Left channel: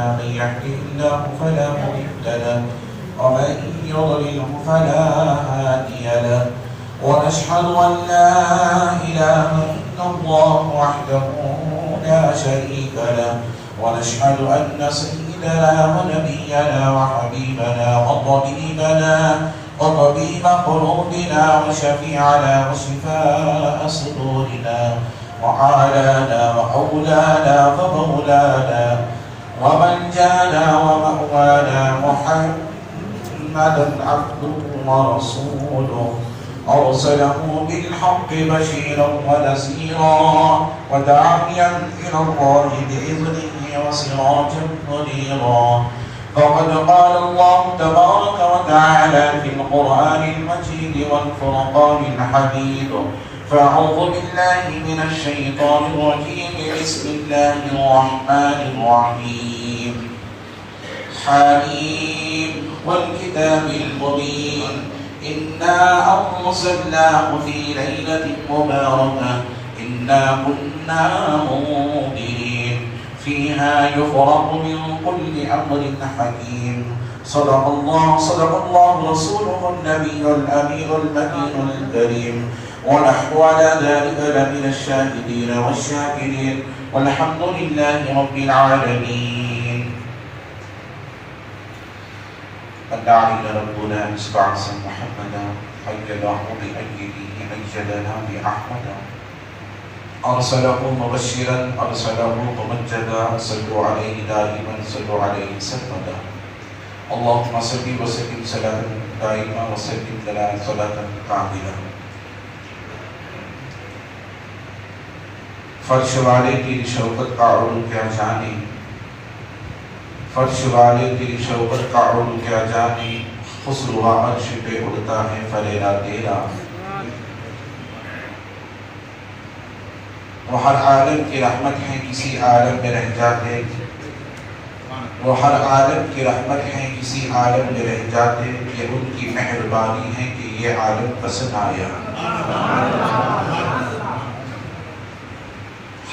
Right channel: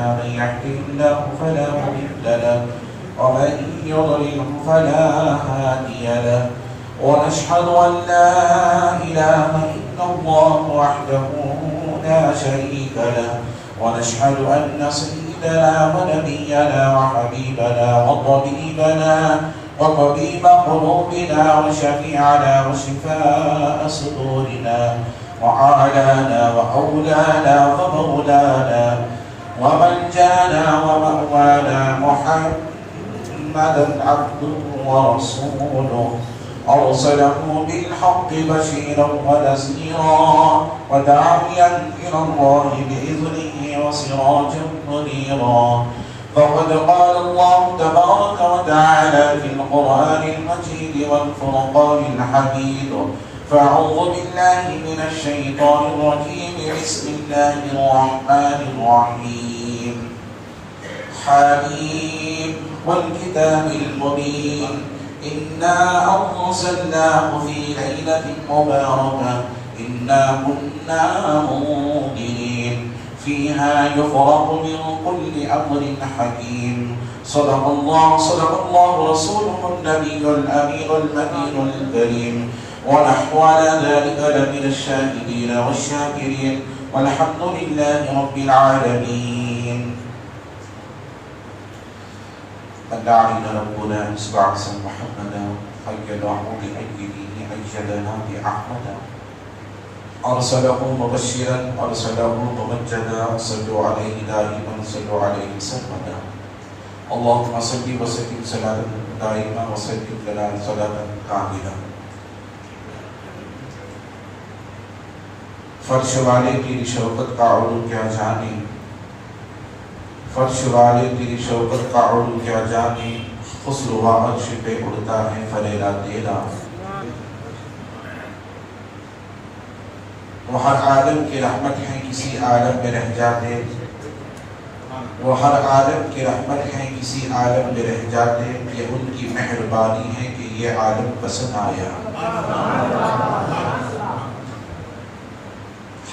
أعمالنا من يهده الله فلا مضل له ومن يضلله فلا هادي له ونشهد أن لا إله إلا الله وحده لا شريك له ونشهد أن سيدنا ونبينا وحبيبنا وطبيب قلوبنا وشفيعنا وشفاء صدورنا وعالانا وأولانا ومولانا وملجانا ومأوانا محمدا عبده ورسوله أرسله بالحق بشيرا ونذيرا وداعيا إلى الله بإذنه وسراجا منيرا فقد قال الله تبارك وتعالى في القرآن المجيد والفرقان الحميد فأعوذ بالله من الشيطان الرجيم بسم الله الرحمن الرحيم حميم والكتاب المبين إنا أرسلناه في ليلة مباركة إنا كنا منذرين فيها يفرق من كل أمر حكيم صدق الله رسوله النبي الأمين المكين الكريم ونحن على ذلك لمن الشاهدين والشاكرين والحمد لله رب العالمين. فدعنا ربنا بعث محمدا حيده بأيده أيدنا بأحمدا أرسله مبشرا أرسله ممجدا صلوا عليه دائما صلوا عليه سرمدا اللهم صل وسلم صلاة دائما وسلم لنا صلاة كاملة. فرش والے تیری شوقت کا عروج کیا جانے فرش والے تیری شوقت کا عروج کیا جانے خسروہ عرش پہ اڑتا ہے فریرا تیرا وہ ہر عالم کی رحمت ہے کسی عالم میں رہ جاتے وہ ہر عالم کی رحمت ہے کسی عالم میں رہ جاتے یہ ان کی مہربانی ہے کہ یہ عالم پسند آیا.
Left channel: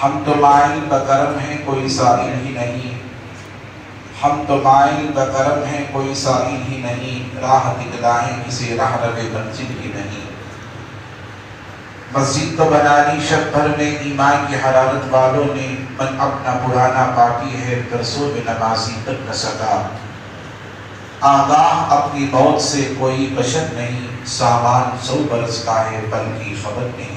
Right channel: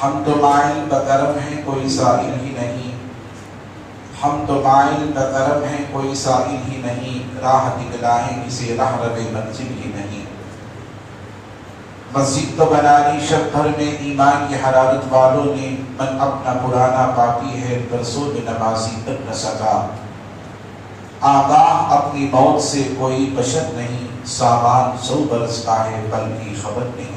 ہم تو مائل بکرم ہیں کوئی سائل ہی نہیں ہم تو مائل بکرم ہیں کوئی سائل ہی نہیں راہ دکھلائیں کسی راہ رب منزل ہی نہیں. مسجد تو بنا لی شب بھر میں ایمان کی حرارت والوں نے من اپنا پرانا باقی ہے درسوں میں نمازی تک نہ سکا. آگاہ اپنی موت سے کوئی بشر نہیں سامان 100 برس کا ہے پل کی خبر نہیں.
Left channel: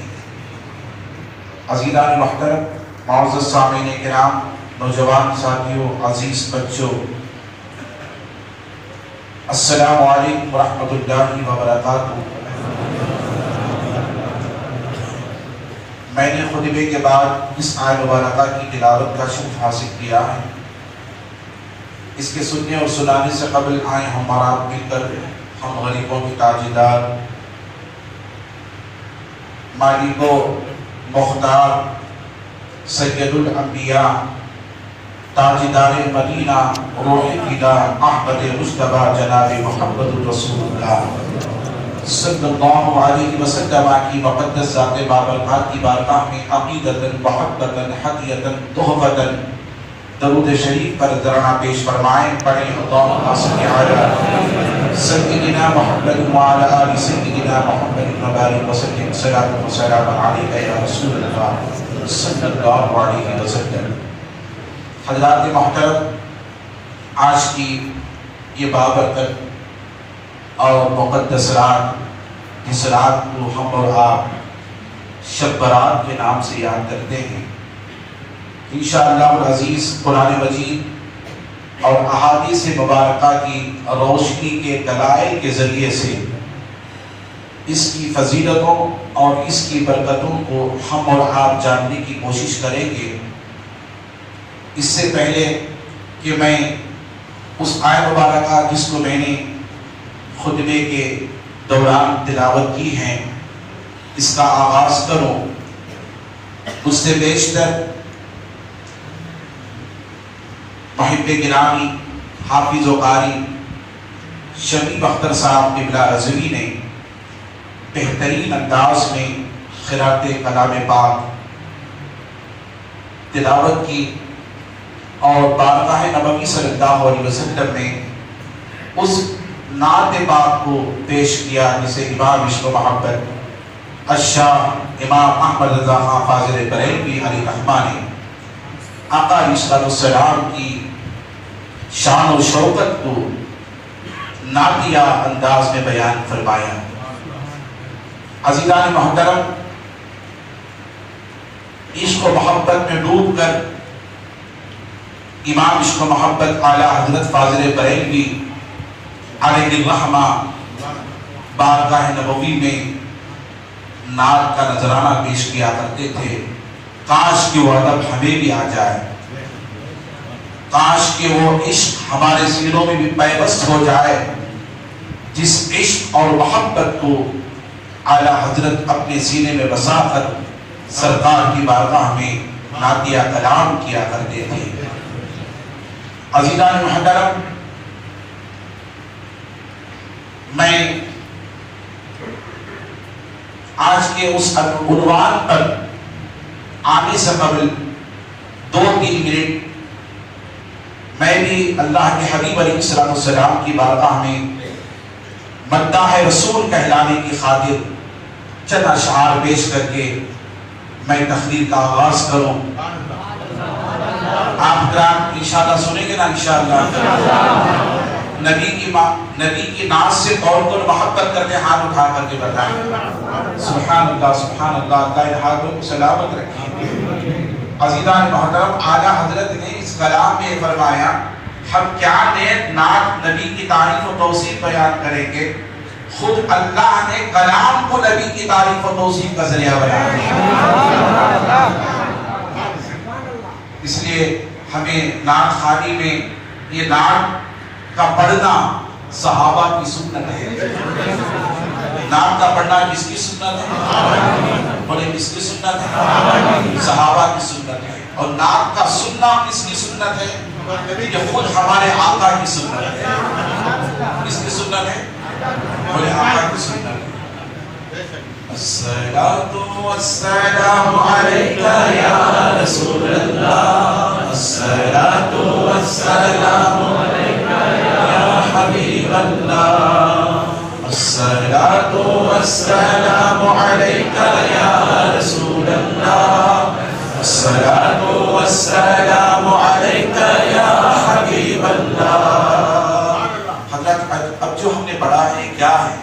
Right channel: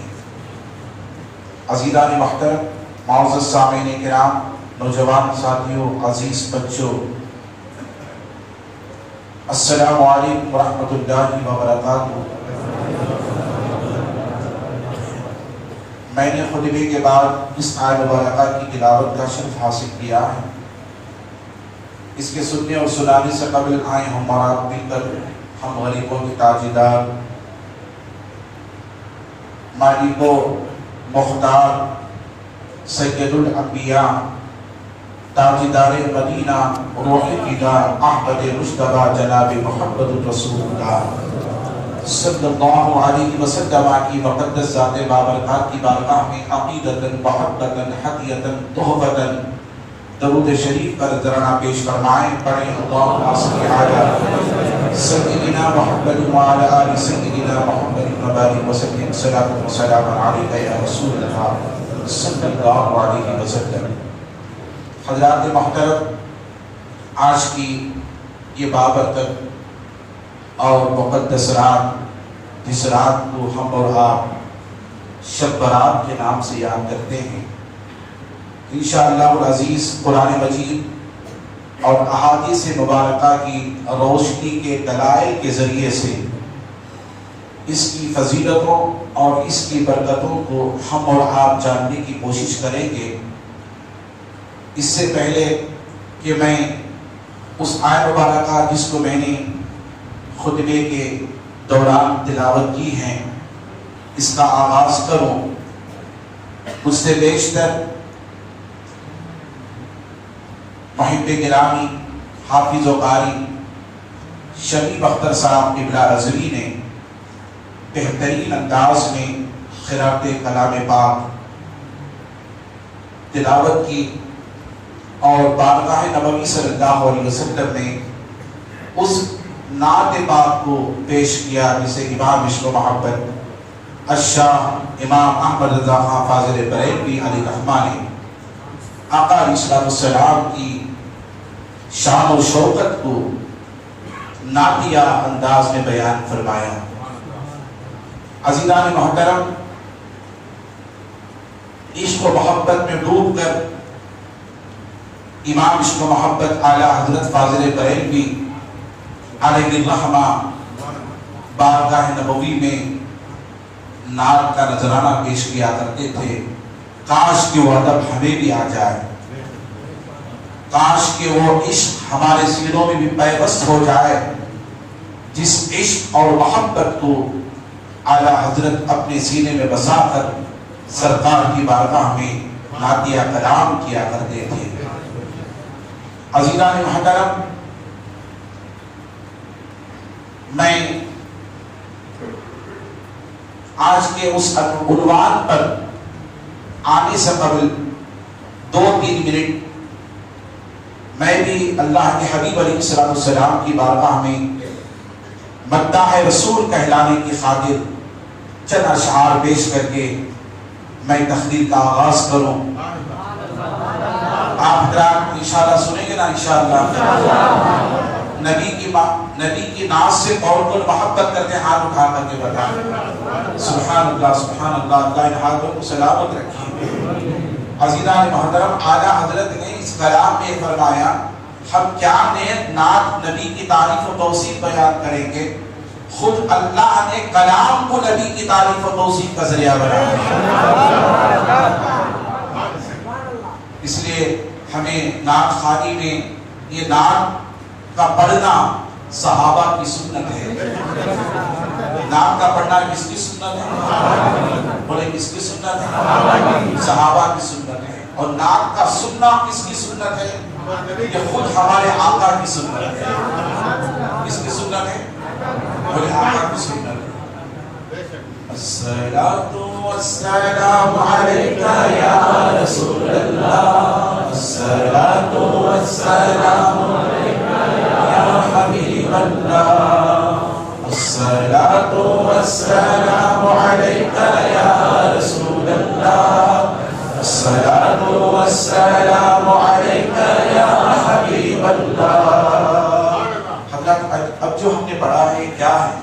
عزیزان محترم معزز سامعین کرام نوجوان ساتھیوں عزیز بچوں السلام علیکم ورحمۃ اللہ وبرکاتہ. میں نے خطبے کے بعد اس آیت مبارکہ کی تلاوت کا شرف حاصل کیا ہے. اس کے سننے اور سنانے سے قبل آئے ہمارا مل کر ہم غریبوں کے تاجدار مالک و مختار سید الانبیاء تاجدار مدینہ روح فدا احمد مصطفیٰ جناب محمد رسول اللہ صلی اللہ علیہ وسلم کی مقدس ذات بابرکات کی بارگاہ میں عقیدتاً محبتاً حدیتاً تحفتاً درود شریف پر ذرنا پیش فرمائیں. پڑھیں اللہم صلی علی سیدنا محمد وعلی آل سیدنا محمد وبارک وسلم صلاۃ و سلام علیک یا رسول اللہ صلی اللہ علیہ وسلم. حضرات محترم آج کی یہ بابرکت اور مقدس رات جس رات کو ہم اور آپ شب برات کے نام سے یاد کرتے ہیں انشاءاللہ العزیز قرآن مجید اور احادیث مبارکہ کی روشنی کے دلائل کے ذریعے سے اس کی فضیلتوں اور اس کی برکتوں کو ہم اور آپ جاننے کی کوشش کریں گے. اس سے پہلے کہ میں اس آیت مبارکہ جس کو میں نے خطبے کے دوران تلاوت کی ہے اس کا آغاز کروں اس سے بیشتر محب گرامی حافظ و قاری شبیب اختر صاحب قبلہ رضوی نے بہترین انداز میں قرأت کلام پاک تلاوت کی اور بارگاہ نبوی صلی اللہ علیہ وسلم نے اس نعت پاک کو پیش کیا جسے امام عشق و محبت الشاہ امام احمد رضا خان فاضل بریلوی علیہ رحمہ نے آقا علیہ السلام کی شان و شوکت کو نعتیہ انداز میں بیان فرمایا۔ عزیزان محترم، عشق و محبت میں ڈوب کر امام عشق و محبت اعلیٰ حضرت فاضل بریلوی علیہ الرحمہ بارگاہ نبوی میں نعت کا نذرانہ پیش کیا کرتے تھے۔ کاش کہ وہ ادب ہمیں بھی آ جائے، کاش کہ وہ عشق ہمارے سینوں میں بھی پیوست ہو جائے، جس عشق اور محبت کو اعلیٰ حضرت اپنے سینے میں بسا کر سرکار کی بارگاہ میں نعتیہ کلام کیا کرتے تھے۔ عزیزان محترم، میں آج کے اس عنوان پر آنے سے قبل 2-3 منٹ میں بھی اللہ کے حبیب علیہ السلام کی بارگاہ میں مداح رسول کہلانے کی خاطر چند اشعار پیش کر کے میں تقریر کا آغاز کروں۔ آپ حضرات انشاءاللہ سنیں گے نا؟ انشاءاللہ نبی کی ناز سے کون کون محبت کرتے ہیں؟ ہاتھ اٹھا کر کے بتائیں۔ سبحان اللہ، سبحان اللہ، اللہ ان ہاتھوں کو سلامت رکھیں۔ عزیزان محترم، اعلیٰ حضرت نے اس کلام میں فرمایا ہم کیا نعت نبی کی تعریف و توصیف بیان کریں گے، خود اللہ نے کلام کو نبی کی تعریف و توصیف کا ذریعہ بنا دیا۔ اس لیے ہمیں نعت خوانی میں یہ نعت کا پڑھنا صحابہ کی سنت ہے۔ نعت کا پڑھنا کس کی سنت ہے؟ بولے کس کی سنت ہے؟ صحابہ کی سنت ہے۔ اور نعت کا سننا کس کی سنت ہے؟ یہ خود ہمارے آقا کی سنت ہے۔ کس کی سنت ہے؟ بولے آقا کی سنت ہے۔ الصلاة والسلام علیکہ یا رسول اللہ، الصلاة والسلام علیکہ یا حبیب اللہ، الصلاة والسلام علیکہ یا رسول اللہ، الصلاة والسلام علیکہ یا حبیب اللہ۔ حضرت اب جو ہم نے پڑھا ہے کیا ہے؟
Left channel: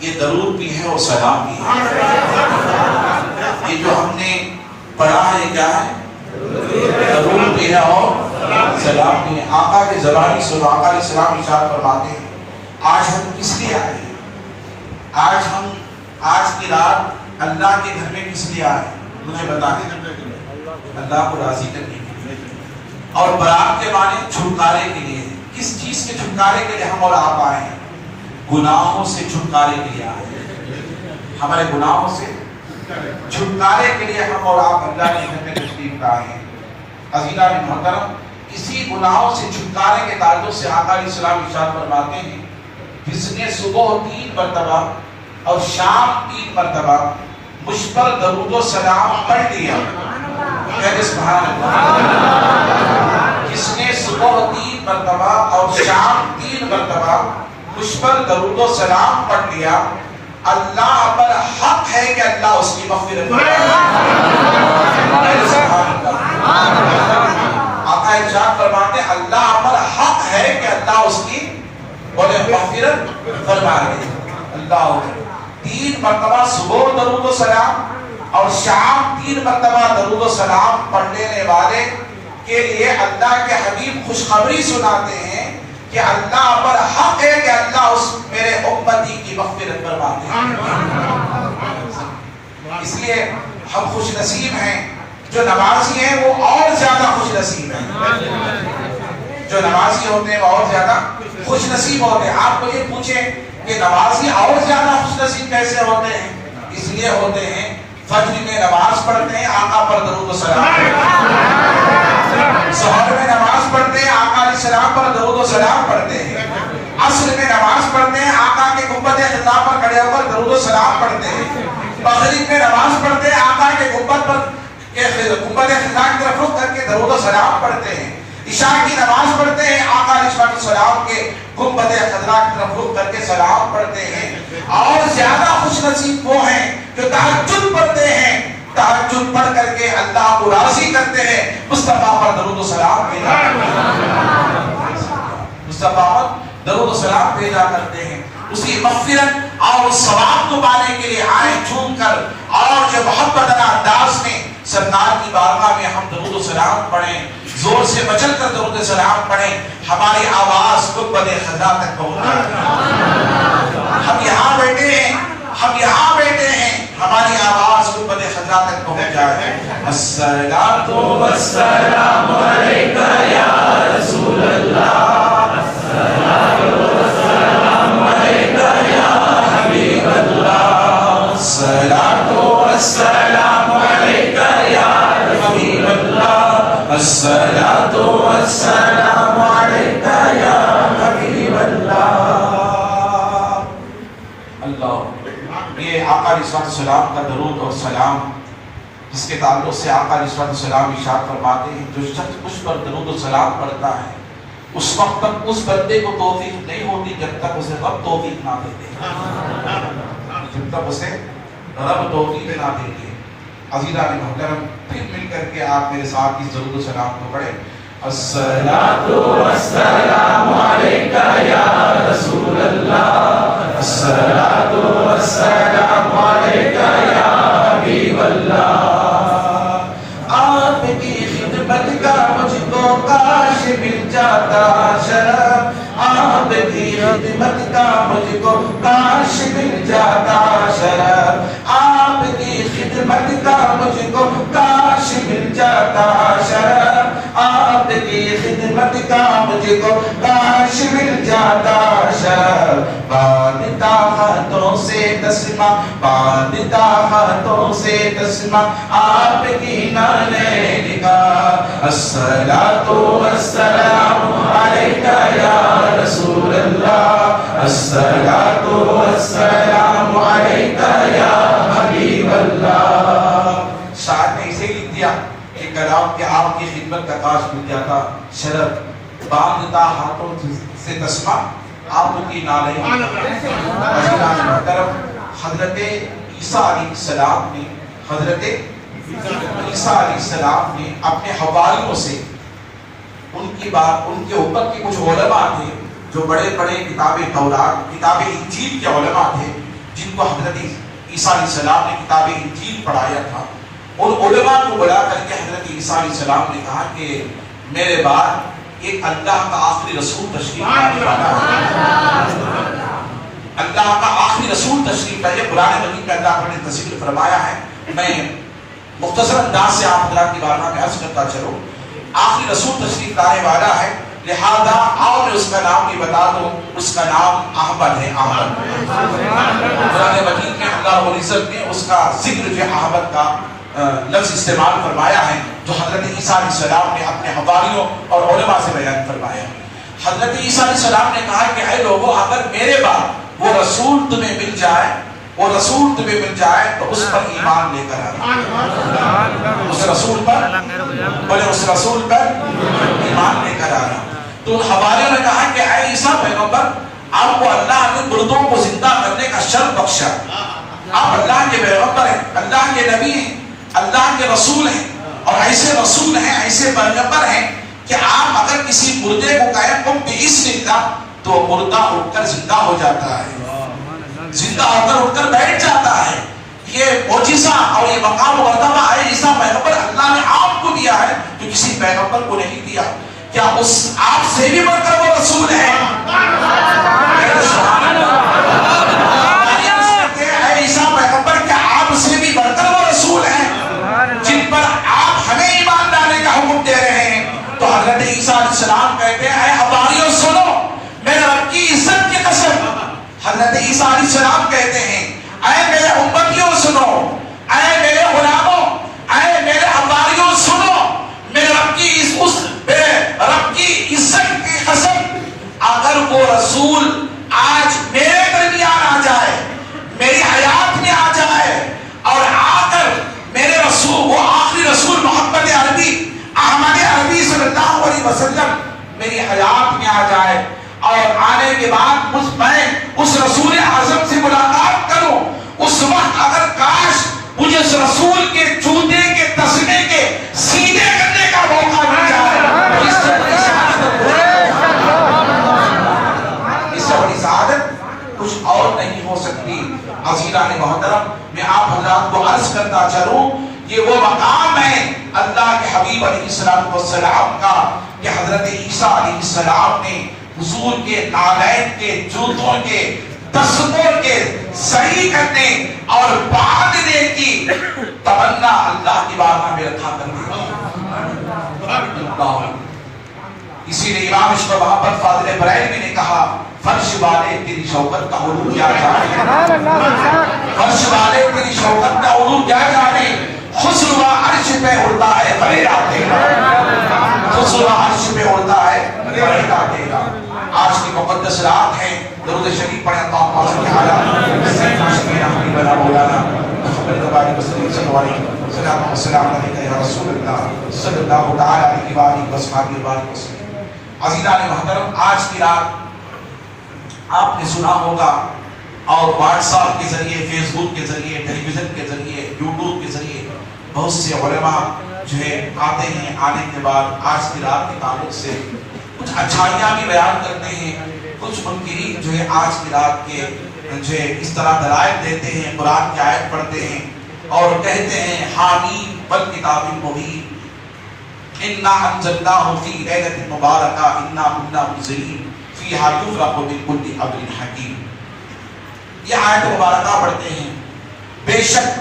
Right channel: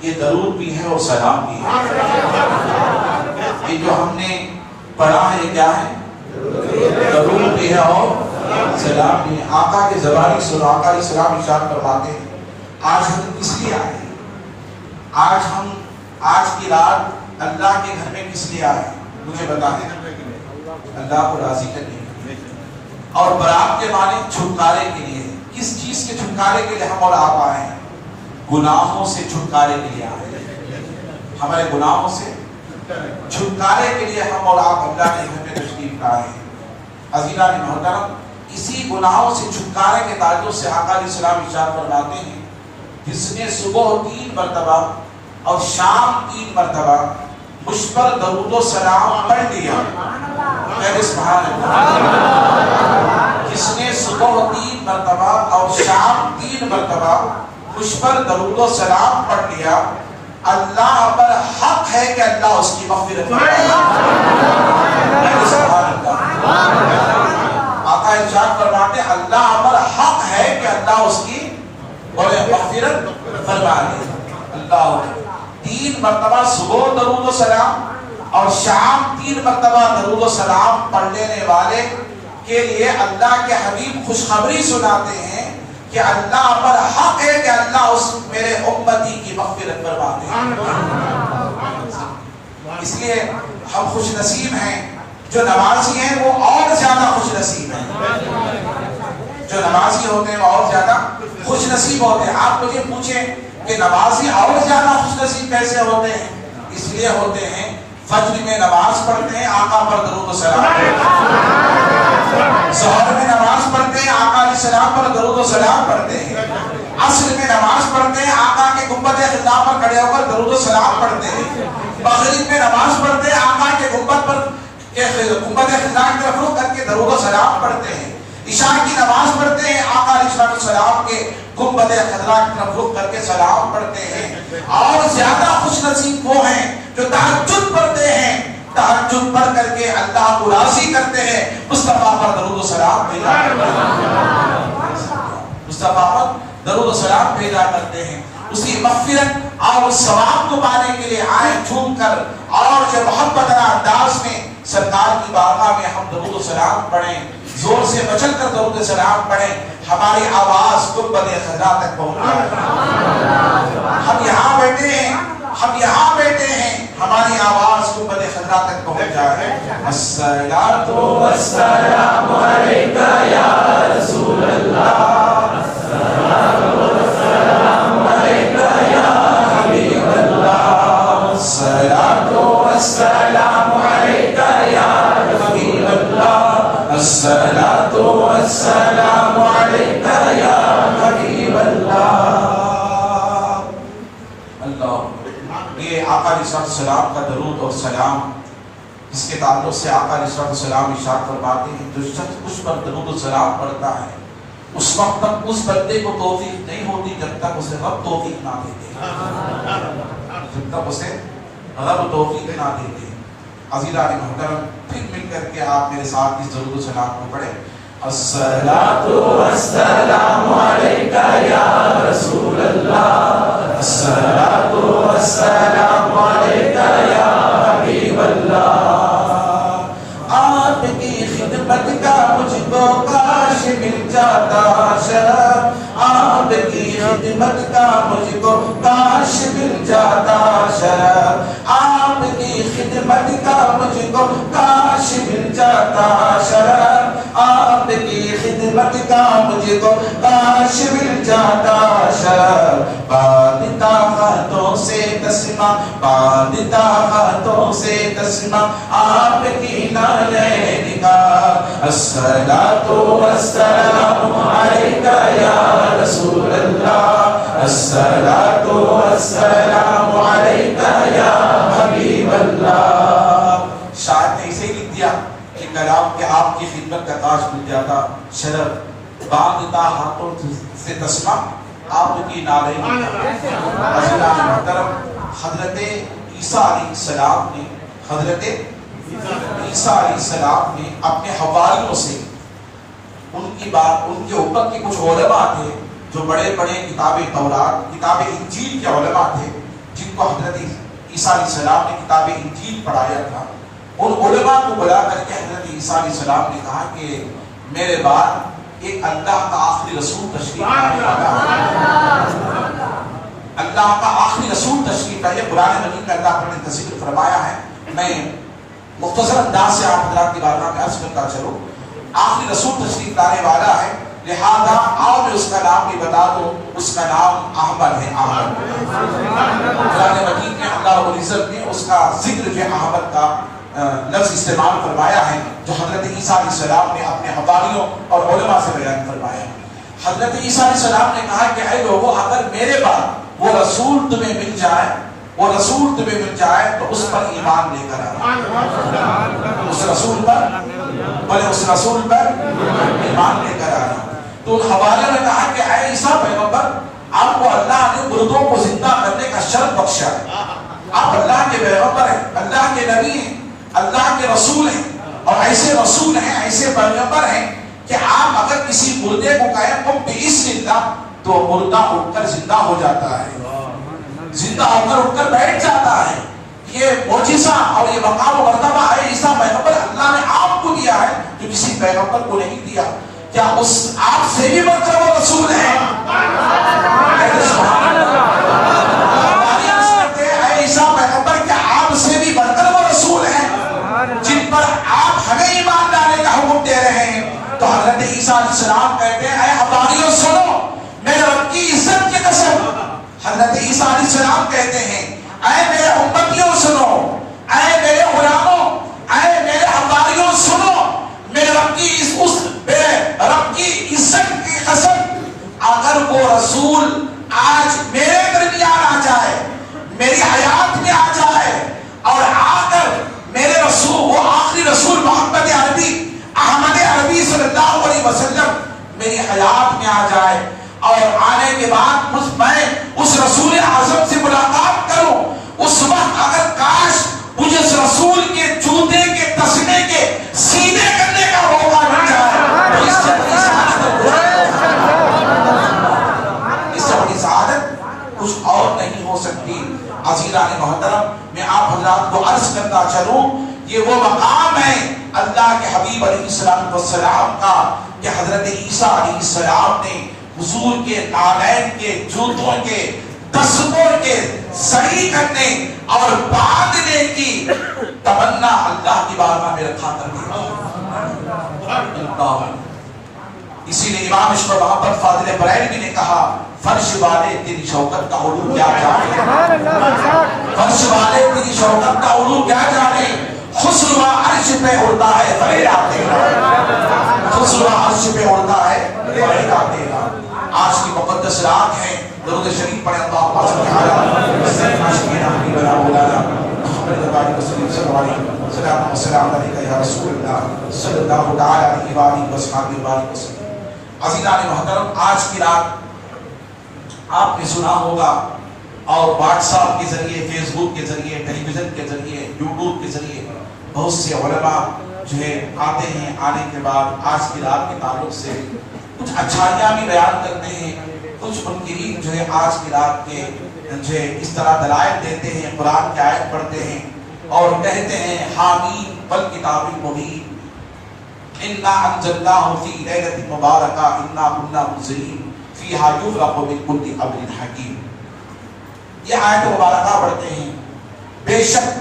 یہ درود بھی ہے اور سلام بھی ہے۔ یہ جو ہم نے پڑھا ہے کیا ہے؟ درود بھی ہے اور سلام بھی ہے۔ آقا کے زبانی سنو، آقا علیہ السلام ارشاد فرماتے ہیں آج ہم کس لیے آئے ہیں؟ آج کی رات اللہ کے گھر میں کس لیے آئے؟ مجھے بتا دیں۔ اللہ کو راضی کرنے کے لیے، اور برات کے معنی چھٹکارے کے لیے۔ کس چیز کے چھٹکارے کے لیے ہم اور آپ آئے ہیں؟ گناہوں سے چھٹکارے کے لیے آئے ہیں۔ ہمارے گناہوں سے چھٹکارے کے لیے ہم اور آپ اللہ کے گھر میں تشریف لائے ہیں۔ عزیزان محترم، اسی گناہوں سے چھٹکارے کے تعلق سے آقا علیہ السلام ارشاد فرماتے ہیں جس نے صبح 3 مرتبہ اور شام 3 مرتبہ مجھ پر درود و سلام پڑھ لیا، کہتے سبحان اللہ۔ جس نے صبح 3 مرتبہ اور شام 3 مرتبہ مجھ پر درود و سلام پڑھ لیا، اللہ پر حق ہے کہ اللہ اس کی مغفرت فرمائے۔ آقا ارشاد فرماتے ہیں اللہ پر حق ہے کہ اللہ اس کی مغفرت فرمائے۔ اللہ 3 مرتبہ صبح درود و سلام اور شام 3 مرتبہ درود و سلام پڑھ لینے والے کے لیے اللہ کے حبیب خوشخبری سناتے ہیں کہ اللہ پر حق ہے کہ اللہ اس میرے امتی کی مغفرت فرماتے ہیں۔ اس لیے ہم خوش نصیب ہیں، جو نمازی ہیں وہ اور زیادہ خوش نصیب ہیں۔ جو نمازی ہوتے ہیں وہ اور زیادہ خوش نصیب ہوتے ہیں۔ آپ کو یہ پوچھیں کہ نمازی اور زیادہ خوش نصیب کیسے ہوتے ہیں؟ اس لیے ہوتے ہیں فجر میں نماز پڑھتے ہیں، آقا پر درود و سلام پڑھتے ہیں۔ ظہر میں نماز پڑھتے ہیں، آقا علیہ السلام پر درود و سلام پڑھتے ہیں۔ عصر میں نماز پڑھتے ہیں، آقا کے گنبد خطا پر کھڑے ہو کر درود و سلام پڑھتے ہیں۔ مغرب میں نماز پڑھتے ہیں، آقا کے گنبد خطا کی طرف رخ کر کے درود و سلام پڑھتے ہیں۔ عشاء کی نماز پڑھتے ہیں، آقا علیہ السلام کے گنبد خضرا کی طرف رخ کر کے سلام پڑھتے ہیں، اور زیادہ خوش نصیب وہ ہیں جو تہجد پڑھتے ہیں، تہجد پڑھ کر کے اللہ کو راضی کرتے ہیں، مصطفیٰ پر درود و سلام بھیجا کرتے ہیں، مصطفیٰ پر درود و سلام بھیجا کرتے ہیں، اسی مغفرت اور ثواب کو پانے کے لیے آئے جھوم کر اور جو محبت انداز میں سرکار کی بارگاہ میں ہم درود و سلام پڑھیں، زور سے بچل کر درود و سلام پڑھیں، ہماری آواز گنبد خضرا تک پہنچ جائے۔ ہم یہاں بیٹھے ہیں، ہم یہاں بیٹھے ہیں، ہماری آواز گنبد خضرا تک پہنچ جائے۔ الصلاۃ والسلام علیک یا رسول اللہ، الصلاۃ والسلام علیک یا حبیب اللہ، الصلاۃ والسلام علیک یا حبیب اللہ، الصلاۃ والسلام علیک یا حبیب اللہ۔ اللہ، یہ آقا علیہ السلام کا درود اور سلام، جس کے تعلق سے آقا علیہ السلام ارشاد فرماتے ہیں جو شخص مجھ پر درود و سلام پڑھتا ہے اس وقت تک اس بندے کو توفیق نہیں ہوتی جب تک اسے رب توفیق نہ دیتے، جب تک اسے رب توفیق نہ دیتے۔ عزیزان محترم، پھر مل کر کے آپ میرے ساتھ اس درود و سلام کو پڑھیں۔ الصلاۃ والسلام علیک یا رسول اللہ، الصلاۃ والسلام علیک یا حبیب اللہ، آپ کی خدمت کا مجھ کو کاش مل جاتا شرف، آپ کی خدمت کا مجھ کو کاش مل جاتا شرف، آپ کی خدمت کا مجھ کو کاش مل جاتا شرف، آپ کی خدمت کا مجھ کو کاش مل جاتا شرف، باندھتا ہاتھوں سے تسمہ، باندھتا ہاتھوں سے تسمہ آپ کی نالے کا، الصلاۃ والسلام علیک یا رسول اللہ، الصلاۃ والسلام علیک یا حبیب اللہ۔ شاعر نے اسے لکھ دیا کہ کلام کے آپ کی خدمت کا کاش مل جاتا شرف، باندھتا ہاتھوں سے تسمہ آپ کی نالے کا۔ عزیزان محترم، حضرت عیسیٰ علیہ السلام نے، حضرت عیسیٰ علیہ السلام نے اپنے حواریوں سے ان کی بات، ان کے اوپر کے کچھ علماء تھے جو بڑے بڑے کتاب تورات، کتاب انجیل کے علماء تھے جن کو حضرت عیسیٰ علیہ السلام نے کتاب انجیل پڑھایا تھا، ان علماء کو بلا کر کے حضرت عیسیٰ علیہ السلام نے کہا کہ میرے بعد ایک اللہ کا آخری رسول تشریف لانے والا ہے، اللہ کا آخری رسول تشریف لائے۔ قرآن مجید میں اللہ نے تصویر فرمایا ہے، میں مختصر انداز سے آپ حضرات کی بارگاہ میں عرض کرتا چلوں، آخری رسول تشریف لانے والا ہے، لہذا آؤ میں اس کا نام بھی بتا دوں، اس کا نام احمد ہے۔ احمد قرآن مجید میں اللہ رب العزت نے اس کا ذکر جو احمد کا لفظ استعمال فرمایا ہے، جو حضرت عیسیٰ علیہ السلام نے اپنے حواریوں اور علماء سے بیان فرمایا۔ حضرت عیسیٰ علیہ السلام نے کہا کہ اے لوگوں، اگر میرے بعد وہ رسول تمہیں مل جائے، وہ رسول تمہیں مل جائے تو اس پر ایمان لے کر آنا، اس رسول پر، بولے اس رسول پر ایمان لے کر آنا۔ تو ان حواریوں نے کہا کہ اے عیسیٰ پیغمبر، آپ کو اللہ نے مردوں کو زندہ کرنے کا شرف بخشا، آپ اللہ کے پیغمبر ہیں، اللہ کے نبی ہیں، اللہ کے رسول ہیں، اور ایسے رسول ہیں، ایسے پیغمبر ہیں کہ آپ اگر کسی مردے کو کہیں قم بإذن اللہ تو مردہ اٹھ کر زندہ ہو جاتا ہے، زندہ ہو کر اٹھ کر بیٹھ جاتا ہے۔ یہ معجزہ اور یہ مقام و مرتبہ ہے عیسیٰ پیغمبر اللہ نے آپ کو دیا ہے جو کسی پیغمبر کو نہیں دیا۔ کیا اس آپ سے بھی بڑھ کر وہ رسول ہے؟ عیسیٰ پیغمبر کیا آپ سے بھی بڑھ کر وہ رسول ہیں جن پر آپ ہمیں ایمان لانے کا حکم دے رہے ہیں؟ تو حضرت عیسیٰ علیہ السلام کہتے ہیں اے حواریوں سنو، میرے رب کی عزت کی قسم، حضرت عیسیٰ علیہ السلام کہتے ہیں اے میرے امتیوں سنو، اے میرے غلاموں، اے میرے حواریوں سنو، میرے رب کی اس رب کی عزت کی قسم، اگر وہ رسول آج میرے درمیان آ جائے، میری حیات میں آ جائے اور آ کر میرے رسول، وہ آخری رسول محمد عربی احمد عربی صلی اللہ علیہ علیہ وسلم میری حیات میں آ جائے اور آنے کے بعد میں اس رسول اعظم سے ملاقات کروں. اس وقت اگر کاش مجھے اس رسول کے جوتے کے تسمے کے سینے کرنے کا موقع مل جائے. اس سے بڑی سعادت کچھ اور نہیں ہو سکتی. عزیزان محترم، میں آپ حضرات کو عرض کرتا چلوں، یہ وہ مقام ہے اللہ کے حبیب علیہ السلام کا کہ حضرت عیسیٰ علیہ السلام نے حضور کے نالین کے جوتوں کے تسموں کے صحیح کرنے اور باندھنے کی تمنا اللہ کی بارگاہ میں رکھا کرتے ہیں. اسی لیے امام عشق و محبت فاضل بریلوی نے کہا، فرش والے تیری شوکت کا علو کیا جانے، فرش والے تیری شوکت کا علو کیا جانے، خسرو عرش پہ اڑتا ہے فریدا تیرا، خسرو عرش پہ اڑتا ہے فریدا تیرا. آج کی مقدس رات ہے، درود شریف پڑھیں اللہم صل علی سیدنا حبیبنا مولانا محمد وعلی وسلم علیہ السلام والسلام علیکہ یا رسول اللہ صلی اللہ تعالی علیہ وآلہ وسلم. عزیزان محترم، آج کی رات آپ نے سنا ہوگا اور واٹس ایپ کے ذریعے، فیس بک کے ذریعے، ٹیلی ویژن کے ذریعے، یوٹیوب کے ذریعے بہت سے علماء جو ہے آتے ہیں. آنے کے بعد آج کی رات کے تعلق سے کچھ اچھائیاں بھی بیان کرتے ہیں. کچھ منکرین جو ہے آج کی رات کے جو ہے اس طرح دلائل دیتے ہیں، قرآن کی آیت پڑھتے ہیں اور کہتے ہیں حامیم والکتاب المبین انا انزلناہ فی لیلۃ مبارکہ انا کنا منذرین فیہا یفرق من کل امر حکیم. یہ آیت مبارکہ پڑھتے ہیں. بے شک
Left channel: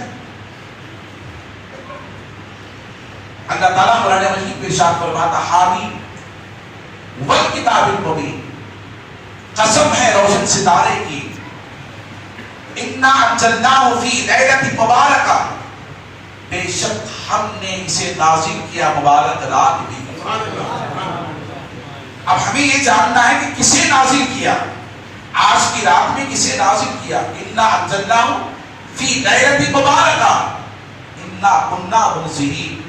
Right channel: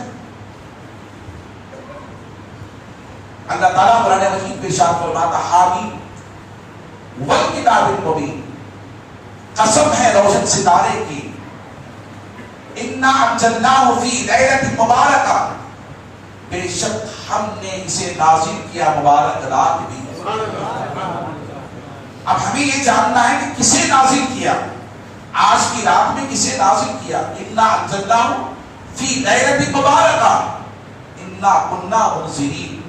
اللہ تعالیٰ قرآن مجید میں ارشاد فرماتا حامیم والکتاب المبین، قسم ہے روشن ستارے کی، انا انزلناہ فی لیلۃ مبارکہ، بے شک ہم نے اسے نازل کیا مبارک رات میں. اب ہمیں یہ جاننا ہے کہ کسے نازل کیا، آج کی رات میں کسے نازل کیا. انا انزلناہ فی لیلۃ مبارکہ انا کنا منذرین،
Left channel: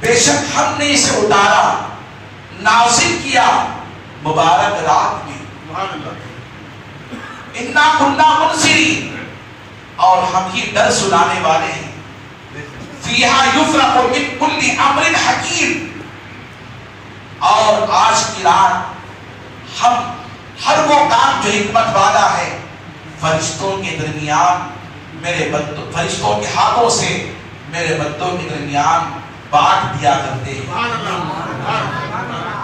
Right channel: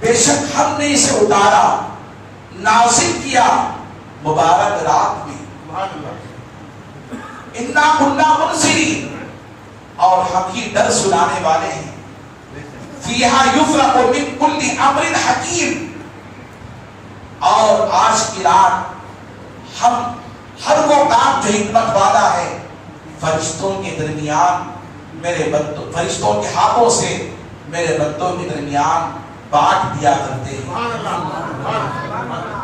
بے شک ہم نے اسے اتارا، نازل کیا مبارک رات میں. انا کنا منذرین، اور ہم ہی ڈر سنانے والے ہیں. فیہا یفرق من کل امر حکیم، اور آج کی رات ہم ہر وہ کام جو حکمت والا ہے فرشتوں کے درمیان میرے بندوں، فرشتوں کے ہاتھوں سے میرے بندوں کے درمیان بانٹ دیا کرتے ہیں.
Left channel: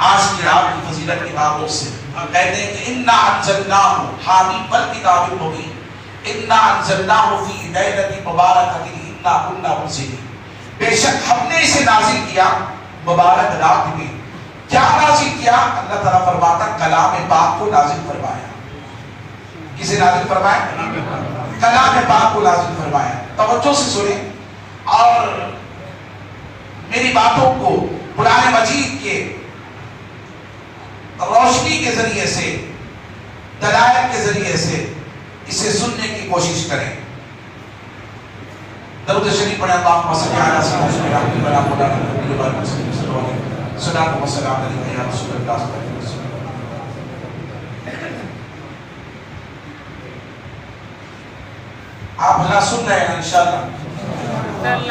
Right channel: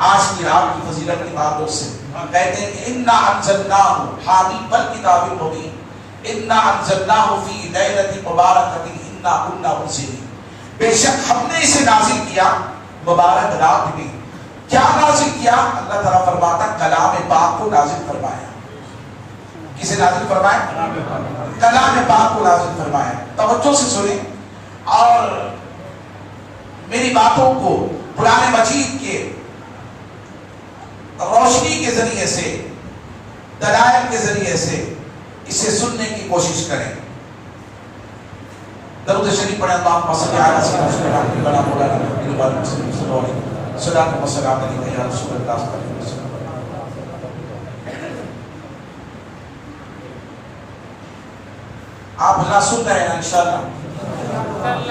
آج کی رات کی فضیلت کی باتوں سے کہتے ہیں کہ انا انزلناہ حامیم والکتاب المبین انا انزلناہ فی لیلۃ مبارکۃ انا کنا منذرین، بے شک ہم نے اسے نازل کیا مبارک رات میں. کیا نازل کیا؟ اللہ تعالیٰ فرماتا کلام پاک کو نازل فرمایا. کسے نازل فرمایا؟ کلام پاک کو نازل فرمایا. توجہ سے سنیں اور میری باتوں کو قرآن مجید کے روشنی کے ذریعے سے، دلائل کے ذریعے سے اسے سننے کی کوشش کریں. درود شریف پڑھیں اللہم صل علی سیدنا حبیبنا مولانا محمد وعلی وسلم صلی اللہ علیہ وسلم والسلام علیکہ یا رسول اللہ صلی اللہ علیہ وسلم. آپ حضرات سن رہے ہیں انشاءاللہ؟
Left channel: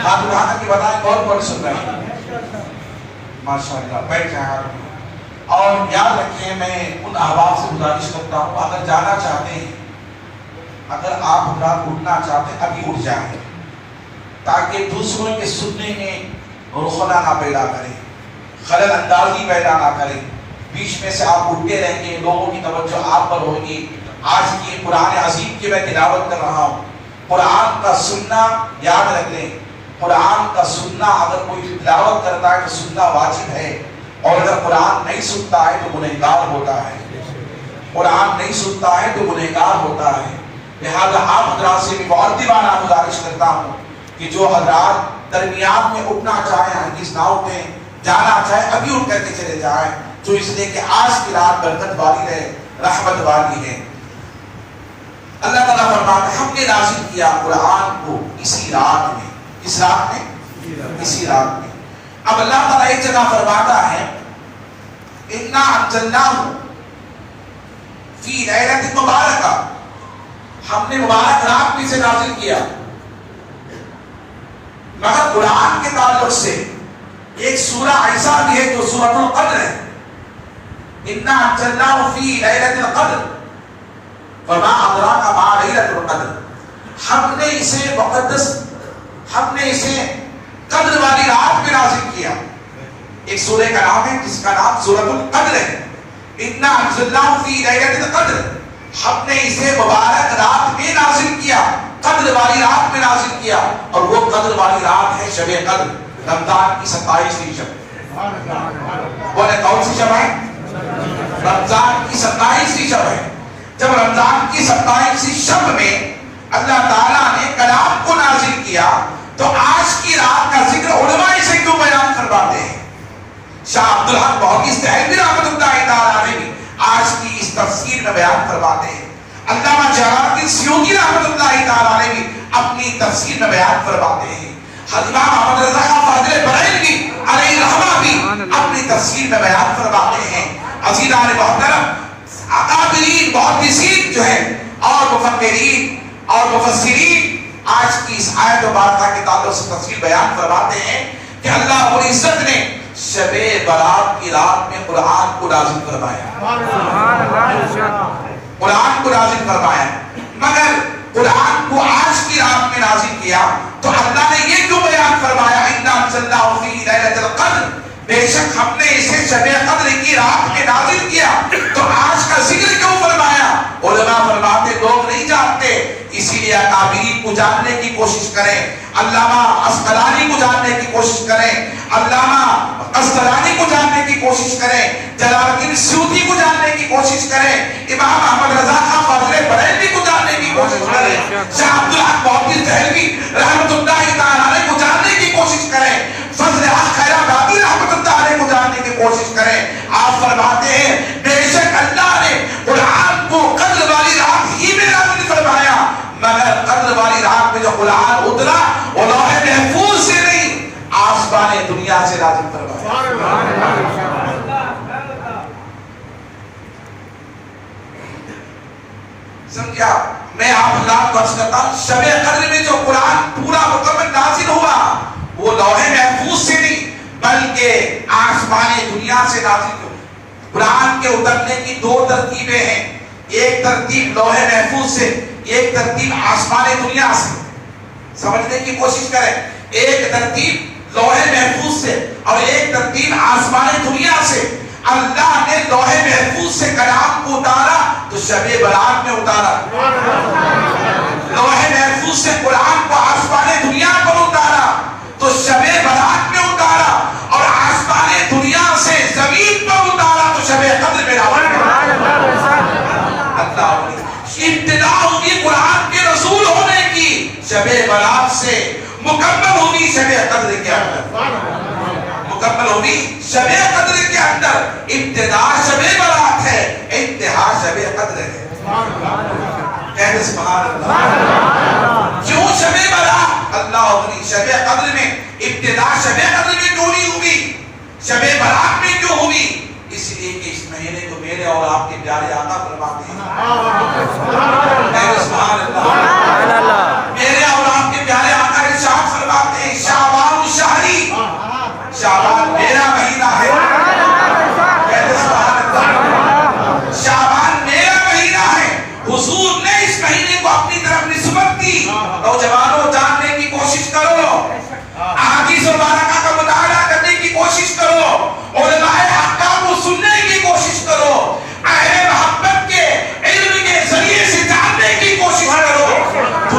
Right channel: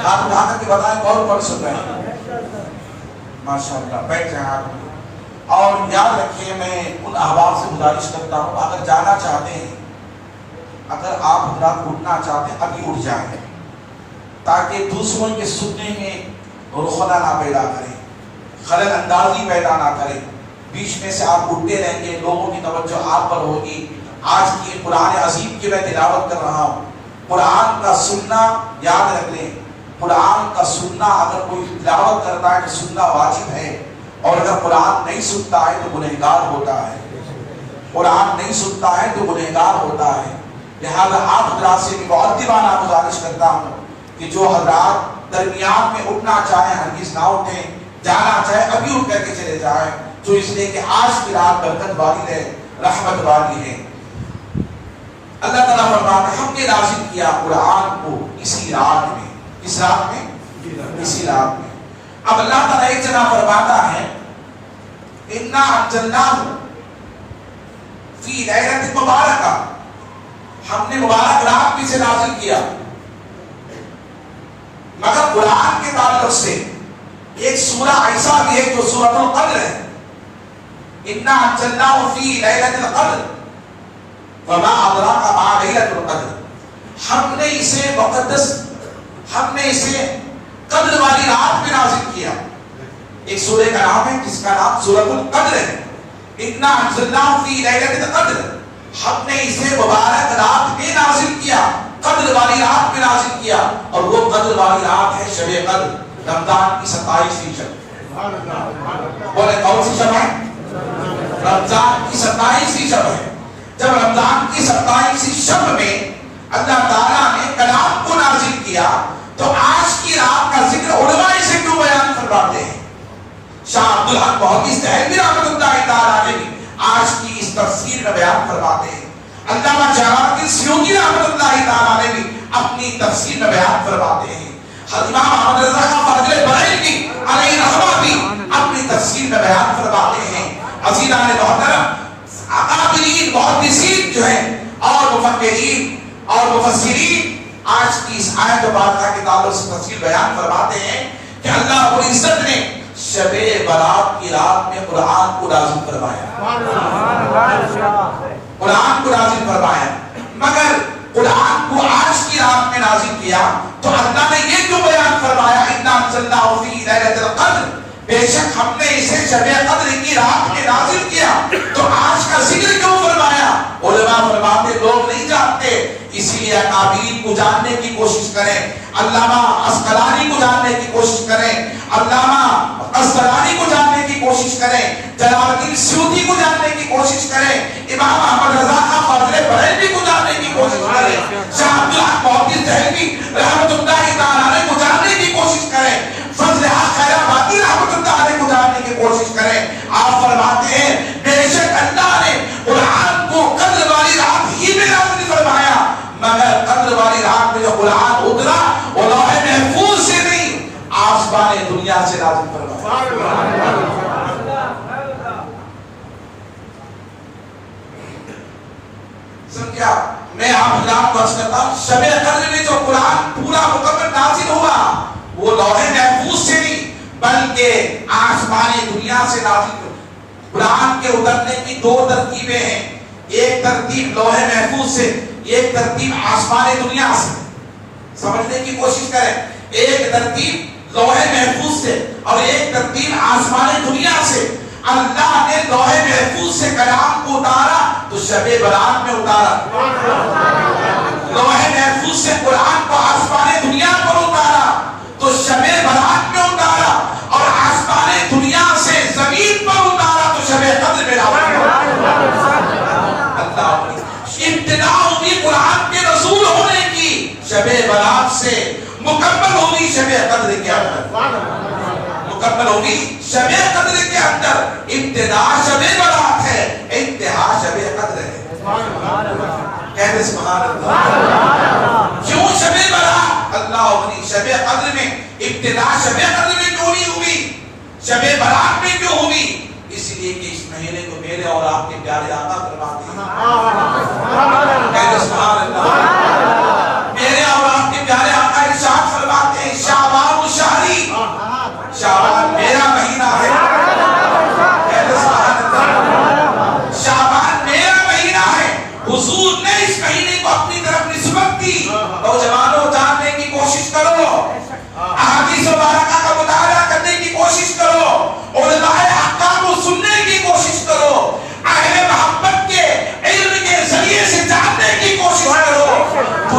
آپ اٹھا کر کے بتائیں کون سن رہے ہیں؟ ماشاءاللہ بیٹھ جائیں آپ. اور یاد رکھیں، میں ان احباب سے گزارش کرتا ہوں اگر جانا چاہتے ہیں، اگر آپ حضرات اٹھنا چاہتے ہیں ابھی اٹھ جائیں تاکہ دوسروں کے سننے میں رخنہ نہ پیدا کریں، خلل اندازی پیدا نہ کریں. بیچ میں سے آپ اٹھتے رہیں گے، لوگوں کی توجہ آپ پر ہوگی. آج کی قرآن عظیم کی میں تلاوت کر رہا ہوں. قرآن کا سننا یاد رکھ لیں، قرآن کا سننا اگر کوئی تلاوت کرتا ہے تو سننا واجب ہے، اور اگر قرآن نہیں سنتا ہے تو گنہگار ہوتا ہے. قرآن نہیں سنتا ہے تو گنہگار ہوتا ہے. لہذا آپ حضرات سے بھی مؤدبانہ گزارش کرتا ہوں کہ جو حضرات درمیان میں اٹھنا چاہیں ہرگز نہ اٹھیں، جانا چاہیں ابھی اٹھ کر کے چلے جائیں. تو اس لیے کہ آج کی رات برکت والی ہے، رحمت والی ہے. اللہ تعالیٰ فرماتا ہے ہم نے نازل کیا قرآن کو اسی رات میں. اس رات میں، اسی رات میں. اب اللہ تعالیٰ ایک جگہ فرماتا ہے انا انزلناہ فی لیلۃ مبارکہ، ہم نے مبارک رات میں سے نازل کیا. مگر قرآن کے تعلق سے ایک سورہ ایسا بھی ہے جو سورۃ القدر ہے. انا انزلناہ فی لیلۃ القدر وما ادراک ما لیلۃ القدر. ہم نے اسے مقدس، ہم نے اسے قدر والی رات میں نازل کیا. ایک سورہ کا نام ہے جس کا نام سورۃ القدر ہے. انا انزلناہ فی لیلۃ القدر، ہم نے اسے مبارک رات میں نازل کیا، قدر والی رات میں نازل کیا. اور وہ قدر والی رات ہے شب قدر، رمضان کی 27ویں شب. بولے کون سی شب ہے؟ رمضان کی 27ویں شب ہے. جب رمضان کی 27ویں شب میں اللہ تعالیٰ نے کلام کو نازل کیا تو آج کی رات کا ذکر علماء سے کیوں بیان فرماتے ہیں؟ شاہ عبدالحق محدث دہلوی رحمۃ اللہ تعالیٰ نے بھی آج کی اس تفسیر میں بیان فرماتے ہیں. علامہ جلال الدین سیوطی رحمۃ اللہ تعالیٰ نے بھی اپنی تفسیر میں بیان فرماتے ہیں. امام احمد رضا خان فاضل بریلوی علیہ رحمہ بھی اپنی تفسیر میں بیان فرماتے ہیں. عزیزان محترم، اکابرین محدثین جو ہیں اور مفکرین اور مفسرین آج کی اس آیت مبارکہ کے تعلق سے تفسیر بیان فرماتے ہیں کہ اللہ رب العزت نے شب برات کی رات میں قرآن کو نازل فرمایا. قرآن کو نازل فرمایا، مگر قرآن کو آج کی رات میں نازل کیا تو اللہ نے یہ کیوں بیان فرمایا انا انزلناہ فی لیلۃ القدر؟ بے شک ہم نے اسے شب قدر کی رات میں نازل کیا تو آج کا ذکر کیوں فرمایا؟ علماء فرماتے لوگ نہیں جانتے، اسی لیے اکابرین کو جاننے کی کوشش کریں. علامہ عسقلانی کو جاننے کی کوشش کریں، علامہ قسطلانی کو جاننے کی کوشش کریں، جلال الدین سیوطی کو جاننے کی کوشش کریں، امام احمد رضا خان فاضل بریلوی کو جاننے کی کوشش کریں، شاہ عبدالحق محدث دہلوی رحمۃ اللہ تعالیٰ کو جاننے کی کوشش کریں، فضل حق خیر آبادی رحمۃ اللہ علیہ کو جاننے کی کوشش کریں. آپ فرماتے ہیں بے شک اللہ نے قرآن کو قدر والی رات ہی میں نازل فرمایا، مگر قدر والی رات میں جو قرآن اترا وہ لوح محفوظ سے نہیں، آسمان دنیا سے نازل فرمایا. سمجھا؟ میں آپ اللہ کو عرض کرتا ہوں شب قدر میں جو قرآن پورا مکمل نازل ہوا وہ لوح محفوظ سے نہیں بلکہ آسمان دنیا سے نازل ہوا. قرآن کے اترنے کی دو ترتیبیں ہیں، ایک ترتیب لوح محفوظ سے، ایک ترتیب آسمان دنیا سے. سمجھنے کی کوشش کریں، ایک ترتیب لوح محفوظ سے اور ایک ترتیب آسمان دنیا سے. اللہ نے لوح محفوظ سے کلام کو اتارا تو شب برات میں اتارا، لوح محفوظ سے قرآن کو آسمان دنیا پر اتارا تو شب برات میں اتارا، اور آسمان دنیا سے زمین پر اتارا تو شب قدر میں اللہ. ابتدا ہوگی قرآن کے رسول ہونے کی شب برات سے، مکمل ہوگی شب قدر کے اندر، مکمل ہوگی شب قدر کے اندر. ابتدا شب برات ہے، انتہا شب قدر ہے. کہتے سبحان اللہ. کیوں شب برات؟ اللہ اپنی شب قدر میں ابتدا شب قدر میں کیوں نہیں ہوئی، شب برات میں کیوں ہوئی؟ اس لیے کہ اس مہینے کو میرے اور آپ کے پیارے آقا فرماتے ہیں. کہتے سبحان اللہ. میرے اور آپ کے پیارے آقا ارشاد فرماتے ہیں شعبان الشہری، شعبان میرا مہینہ ہے. کہتے سبحان اللہ. شعبان میرا مہینہ ہے. حضور نے اس مہینے کو اپنی طرف نسبت کی. نوجوانوں جاننے کی کوشش کرو، احادیث مبارکہ کا مطالعہ کرنے کی کوشش کرو، علماء احکام کو سننے کی کوشش کرو، اہل محبت کے علم کے ذریعے سے جاننے کی کوشش کرو.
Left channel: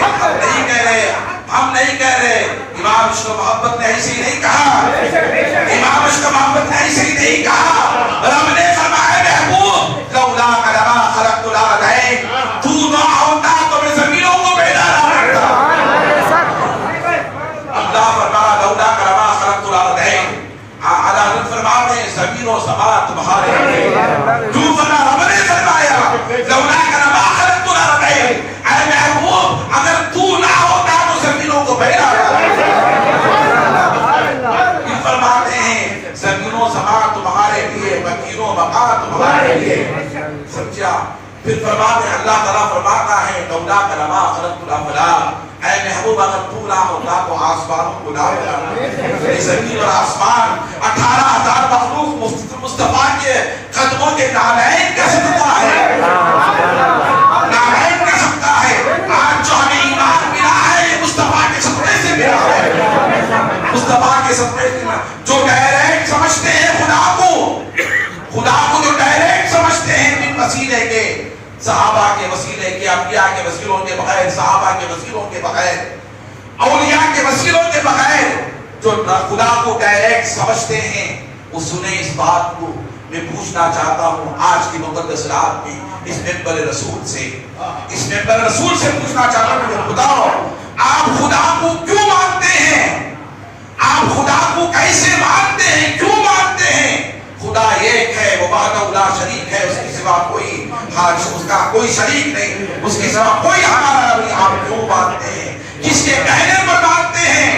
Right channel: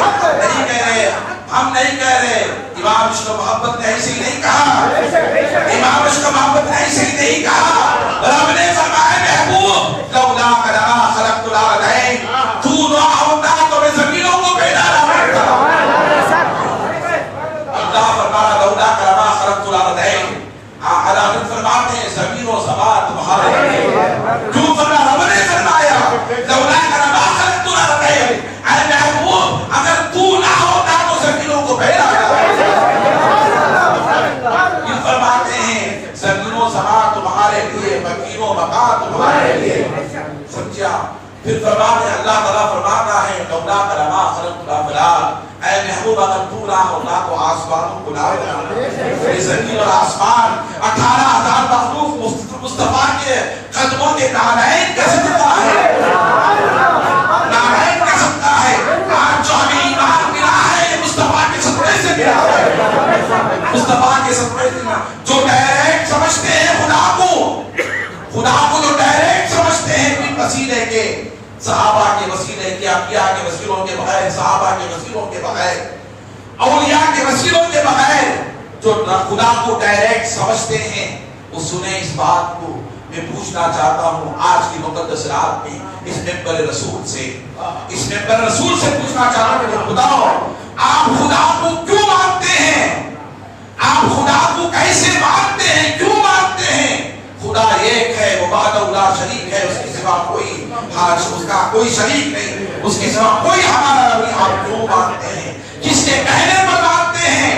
ہم نہیں کہہ رہے امام عشق محبت نے ایسے ہی نہیں کہا، امام عشق محبت نے ایسے ہی نہیں کہا۔ رب نے فرمایا محبوب لولا لما خلقت الارضین، تو نہ ہوتا تو میں زمینوں کو پیدا نہ کرتا۔ اللہ فرمایا لولا لما خلقت الارضین، اللہ فرماتے ہیں زمین و زمان تمہارے لیے۔ جو فرمایا رب نے فرمایا لولا لما خلقت الارضین، اے محبوب اگر تو نہ ہوتا تو زمینوں کو پیدا کرتا۔ یہ فرماتے ہیں زمین و زمان تمہارے لیے، مکین و مکان تمہارے لیے، سمجھا؟ پھر فرماتے ہیں اللہ تعالیٰ فرماتا ہے لولا لما خلقت الافلاک، اے محبوب اگر تو نہ ہوتا تو آسمانوں کو نہ بناتا۔ زمین اور آسمان 18,000 مخلوق مصطفیٰ کے قدموں کے نالین کا صدقہ ہے، نالین کا صدقہ ہے۔ آج جو ہمیں ایمان ملا ہے مصطفیٰ کے صدقے سے ملا ہے، مصطفیٰ کے صدقے سے ملا۔ جو ڈائریکٹ سمجھتے ہیں خدا کو جو ڈائریکٹ سمجھتے ہیں بن وسیلے کے، صحابہ کے وسیلے کے، انبیاء کے وسیلوں کے بغیر، صحابہ کے وسیلوں کے بغیر، اولیاء کے وسیلوں کے بغیر، جو خدا کو ڈائریکٹ سمجھتے ہیں وہ سنیں اس بات کو۔ میں پوچھنا چاہتا ہوں آج کی مقدس رات میں اس ممبر رسول سے پوچھنا چاہتا ہوں کہ خدا آپ خدا کو کیوں مانتے ہیں؟ آپ خدا کو کیسے مانتے ہیں؟ کیوں مانتے ہیں؟ خدا ایک ہے، وہ وحدہ لا شریک ہے، اس کے سوا کوئی اس کا کوئی شریک نہیں، اس کے سوا کوئی ہمارا نہیں۔ آپ کیوں مانتے ہیں؟ کس کے کہنے پر مانتے ہیں؟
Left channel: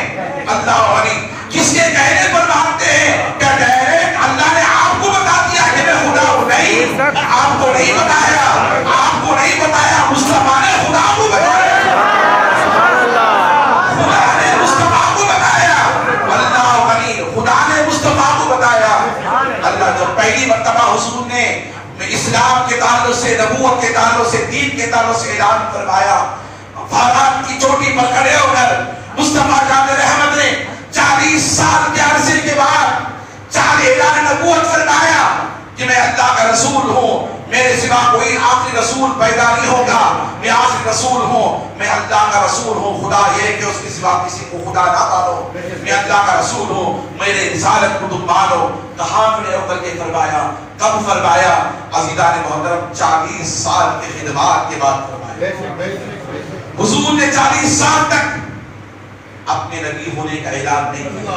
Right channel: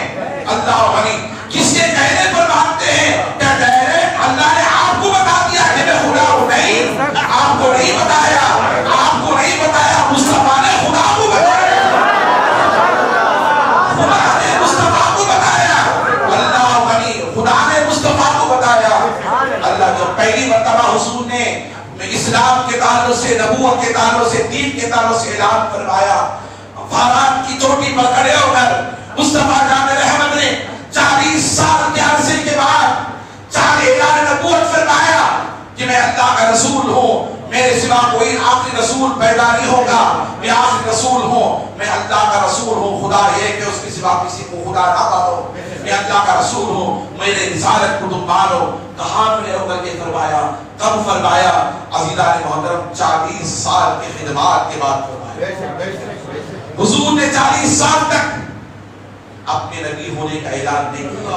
اللہ غنی، کس کے کہنے پر مانتے ہیں؟ کیا ڈائریکٹ اللہ نے آپ کو بتا دیا کہ میں خدا ہوں؟ نہیں، آپ کو نہیں بتایا، آپ کو نہیں بتایا، مصطفیٰ نے خدا کو بتایا، خدا نے مصطفیٰ کو بتایا، اللہ غنی، خدا نے مصطفیٰ کو بتایا۔ اللہ جب پہلی مرتبہ حضور نے اسلام کے تعلق سے، نبوت کے تعلق سے، دین کے تعلق سے اعلان فرمایا، فارات کی چوٹی پر کھڑے ہو کر مصطفیٰ جان رحمت نے 40 سال کے عرصے کے بعد اعلان نبوت فرمایا کہ میں اللہ کا رسول ہوں، میرے سوا کوئی آخری رسول پیدا نہیں ہوگا، میں آخری رسول ہوں، میں اللہ کا رسول ہوں۔ خدا یہ کہ اس کے سوا کسی کو خدا نہ مانو، میں اللہ کا رسول ہوں، میرے رسالت کو تم مانو۔ کہاں میں ہو کر کے فرمایا؟ کب فرمایا؟ عزیزان محترم 40 سال کی خدمات کے بعد فرمایا۔ حضور نے 40 سال تک اپنے نبی ہونے کا اعلان نہیں کیا۔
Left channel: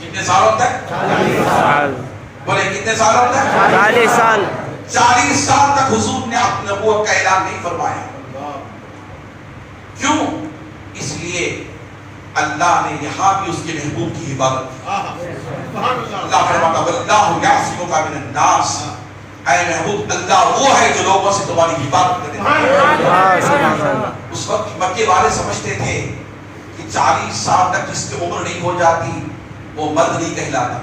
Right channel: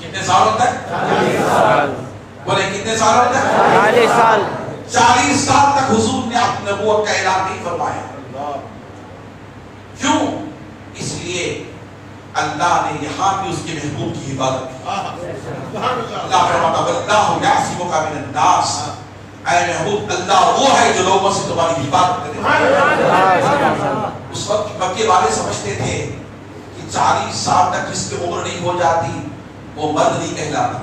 کتنے سالوں تک؟ 40 سال۔ بولے کتنے سالوں تک؟ 40 سال۔ 40 سال تک حضور نے اپنی نبوت کا اعلان نہیں فرمایا۔ کیوں؟ اس لیے اللہ نے یہاں بھی اس کے محبوب کی حفاظت کی۔ اللہ فرماتا ہے واللہ یعصمک من الناس، اے محبوب اللہ وہ ہے جو لوگوں سے تمہاری حفاظت کرے۔ اس وقت مکے والے سمجھتے تھے کہ 40 سال تک جس کی عمر نہیں ہو جاتی وہ مرد نہیں کہلاتا۔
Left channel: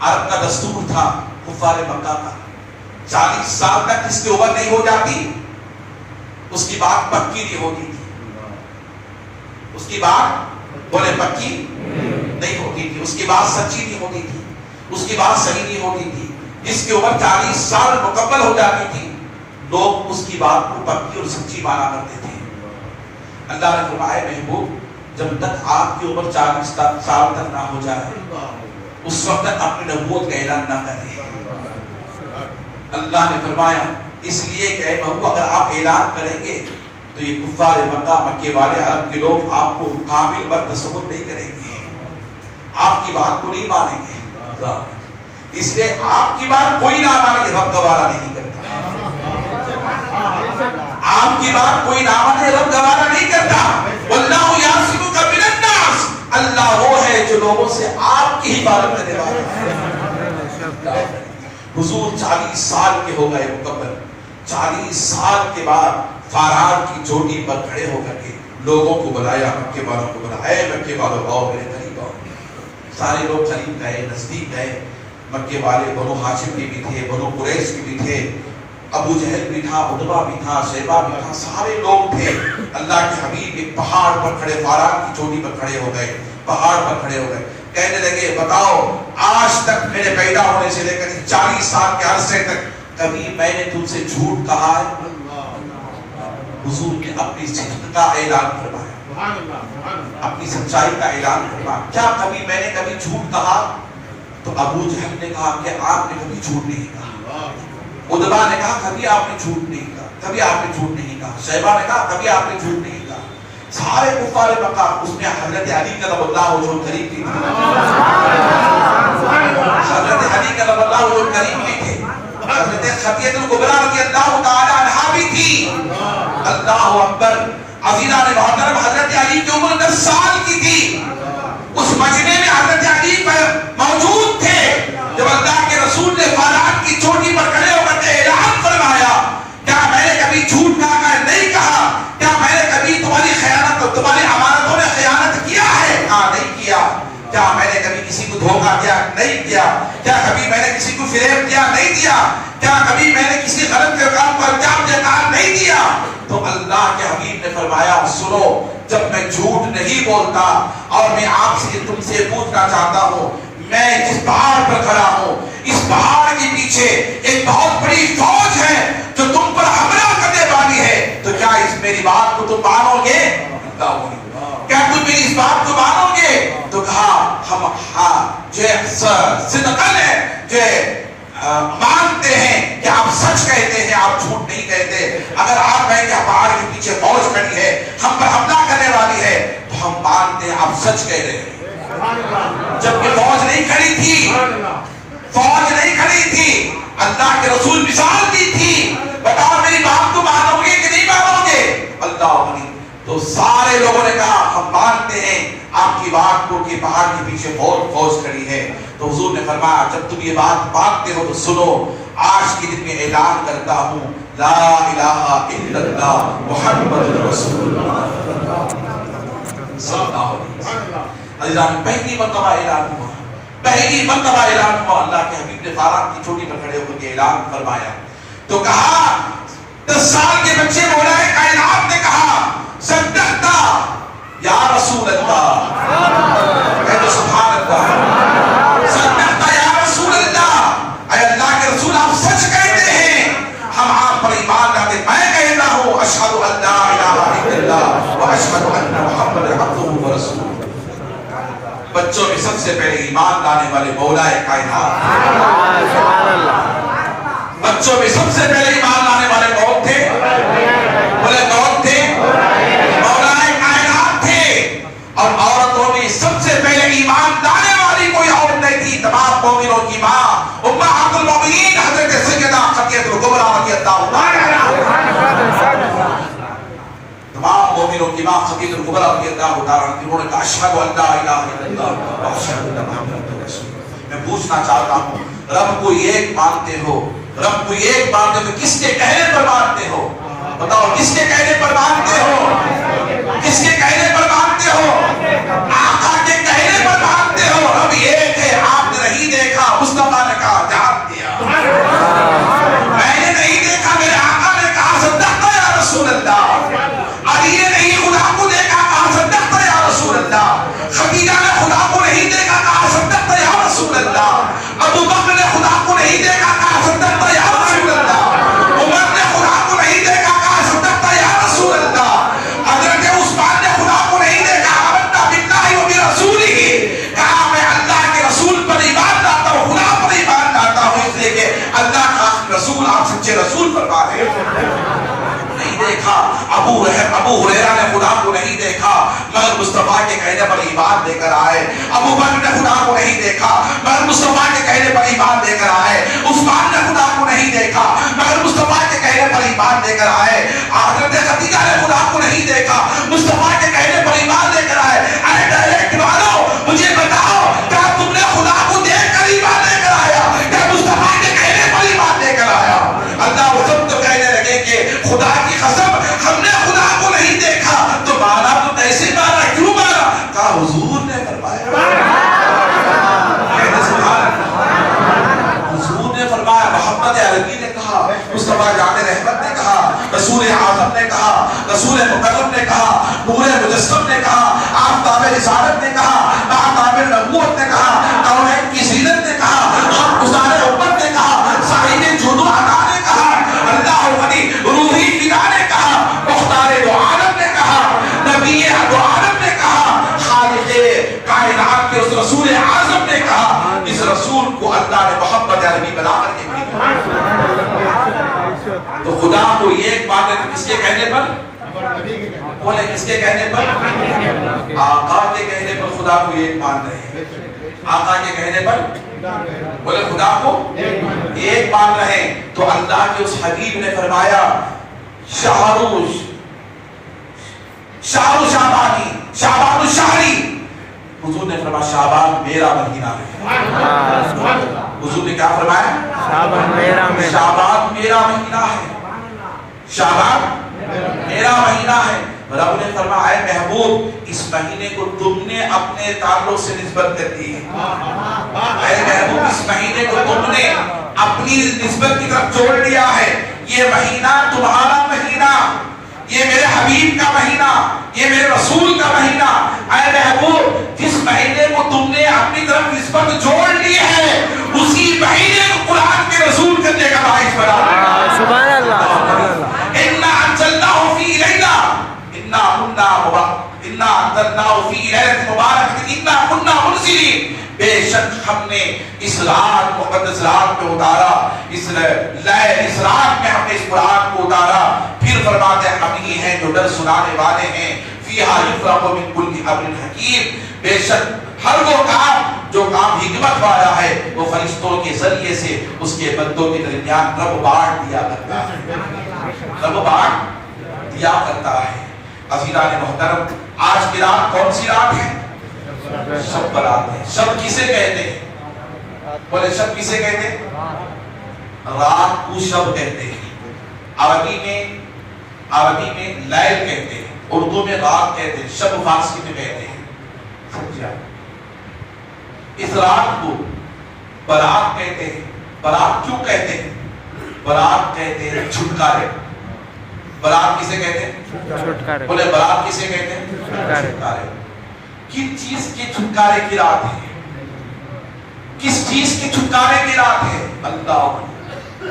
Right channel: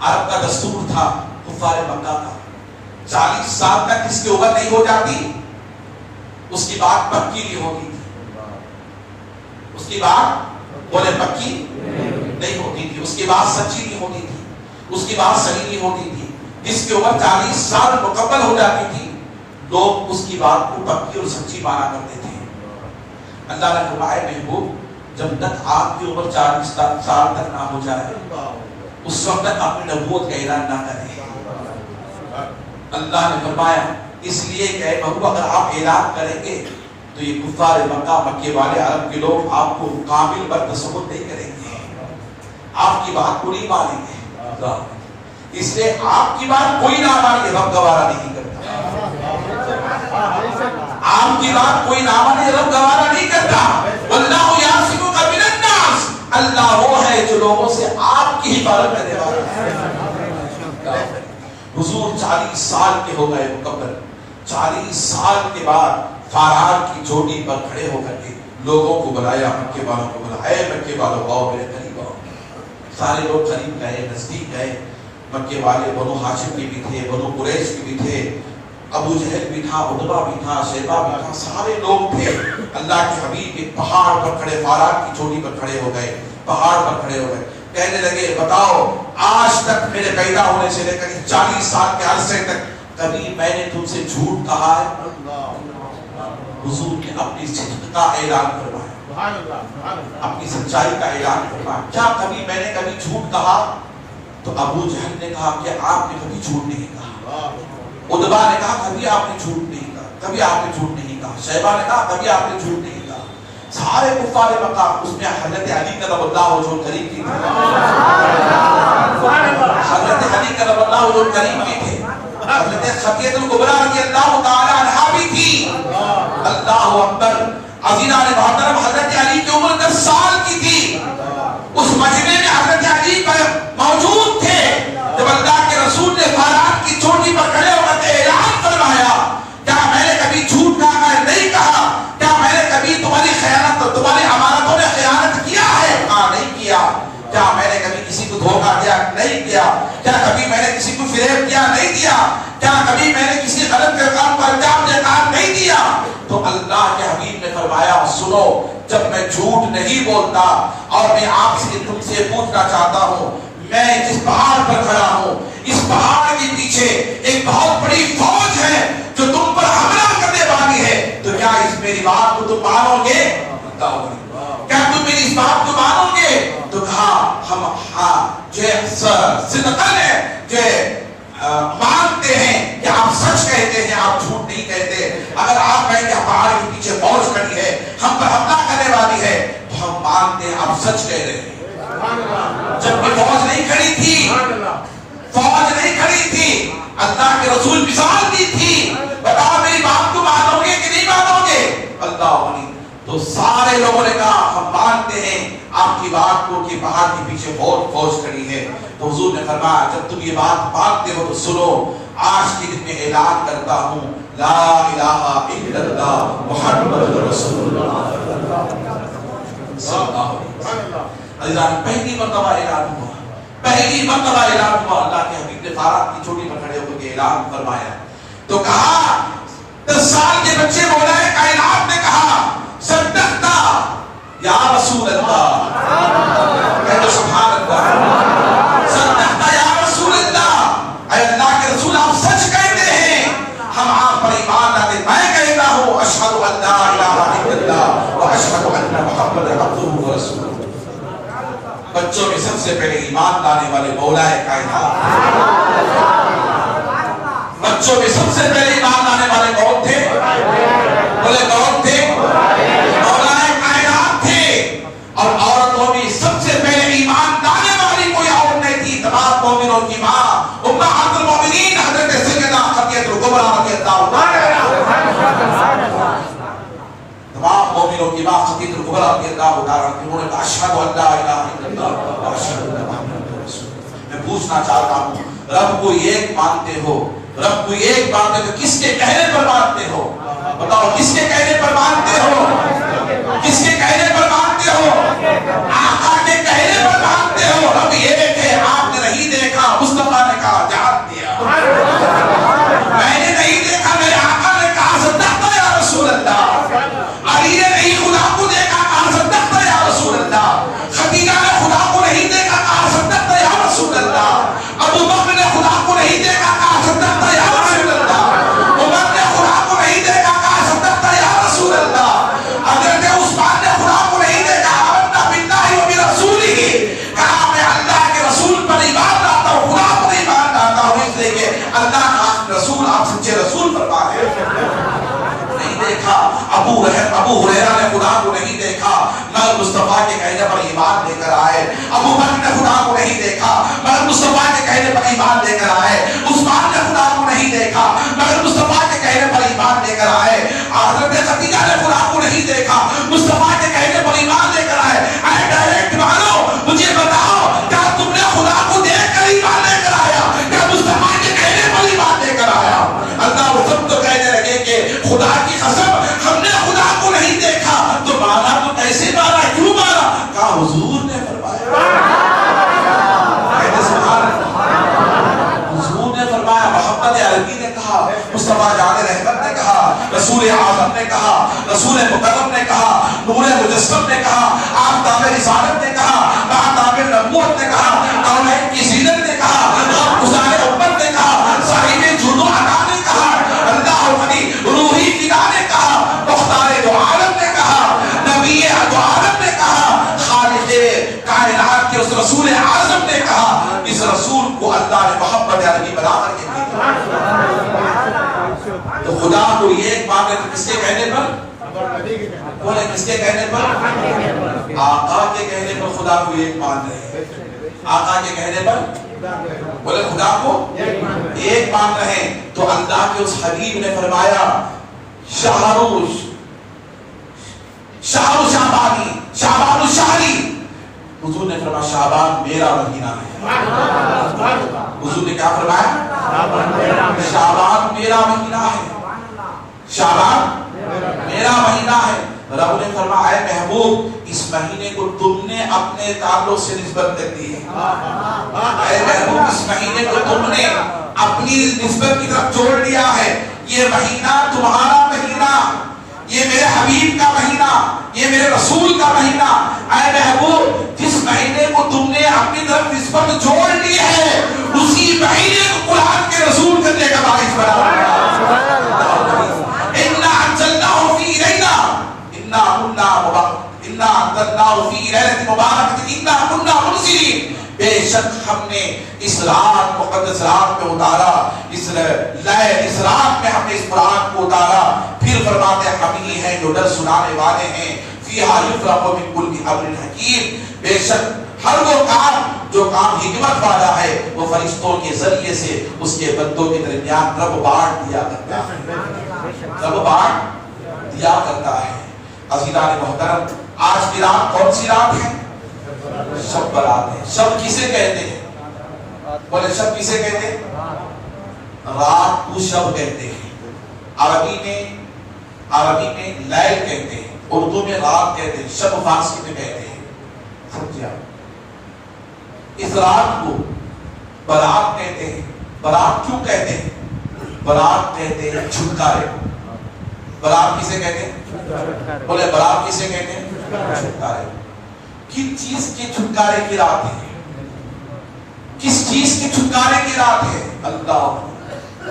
عرب کا دستور تھا، کفار مکہ کا، 40 سال تک جس کی عمر نہیں ہو جاتی اس کی بات پکی نہیں ہوتی تھی، اس کی بات بولے پکی نہیں ہوتی تھی، اس کی بات سچی نہیں ہوتی تھی، اس کی بات صحیح نہیں ہوتی تھی۔ جس کی عمر 40 سال مکمل ہو جاتی تھی لوگ اس کی بات کو پکی اور سچی مانا کرتے تھے۔ اللہ نے فرمایا محبوب جب تک آپ کی عمر 40 سال تک نہ ہو جائے اس وقت تک اپنی نبوت کا اعلان نہ کریں۔ اللہ نے فرمایا اس لیے کہ اے محبوب اگر آپ اعلان کریں گے تو یہ کفار مکہ، مکے والے عرب کے لوگ آپ کو قابل پر تصور نہیں کریں گے، آپ کی بات کو نہیں مانیں گے۔ اس لیے آپ کی بات کوئی نہ مانے، رب گوارا نہیں کرتا۔ آپ کی بات کوئی نہ مانے، رب گوارا نہیں کرتا۔ واللہ یعصمک من الناس، اللہ وہ ہے جو لوگوں سے آپ کی حفاظت کرنے والا ہے۔ حضور 40 سال کے ہو گئے مکمل، 40 سال کے بعد فارات کی چوٹی پر کھڑے ہو کر کے لوگوں کو بلایا، مکے والوں کو بلایا، اے مکے والوں آؤ میرے قریب آؤ۔ سارے لوگ قریب گئے، نزدیک گئے۔ مکے والے بنو ہاشم کے بھی تھے، بنو قریش کے بھی تھے، ابو جہل بھی تھا، عتبہ بھی تھا، شیبہ بھی تھا، سارے لوگ تھے۔ اللہ کے حبیب ایک پہاڑ پر کھڑے، فارات کی چوٹی پر کھڑے ہو گئے، پہاڑ پر کھڑے ہو گئے، کہنے لگے بتاؤ آج تک میرے پیدا ہونے سے لے کر 40 سال کے عرصے تک کبھی میں نے تم سے جھوٹ کہا ہے؟ حضور نے اپنی صدق کا اعلان فرمایا، اپنی سچائی کا اعلان فرمایا. کیا کبھی میں نے کبھی جھوٹ کہا؟ تو ابو جہل نے کہا کہ آپ نے کبھی جھوٹ نہیں کہا. عتبہ نے کہا کبھی آپ نے جھوٹ نہیں کہا، کبھی آپ نے جھوٹ نہیں کہا. شیبہ نے کہا کبھی آپ نے جھوٹ نہیں کہا. سارے کفار مکہ، اس میں حضرت علی کرم اللہ وجہہ کریم کی تھی، حضرت علی کرم اللہ وجہہ کریم کی تھے، حضرت خدیجہ الکبریٰ رضی اللہ تعالی عنہا بھی تھی. اللہ اکبر. عزیزان محترم، حضرت علی کی عمر 10 سال کی تھی. اس مجمع میں حضرت علی موجود تھے جب اللہ کے رسول نے فارات کی چوٹی پر کھڑے ہو کر اعلان فرمایا، کیا میں نے کبھی جھوٹ کہا؟ نہیں کہا. کیا میں نے کبھی تمہاری خیانت، تمہاری امانتوں نے خیانت کیا ہے؟ ہاں، نہیں کیا. کیا میں نے کبھی کسی کو دھوکہ دیا؟ نہیں کیا. کیا کبھی میں نے کسی کو فریب کیا؟ نہیں دیا. کیا کبھی میں نے کسی غلط کے کام کو انجام دینا نہیں دیا؟ تو اللہ کے حبیب نے فرمایا سنو، جب میں جھوٹ نہیں بولتا اور میں آپ سے تم سے پوچھنا چاہتا ہوں، میں جس پہاڑ پر کھڑا ہوں، اس پہاڑ کے پیچھے ایک بہت بڑی فوج ہے جو تم پر حملہ کرنے والی ہے، تو کیا اس میری بات کو تم مانو گے؟ کیا تم میری اس بات کو مانو گے؟ تو کہا ہم صدقاً ہے جو مانتے ہیں کہ آپ سچ کہتے ہیں، آپ جھوٹ نہیں کہتے. اگر آپ کہیں کہ پہاڑ کے پیچھے فوج کھڑی ہے، ہم پر حملہ کرنے والی ہے، تو ہم مانتے ہیں آپ سچ کہہ رہے ہیں. جبکہ فوج نہیں کھڑی تھی، فوج نہیں کھڑی تھی، اللہ کے رسول مثال دی تھی. بتاؤ میری بات کو مانو گے کہ نہیں مانو گے؟ اللہ علی. تو سارے لوگوں نے کہا ہم مانتے ہیں آپ کی بات کو کہ پہاڑ کے پیچھے فوج کھڑی ہے. تو حضور نے فرمایا جب تم یہ بات مانتے ہو تو سنو، آج کے دن میں اعلان کرتا ہوں لا الہ الا اللہ محمد رسول اللہ صلی اللہ علیہ وسلم. عزیزان، پہلی مرتبہ اعلان ہوا، پہلی مرتبہ اعلان ہوا. اللہ کے حبیب نے فارات کی چوٹی پر کھڑے ہو کر کے اعلان فرمایا. تو کہا 10 سال کے بچے مولا کائنات نے کہا صدقتا یا رسول اللہ، کہہ دو سبحان اللہ. صدقتا یا رسول اللہ، اے اللہ کے رسول آپ سچ کہتے ہیں، ہم آپ پر ایمان لاتے. میں کہتا ہوں اشہد ان لا الہ الا اللہ واشہد ان محمد عبدہ ورسولہ. بچوں میں سب سے پہلے ایمان لانے والے مولا کائنات، بچوں میں سب سے پہلے ایمان لانے والے کون تھے؟ بولے کون تھے؟ مولا کائنات تھے. اور عورتوں میں سب سے پہلے ایمان لانے والی کوئی عورت نہیں تھی، تمام مومنوں کی ماں امہات المومنین حضرت سیدہ خدیجہ الکبریٰ رضی اللہ عنہا. تمام مومنوں کی ماں خدیجہ الکبریٰ رضی اللہ عنہا انہوں نے کہا اشہد ان لا الہ الا اللہ واشہد ان محمد رسول اللہ. میں پوچھنا چاہتا ہوں، رب کو ایک مانتے ہو، رب کو ایک مانتے ہو، کس کے کہنے پر مانتے ہو؟ بتاؤ کس کے کہنے پر مانتے ہو؟ کس کے کہنے پر مانتے ہو؟ آقا کے کہنے پر مانتے ہو. رب ایک ہے، آپ نے نہیں دیکھا، مصطفیٰ نے کہا جان دیا. میں نے نہیں دیکھا، میرے آقا نے کہا صدقتا یا رسول اللہ. علی نے نہیں خدا کو دیکھا، کہا صدقتا یا رسول اللہ. خدیجہ نے خدا کو نہیں دیکھا، کہا صدقتا یا رسول اللہ. ابو بکر نے خدا کو نہیں دیکھا، کہا صدقتا یا رسول اللہ. عمر نے خدا کو نہیں دیکھا، کہا صدقتا یا رسول اللہ. حضرت عثمان نے خدا کو نہیں دیکھا، آمنا باللہ و برسولہ، کہا میں اللہ کے رسول پر ایمان لاتا ہوں، خدا پر ایمان لاتا ہوں، اس لیے کہ اللہ کا رسول آپ سچے رسول فرما رہے ہیں. دیکھا ابو ہریرہ نے خدا کو نہیں دیکھا مگر مصطفیٰ کے کہنے پر ایمان لے کر آئے. ابو بکر نے خدا کو نہیں دیکھا مگر مصطفیٰ کے کہنے پر ایمان لے کر آئے. عثمان نے خدا کو نہیں دیکھا مگر مصطفیٰ کے کہنے پر ایمان لے کر آئے. حضرت خدیجہ نے خدا کو نہیں دیکھا، مصطفیٰ کے کہنے پر ایمان لے کر آئے. اے ڈائریکٹ والو مجھے بتاؤ، کیا تم نے خدا کو دیکھ کر ایمان لے کر آیا، کیا مصطفیٰ کے کہنے پر ایمان لے کر آیا؟ اللہ وہ سب تو کہنے لگے کہ خدا کی قسم ہم نے خدا کو نہیں دیکھا. تو مانا تو کیسے مانا، کیوں مانا؟ کہا حضور نے فرمایا. حضور نے فرمایا. محمد عربی نے کہا، مصطفیٰ جان رحمت نے کہا، رسول اعظم نے کہا، رسول مکرم نے کہا، نور مجسم نے کہا، آفتاب رسالت نے کہا، آفتاب نبوت نے کہا، کونین کی زینت نے کہا، گزار امت نے کہا، صاحب جود و عطا نے کہا، اللہ ولی روحی فدا نے کہا، خدا کو ایک مانتے تھے کس کے کہنے پر؟ بولے کس کے کہنے پر؟ آقا کے کہنے پر خدا کو ایک مان رہے ہیں. آقا کے کہنے پر بولے خدا کو ایک مان رہے ہیں. تو اللہ کے اس حبیب نے فرمایا شہر شعبانی شعبان الشہری. حضور نے فرمایا شعبان میرا مہینہ ہے. حضور نے کیا فرمایا؟ شعبان میرا مہینہ ہے. شعبان میرا مہینہ ہے. رب نے فرمایا اے محبوب اس مہینے کو تم نے اپنے تعلق سے نسبت کر دی ہے. اے محبوب اس مہینے کو تم نے اپنی نسبت کی طرف چھوڑ دیا ہے. یہ مہینہ تمہارا مہینہ, یہ میرے حبیب کا مہینہ, یہ میرے رسول کا مہینہ. اے محبوب جس مہینے کو تم نے اپنی طرف نسبت چھوڑ لی ہے اسی مہینے کو قرآن کے رسول کرنے کا باعث بنا. سبحان اللہ. انا انزلناه في ليلة انا انزلناه في ليلة مباركة انا كنا منزلين. بے شک ہم نے اس رات مقدس رات میں اتارا, اس رات میں ہم نے اس قرآن کو اتارا. پھر فرماتے ہیں ہم ہی ہیں جو ڈر سنانے والے ہیں. فیہا یفرق من کل امر حکیم. بے شک ہر وہ کام جو کام حکمت والا ہے وہ فرشتوں کے ذریعے سے اس کے بندوں کے درمیان رب بانٹ دیا کرتا ہے. رب بانٹ دیا کرتا ہے. عزیزان محترم آج کی رات کون سی رات ہے؟ شب برات ہے. شب کسے کہتے ہیں؟ بولے شب کسے کہتے ہیں؟ رات کو شب کہتے ہیں. عربی میں لیل کہتے ہیں, اردو میں رات کہتے ہیں, شب فارسی میں کہتے ہیں. سمجھا؟ اس رات کو برات کہتے ہیں. برات کیوں کہتے ہیں؟ برات کہتے ہیں چھٹکارے. برات کسے کہتے ہیں؟ بولے برات کسے کہتے ہیں؟ چھٹکارے. کس چیز کے چھٹکارے کی رات ہے؟ کس چیز کے چھٹکارے کی رات ہے؟ اللہ.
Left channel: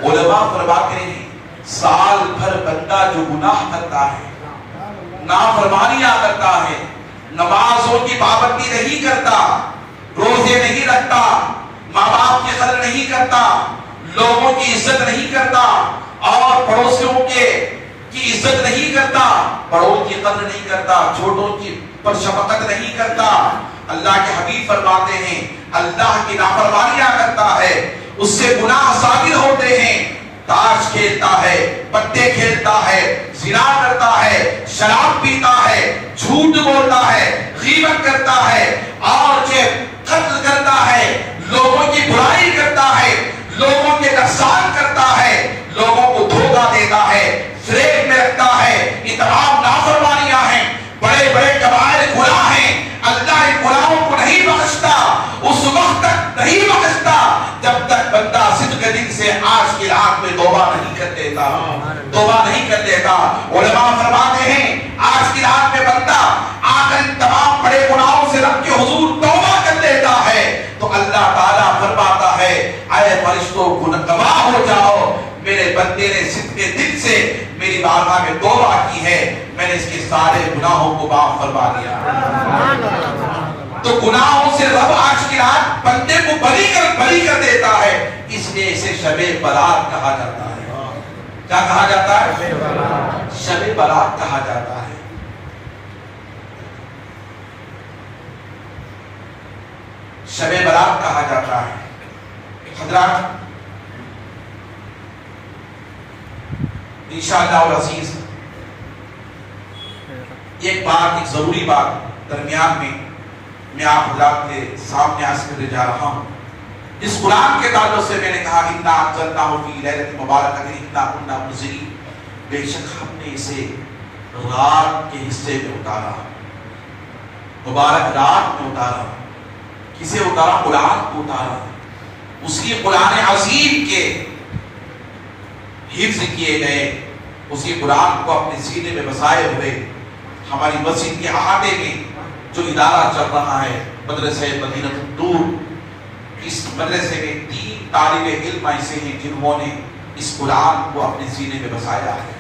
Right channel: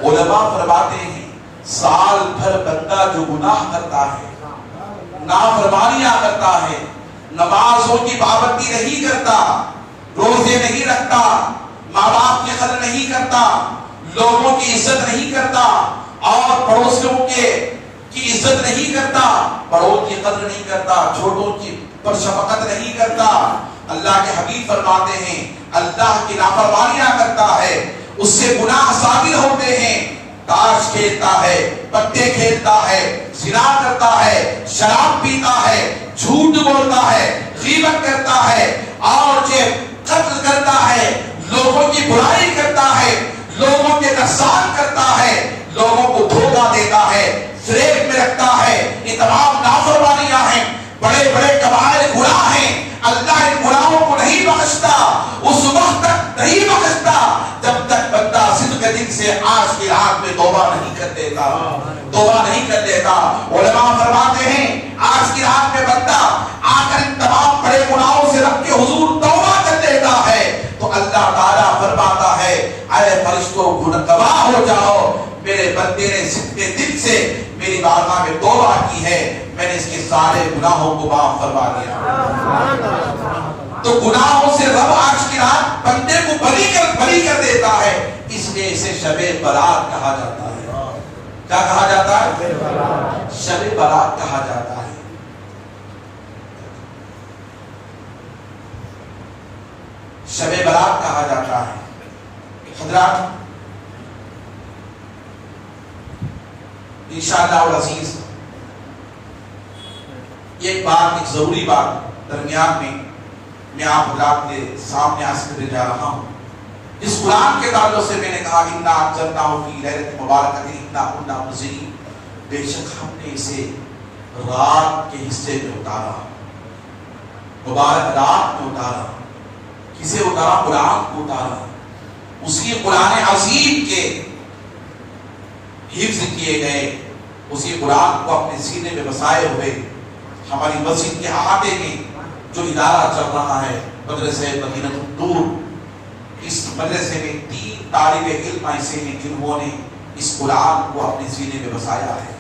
علماء فرماتے ہیں سال بھر بندہ جو گناہ کرتا ہے, نافرمانیاں کرتا ہے, نمازوں کی پابندی نہیں کرتا, روزے نہیں رکھتا, ماں باپ کی قدر نہیں کرتا, لوگوں کی عزت نہیں کرتا, اور پڑوسیوں کی عزت نہیں کرتا, بڑوں کی قدر نہیں کرتا, چھوٹوں کی پر شفقت نہیں کرتا. اللہ کے حبیب فرماتے ہیں اللہ کی نافرمانیاں کرتا ہے اس سے گناہ ثابت ہوتے ہیں. تاش کھیلتا ہے, پتے کھیلتا ہے, زنا کرتا ہے, شراب پیتا ہے, جھوٹ بولتا ہے, غیبت کرتا ہے, اور قتل کرتا ہے, لوگوں کی برائی کرتا ہے, لوگوں کے نقصان کرتا ہے, لوگوں کو دھوکہ دیتا ہے, فریب میں رکھتا ہے. یہ تمام نافرمانیاں ہیں, بڑے بڑے کبائر گناہ ہیں. اللہ ان گناہوں کو نہیں بخشتا, اس وقت تک نہیں بخشتا جب تک بندہ صدق دل سے آج کی رات میں توبہ نہیں کر لیتا. توبہ نہیں کر لیتا. علماء فرماتے ہیں آج کی رات میں بندہ آ کر ان تمام بڑے گناہوں سے رب کے حضور توبہ کر لیتا ہے تو اللہ تعالیٰ فرماتا ہے اے فرشتوں گواہ ہو جاؤ, میرے بندے نے صدق دل سے میری بارگاہ میں توبہ کی ہے, میں نے اس کے سارے گناہوں کو معاف فرما دیا. تو گناہوں سے رب آج کی رات بندے کو بری کر دیتا ہے. اس لیے اسے شب برات کہا جاتا ہے. کیا کہا جاتا ہے؟ شب برات کہا جاتا ہے. شب برات کہا جاتا ہے. حضرات انشاءاللہ العزیز ایک ضروری بات درمیان میں آپ حضرات کے سامنے عرض کرنے جا رہا ہوں. اس قرآن کے تعلق سے میں نے کہا انا انزلناہ فی لیلۃ مبارکۃ انا کنا منزلین. بے شک ہم نے اسے رات کے حصے میں اتارا, مبارک رات میں اتارا. کسے اتارا؟ قرآن کو اتارا. اسی قرآن عظیم کے حفظ کیے گئے, اسی قرآن کو اپنے سینے میں بسائے ہوئے ہماری مسجد کے احاطے میں جو ادارہ چل رہا ہے مدرسہ مدینہ النور, اس مدرسے میں 3 طالب علم ایسے ہیں جنہوں نے اس قرآن کو اپنے سینے میں بسایا ہے.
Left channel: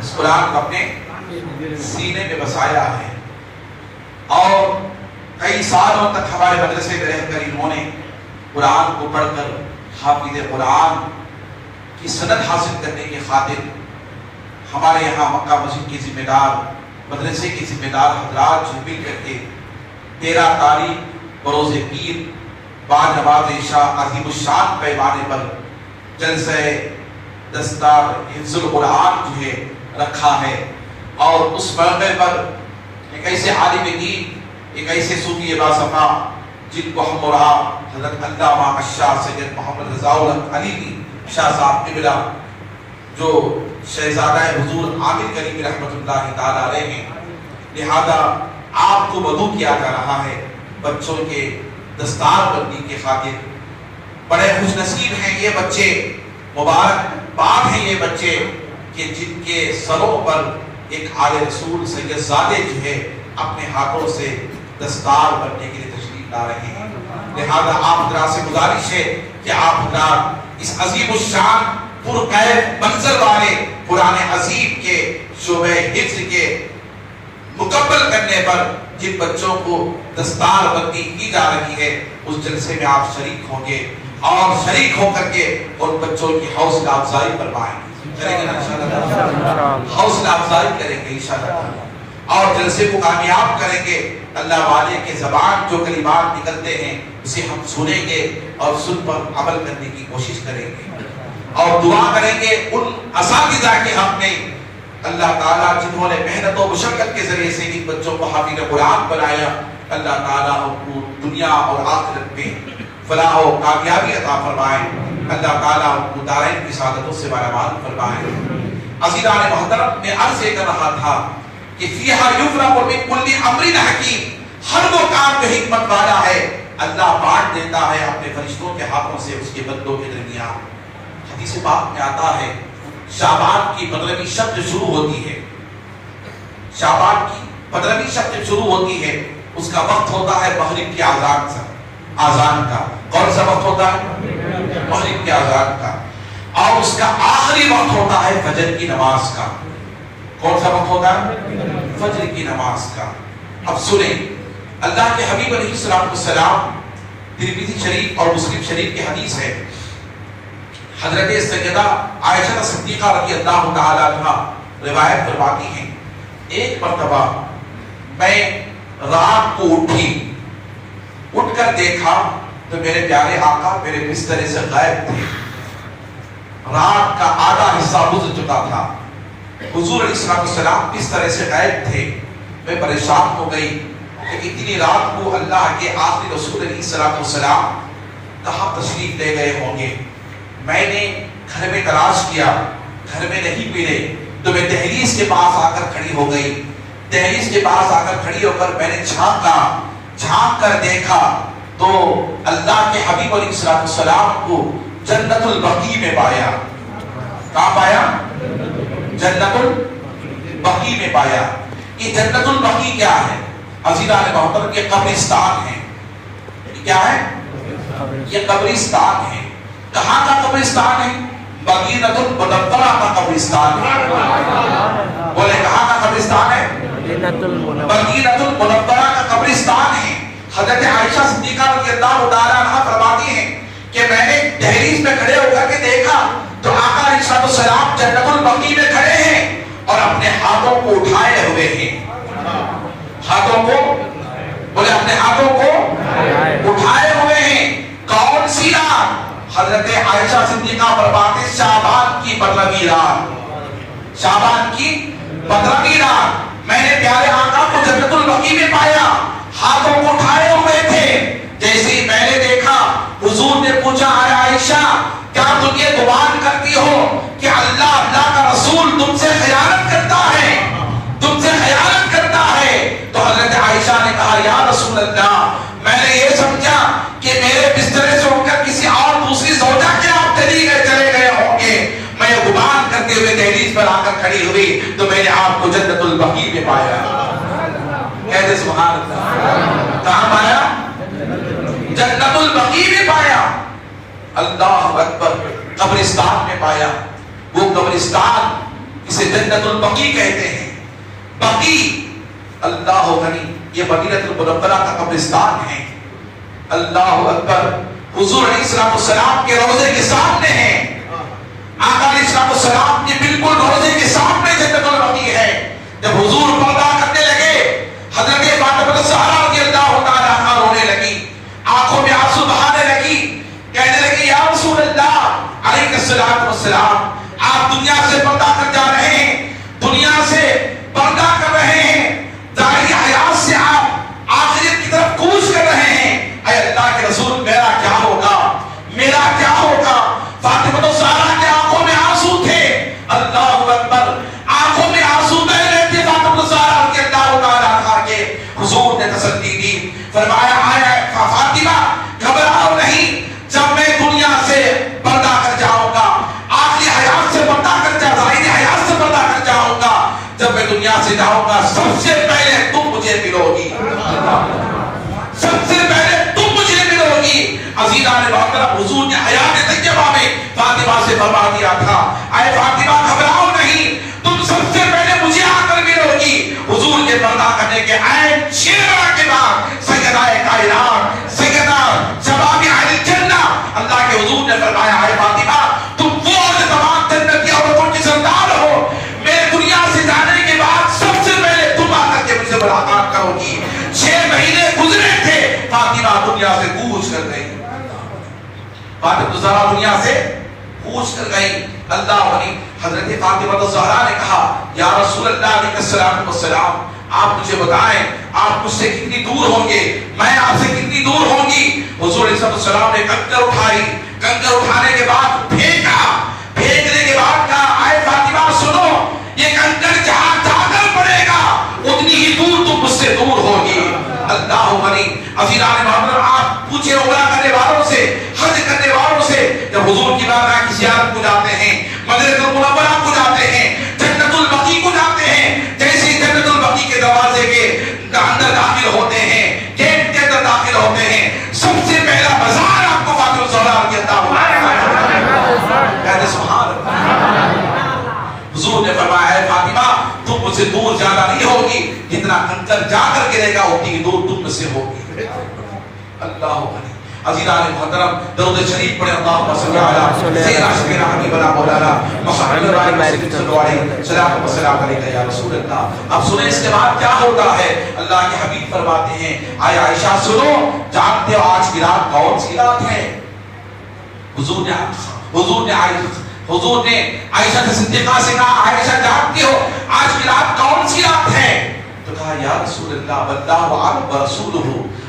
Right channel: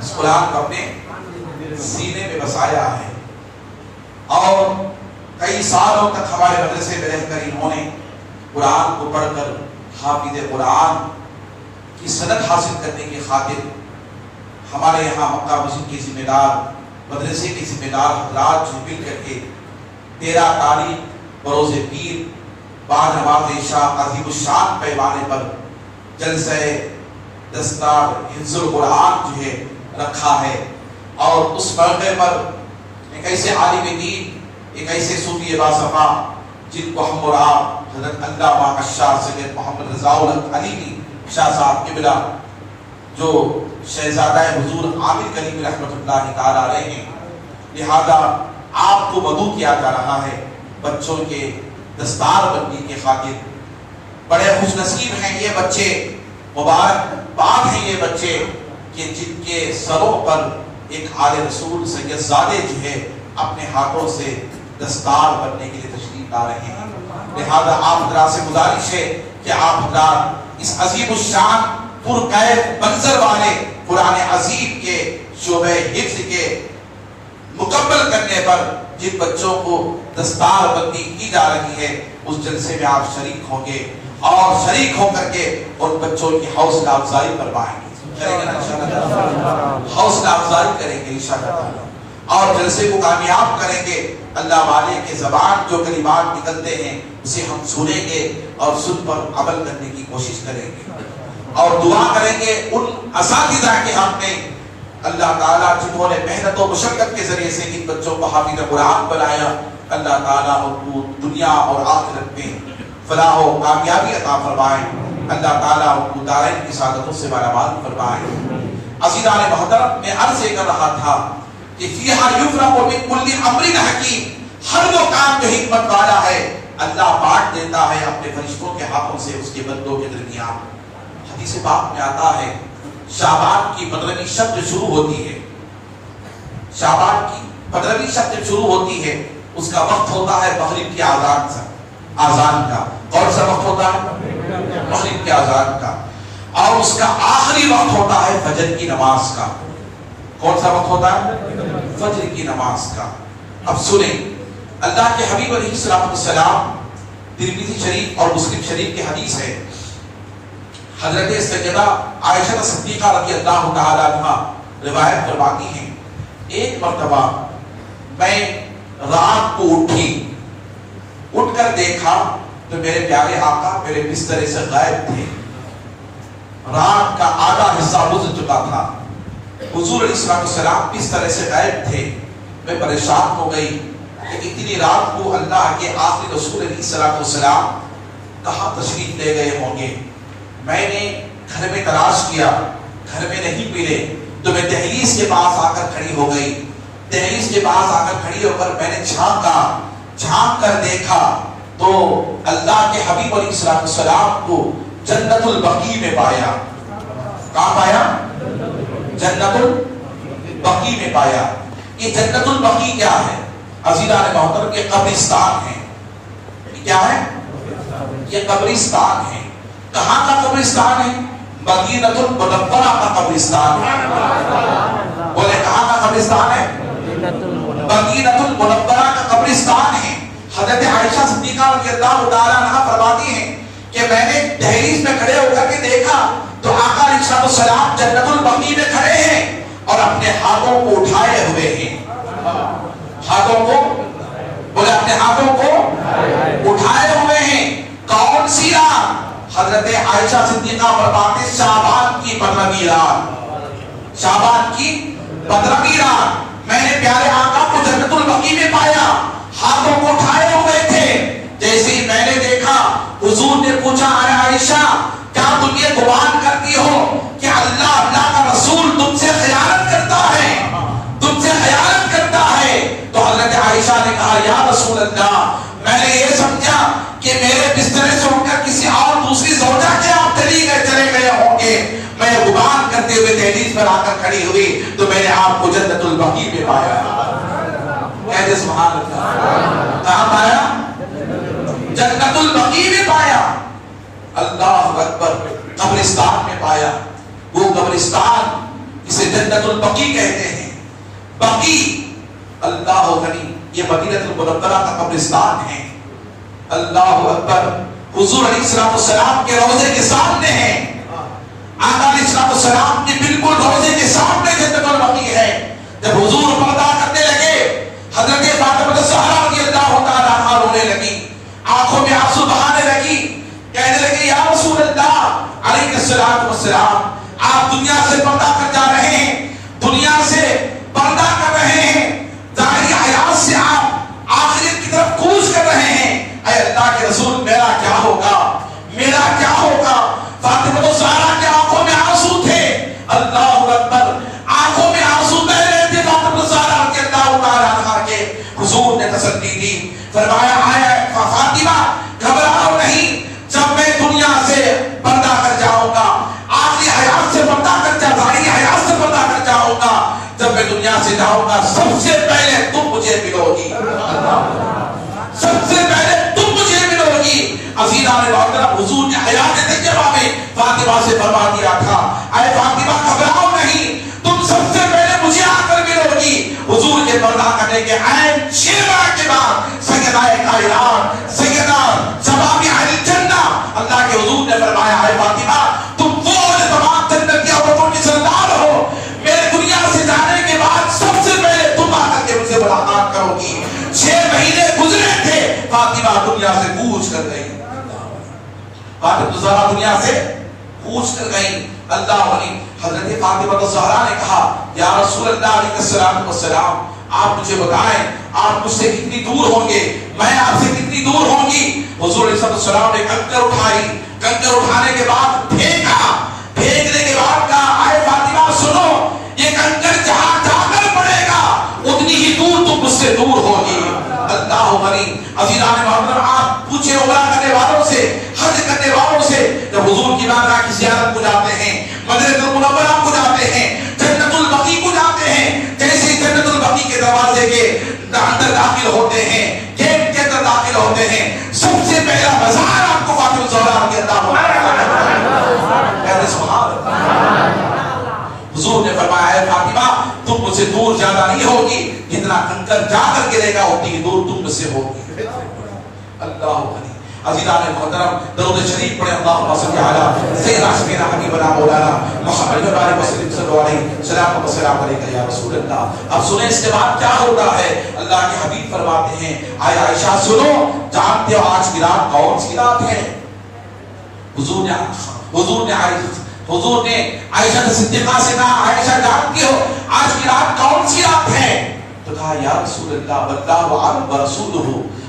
اس قرآن کو اپنے سینے میں بسایا ہے اور کئی سالوں تک ہمارے مدرسے میں رہ کر انہوں نے قرآن کو پڑھ کر حافظ قرآن کی سند حاصل کرنے کی خاطر ہمارے یہاں مکہ مسجد کے ذمہ دار، مدرسے کے ذمہ دار حضرات جو مل کر کے 13 تاریخ بروز پیر بعد نماز عشاء عظیم الشان پیمانے پر جلسہ دستار حفظ القرآن جو ہے رکھا ہے، اور اس موقع پر ایک ایسے عالم دین، ایک ایسے صوفی باصفا جن کو ہم اور آپ حضرت علامہ الشاہ سید محمد رضا الحق علی شاہ صاحب قبلہ جو شہزادہ حضور عامر کریم رحمۃ اللہ تعالی علیہ ہیں، لہذا آپ کو مدعو کیا جا رہا ہے بچوں کے دستار بندی کے خاطر۔ بڑے خوش نصیب ہیں یہ بچے، مبارک بات ہے یہ بچے کہ جن کے سروں پر ایک آل رسول سید زادے جو ہے اپنے ہاتھوں سے دستار بننے کے لیے تشریف لا رہے ہیں۔ لہذا آپ حضرات سے گزارش ہے کہ آپ حضرات اس عظیم الشان پرکیف منظر والے قرآن عظیم کے شعبہ حفظ کے مکمل کرنے پر جن بچوں کو دستار بندی کی جا رہی ہے اس جلسے میں آپ شریک ہوں گے، اور شریک ہو کر کے ان بچوں کی حوصلہ افزائی فرمائیں گے، حوصلہ افزائی کریں گے انشاءاللہ، اور جلسے کو کامیاب کریں گے۔ اللہ والے کے زبان جو کلمات نکلتے ہیں اسے ہم سنیں گے اور سن پر عمل کرنے کی کوشش کریں گے، اور دعا کریں گے ان اساتذہ کے حق میں اللہ تعالیٰ جنہوں نے محنت و مشقت کے ذریعے سے ان بچوں کو حافظ قرآن بنایا، اللہ تعالیٰ ان کو دنیا اور آخرت میں فلاح و کامیابی عطا فرمائیں، اللہ تعالیٰ ان کو دارین کی سعادتوں سے مالامال فرمائیں۔ عزیزان محترم، میں عرض یہ کر رہا تھا کہ فیہا یفرق من کل امر حکیم، ہر وہ کام جو حکمت والا ہے اللہ بانٹ دیتا ہے اپنے فرشتوں کے ہاتھوں سے اس کے بندوں کے درمیان۔ حدیث پاک میں آتا ہے شعبان کی 15ویں شب جو شروع ہوتی ہے، شعبان کی 15ویں شب جو شروع ہوتی ہے اس کا وقت ہوتا ہے مغرب کی آذان کا۔ کون سا وقت ہوتا ہے؟ مغرب کی آذان کا۔ اور اس کا آخری وقت ہوتا ہے فجر کی نماز کا۔ کون سا وقت ہوتا ہے؟ فجر کی نماز کا۔ اب سنیں، اللہ کے حبیب علیہ السلام، ترمذی شریف اور مسلم شریف کی حدیث ہے، حضرت سیدہ عائشہ صدیقہ رضی اللہ تعالی عنہ روایت فرماتی ہیں، ایک مرتبہ میں رات کو اٹھ کر دیکھا تو میرے پیارے آقا میرے بسترے سے غائب تھے، رات کا آدھا حصہ گزر چکا تھا، حضور علیہ السلام بسترے سے غائب تھے۔ میں پریشان ہو گئی کہ اتنی رات کو اللہ کے آخری رسول علیہ السلام کہاں تشریف لے گئے ہوں گے۔ میں نے گھر میں تلاش کیا، گھر میں نہیں ملے، تو میں دہلیز کے پاس آ کر کھڑی ہو گئی۔ دہلیز کے پاس آ کر کھڑی ہو کر میں نے جھانک کر دیکھا تو اللہ کے حبیب علیہ السلام کو جنت البقیع میں پایا۔ کہاں پایا؟ جنت البقیع میں پایا۔ یہ جنت البقیع کیا ہے؟ عزیزان محترم، یہ قبرستان ہے۔ کیا ہے؟ یہ قبرستان ہے۔ کہاں کا قبرستان ہے؟ مدینۃ المنورہ کا قبرستان ہے۔ بولے کہاں کا قبرستان ہے؟ مدینۃ المنورہ کا قبرستان ہے۔ حضرت عائشہ صدیقہ رضی اللہ تعالی عنہا فرماتی ہیں کہ میں نے دہلیز میں کھڑے ہو کر کے دیکھا تو آقا علیہ السلام جنت البقیع میں کھڑے ہیں اور اپنے ہاتھوں کو اٹھائے ہوئے ہیں۔ ہاتھوں کو، بولے اپنے ہاتھوں کو اٹھائے ہوئے ہیں۔ کون سی رات؟ حضرت عائشہ صدیقہ فرماتے شعبان کی 15ویں رات، شعبان کی 15ویں رات میں نے پیارے آقا کو جنت البقیع میں پایا، ہاتھوں کو اٹھائے ہوئے تھے۔ جیسے ہی میں نے دیکھا حضور نے پوچھا، اے عائشہ کیا تم یہ گمان کرتی ہو کہ اللہ کا رسول تم سے خیانت کرتا ہے، تم سے خیانت کرتا ہے؟ تو حضرت عائشہ نے کہا، یا رسول اللہ، میں نے یہ سمجھا کہ میرے بسترے سے ہو کر کسی اور دوسری زوجہ کے آپ چلے گئے ہوں گے۔ میں گمان کرتے ہوئے دہلیز پر آ کر کھڑی ہوئی تو میں نے آپ کو جنت البقیع میں پایا۔ کہتے سبحان اللہ۔ کہاں پایا؟ جنت البقیع میں پایا۔ اللہ اکبر، قبرستان میں پایا۔ وہ قبرستان اسے جنت البقیع کہتے ہیں۔ بقیع، اللہ غنی، یہ مدینۃ المنورہ کا قبرستان ہے۔ اللہ اکبر، حضور علیہ السلام کے روضے کے سامنے ہے۔ آقا علیہ السلام کی بالکل روزے کے سامنے جنت البقیع ہے. جب حضور پردہ کرنے لگے حضرت فاطمہ الزہرا رضی اللہ تعالیٰ عنہا رونے لگی, آنکھوں میں آنسو بہانے لگی, کہنے لگی یا رسول اللہ علیہ السلام آپ دنیا سے پردہ کر جا رہے ہیں, دنیا سے پردہ کر رہے ہیں, ظاہری حیات سے آپ آخرت کی طرف کوچ کر رہے ہیں, اے اللہ کے رسول میرا کیا ہوگا, میرا کیا ہوگا. فاطمہ الزہرا کے آنکھوں میں آنسو تھے, اللہ اکبر, آنکھوں میں آنسو بہ رہے تھے فاطمہ الزہرا کے اللہ تعالیٰ عنہا کے. حضور نے تسلی دی, فرمایا آیا فاطمہ گھبراؤ نہیں, جب میں دنیا سے پردہ کر جاؤں گا, آخری حیات سے پردہ کر جاؤں گا, ظاہری حیات سے پردہ کر جاؤں گا, جب میں دنیا سے جاؤں گا سب سے پہلے تم مجھے ملو گی, سب سے پہلے تم مجھے ملو گی. عزیزان محترم, حضور نے حیات طیبہ میں فاطمہ سے فرما دیا تھا, اے فاطمہ گھبراؤ نہیں, تم سب سے پہلے مجھے آ کر ملو گی. حضور کے پردہ کرنے کے عین 6 ماہ کے بعد سیدہ کائنات سیدہ شباب اہل جنہ اللہ کے حضور نے فرمایا, اے فاطمہ تم وہ تمام جنت کی عورتوں کی سردار ہو, میرے دنیا سے جانے کے بعد سب سے پہلے تم آ کر کے مجھ سے ملاقات کرو گی. 6 مہینے گزرے تھے, فاطمہ دنیا سے کوچ کر گئی, فاطمہ الزہرا دنیا سے کوچ کر گئی. اللہ علی حضرت فاطمہ الزہرا نے کہا یا رسول اللہ علیہ السلام آپ مجھے بتائیں آپ مجھ سے کتنی دور ہوں گے, میں آپ سے کتنی دور ہوں گی. حضور علیہ السلام نے کنکر اٹھائی, کنکر اٹھانے کے بعد پھینکا, پھینکنے کے بعد کہا اے فاطمہ سنو, یہ کنکر جہاں جا کر پڑے گا اتنی ہی دور تم مجھ سے دور ہوگی. اللہ علی عزیزان محترم, آپ پوچھے عمرہ کرنے والوں سے, حج کرنے والوں سے, جب حضور کی بارگاہ کی زیارت کو جاتے ہیں, مدینہ المنورہ کو جاتے ہیں, جنت البقیع کو جاتے ہیں, جیسے جنت البقیع کے دروازے کے اندر داخل ہوتے ہیں, گیٹ کے اندر داخل ہوتے ہیں, سب سے پہلا بازار آپ کو فاطمہ الزہرا رضی اللہ عنہا کہتے سبحان اللہ. حضور نے فرمایا ہے فاطمہ تم مجھ سے دور زیادہ نہیں ہوگی, جتنا کنکر جا کر گرے گا اتنی دور تم مجھ سے ہوگی. اللہ علی عزیزان محترم, درود شریف پڑھیں اللہم صلی علی سیدنا شفیعنا حبیبنا مولانا محمد وعلی وسلم صلی اللہ علیہ صلاۃ و سلام علیک یا رسول اللہ. اب سنیں اس کے بعد کیا ہوتا ہے. اللہ کے حبیب فرماتے ہیں آیا عائشہ سنو, جانتے ہو آج کی رات کون سی رات ہے. حضور نے عائشہ صدیقہ سے کہا عائشہ جانتی ہو آج کی رات کون سی رات ہے. تو کہا یا رسول اللہ واللہ اعلم ورسولہ,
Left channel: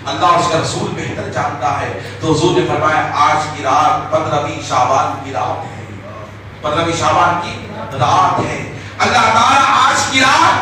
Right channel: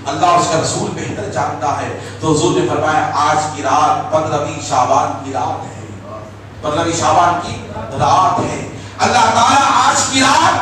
اللہ اس کا رسول بہتر جانتا ہے. تو حضور نے فرمایا آج کی رات 15ویں شعبان کی رات ہے, 15ویں شعبان کی رات ہے. اللہ تعالیٰ آج کی رات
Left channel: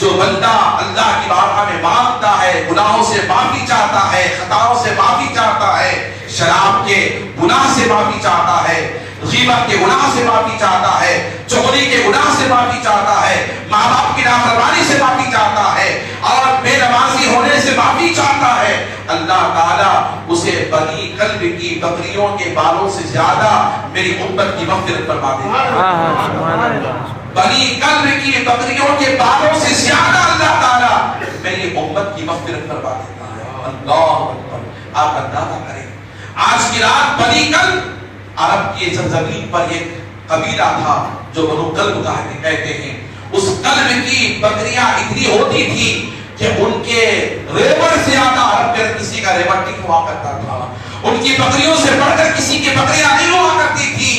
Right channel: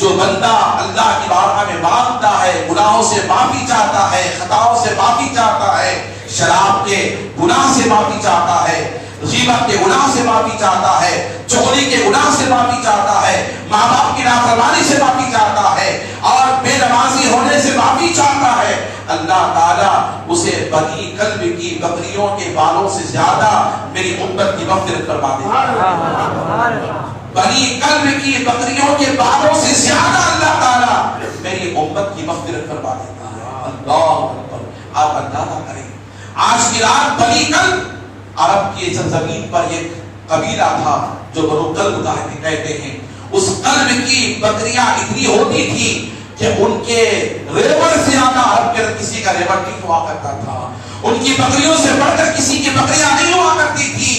جو بندہ اللہ کی بارگاہ میں مانگتا ہے, گناہوں سے معافی چاہتا ہے, خطاؤں سے معافی چاہتا ہے, شراب کے گناہ سے معافی چاہتا ہے, غیبت کے گناہ سے معافی چاہتا ہے, چغلی کے گناہ سے معافی چاہتا ہے, ماں باپ کی نافرمانی سے معافی چاہتا ہے, اور بے نمازی ہونے سے معافی چاہتا ہے, اللہ تعالیٰ اسے بنی قلب کی بکریوں کے بالوں سے زیادہ میری امت کی مغفرت فرما دیتا ہے. بنی قلب کی بکریوں کے بالوں سے زیادہ اللہ تعالیٰ میری امت کی مغفرت فرما دیتا ہے. اللہ اکبر. آپ اندازہ کریں آج کی رات بنی قلب عرب کی سرزمین پر ایک قبیلہ تھا جو بنو کلب کہتے ہیں. اس قلب کی بکریاں اتنی ہوتی تھی کہ ان کے ریوڑ سے زیادہ عرب میں کسی کا ریوڑ نہیں ہوا کرتا تھا. ان کی بکریوں سے بڑھ کر کسی کی بکریاں نہیں ہوا کرتی تھی.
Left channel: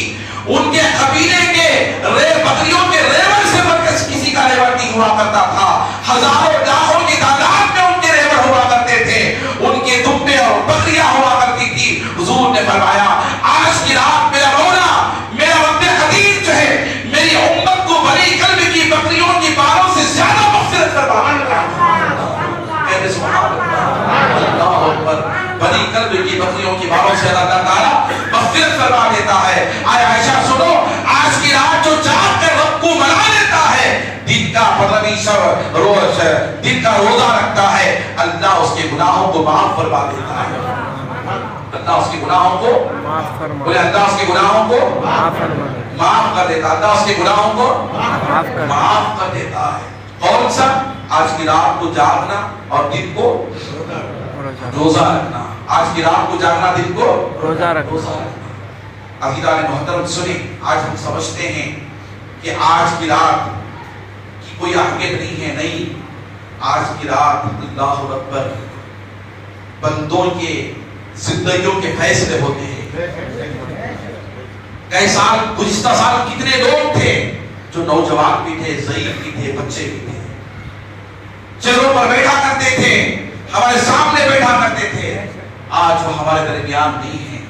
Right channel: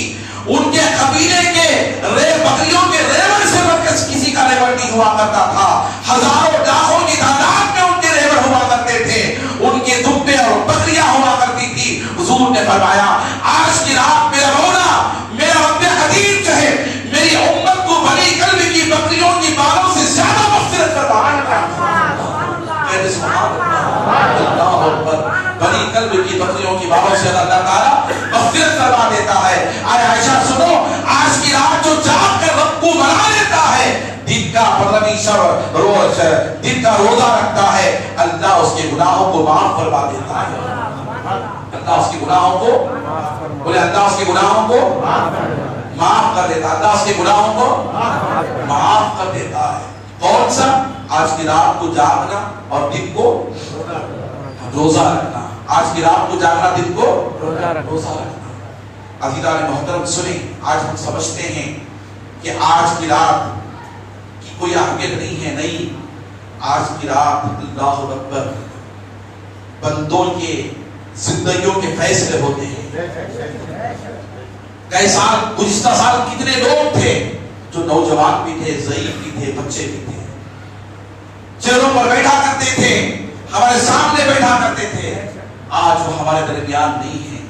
ان کے قبیلے کے بکریوں کے ریوڑ سے بڑھ کر کسی کا ریوڑ نہیں ہوا کرتا تھا. ہزاروں لاکھوں کی تعداد میں ان کے ریوڑ ہوا کرتے تھے, ان کے دبے اور بکریاں ہوا کرتی تھی. حضور نے فرمایا آج کی رات میرا رونا, میرا رب قدیر جو ہے میری امت کو بنی قلب کی بکریوں کی بالوں سے زیادہ مغفرت فرمائے گا. کہتے سبحان اللہ. اللہ اکبر. بنی قلب کی بکریوں کی بالوں سے اللہ تعالیٰ مغفرت فرما دیتا ہے. آئے عائشہ سنو, آج کی رات جو جاگ کر رب کو منا لیتا ہے, دن کا روز دن کا روزہ رکھتا ہے, اللہ اس کے گناہوں کو معاف فرما دیتا ہے. اللہ اس کے گناہوں کو بولے, اللہ اس کے گناہوں کو معاف کر دیتا ہے. اللہ اس کے گناہوں کو معاف کر دیتا ہے. کون سا؟ آج کی رات کو جاگنا اور دن کو روزہ رکھنا. آج کی رات کو جاگنا, دن کو روزہ رکھنا. عزیزان محترم سنیں، آج ہم سمجھتے ہیں کہ آج کی رات کی کوئی اہمیت نہیں ہے، نہیں، آج کی رات اللہ اکبر بندوں کے زندگیوں کے فیصلے ہوتے ہیں۔ کئی سال، گزشتہ سال کتنے لوگ تھے جو نوجوان بھی تھے، ضعیف بھی تھے، بچے بھی تھے، چیروں پر بیٹھا کرتے تھے، ہمارے سامنے بیٹھا کرتے تھے، آج وہ ہمارے درمیان نہیں ہیں،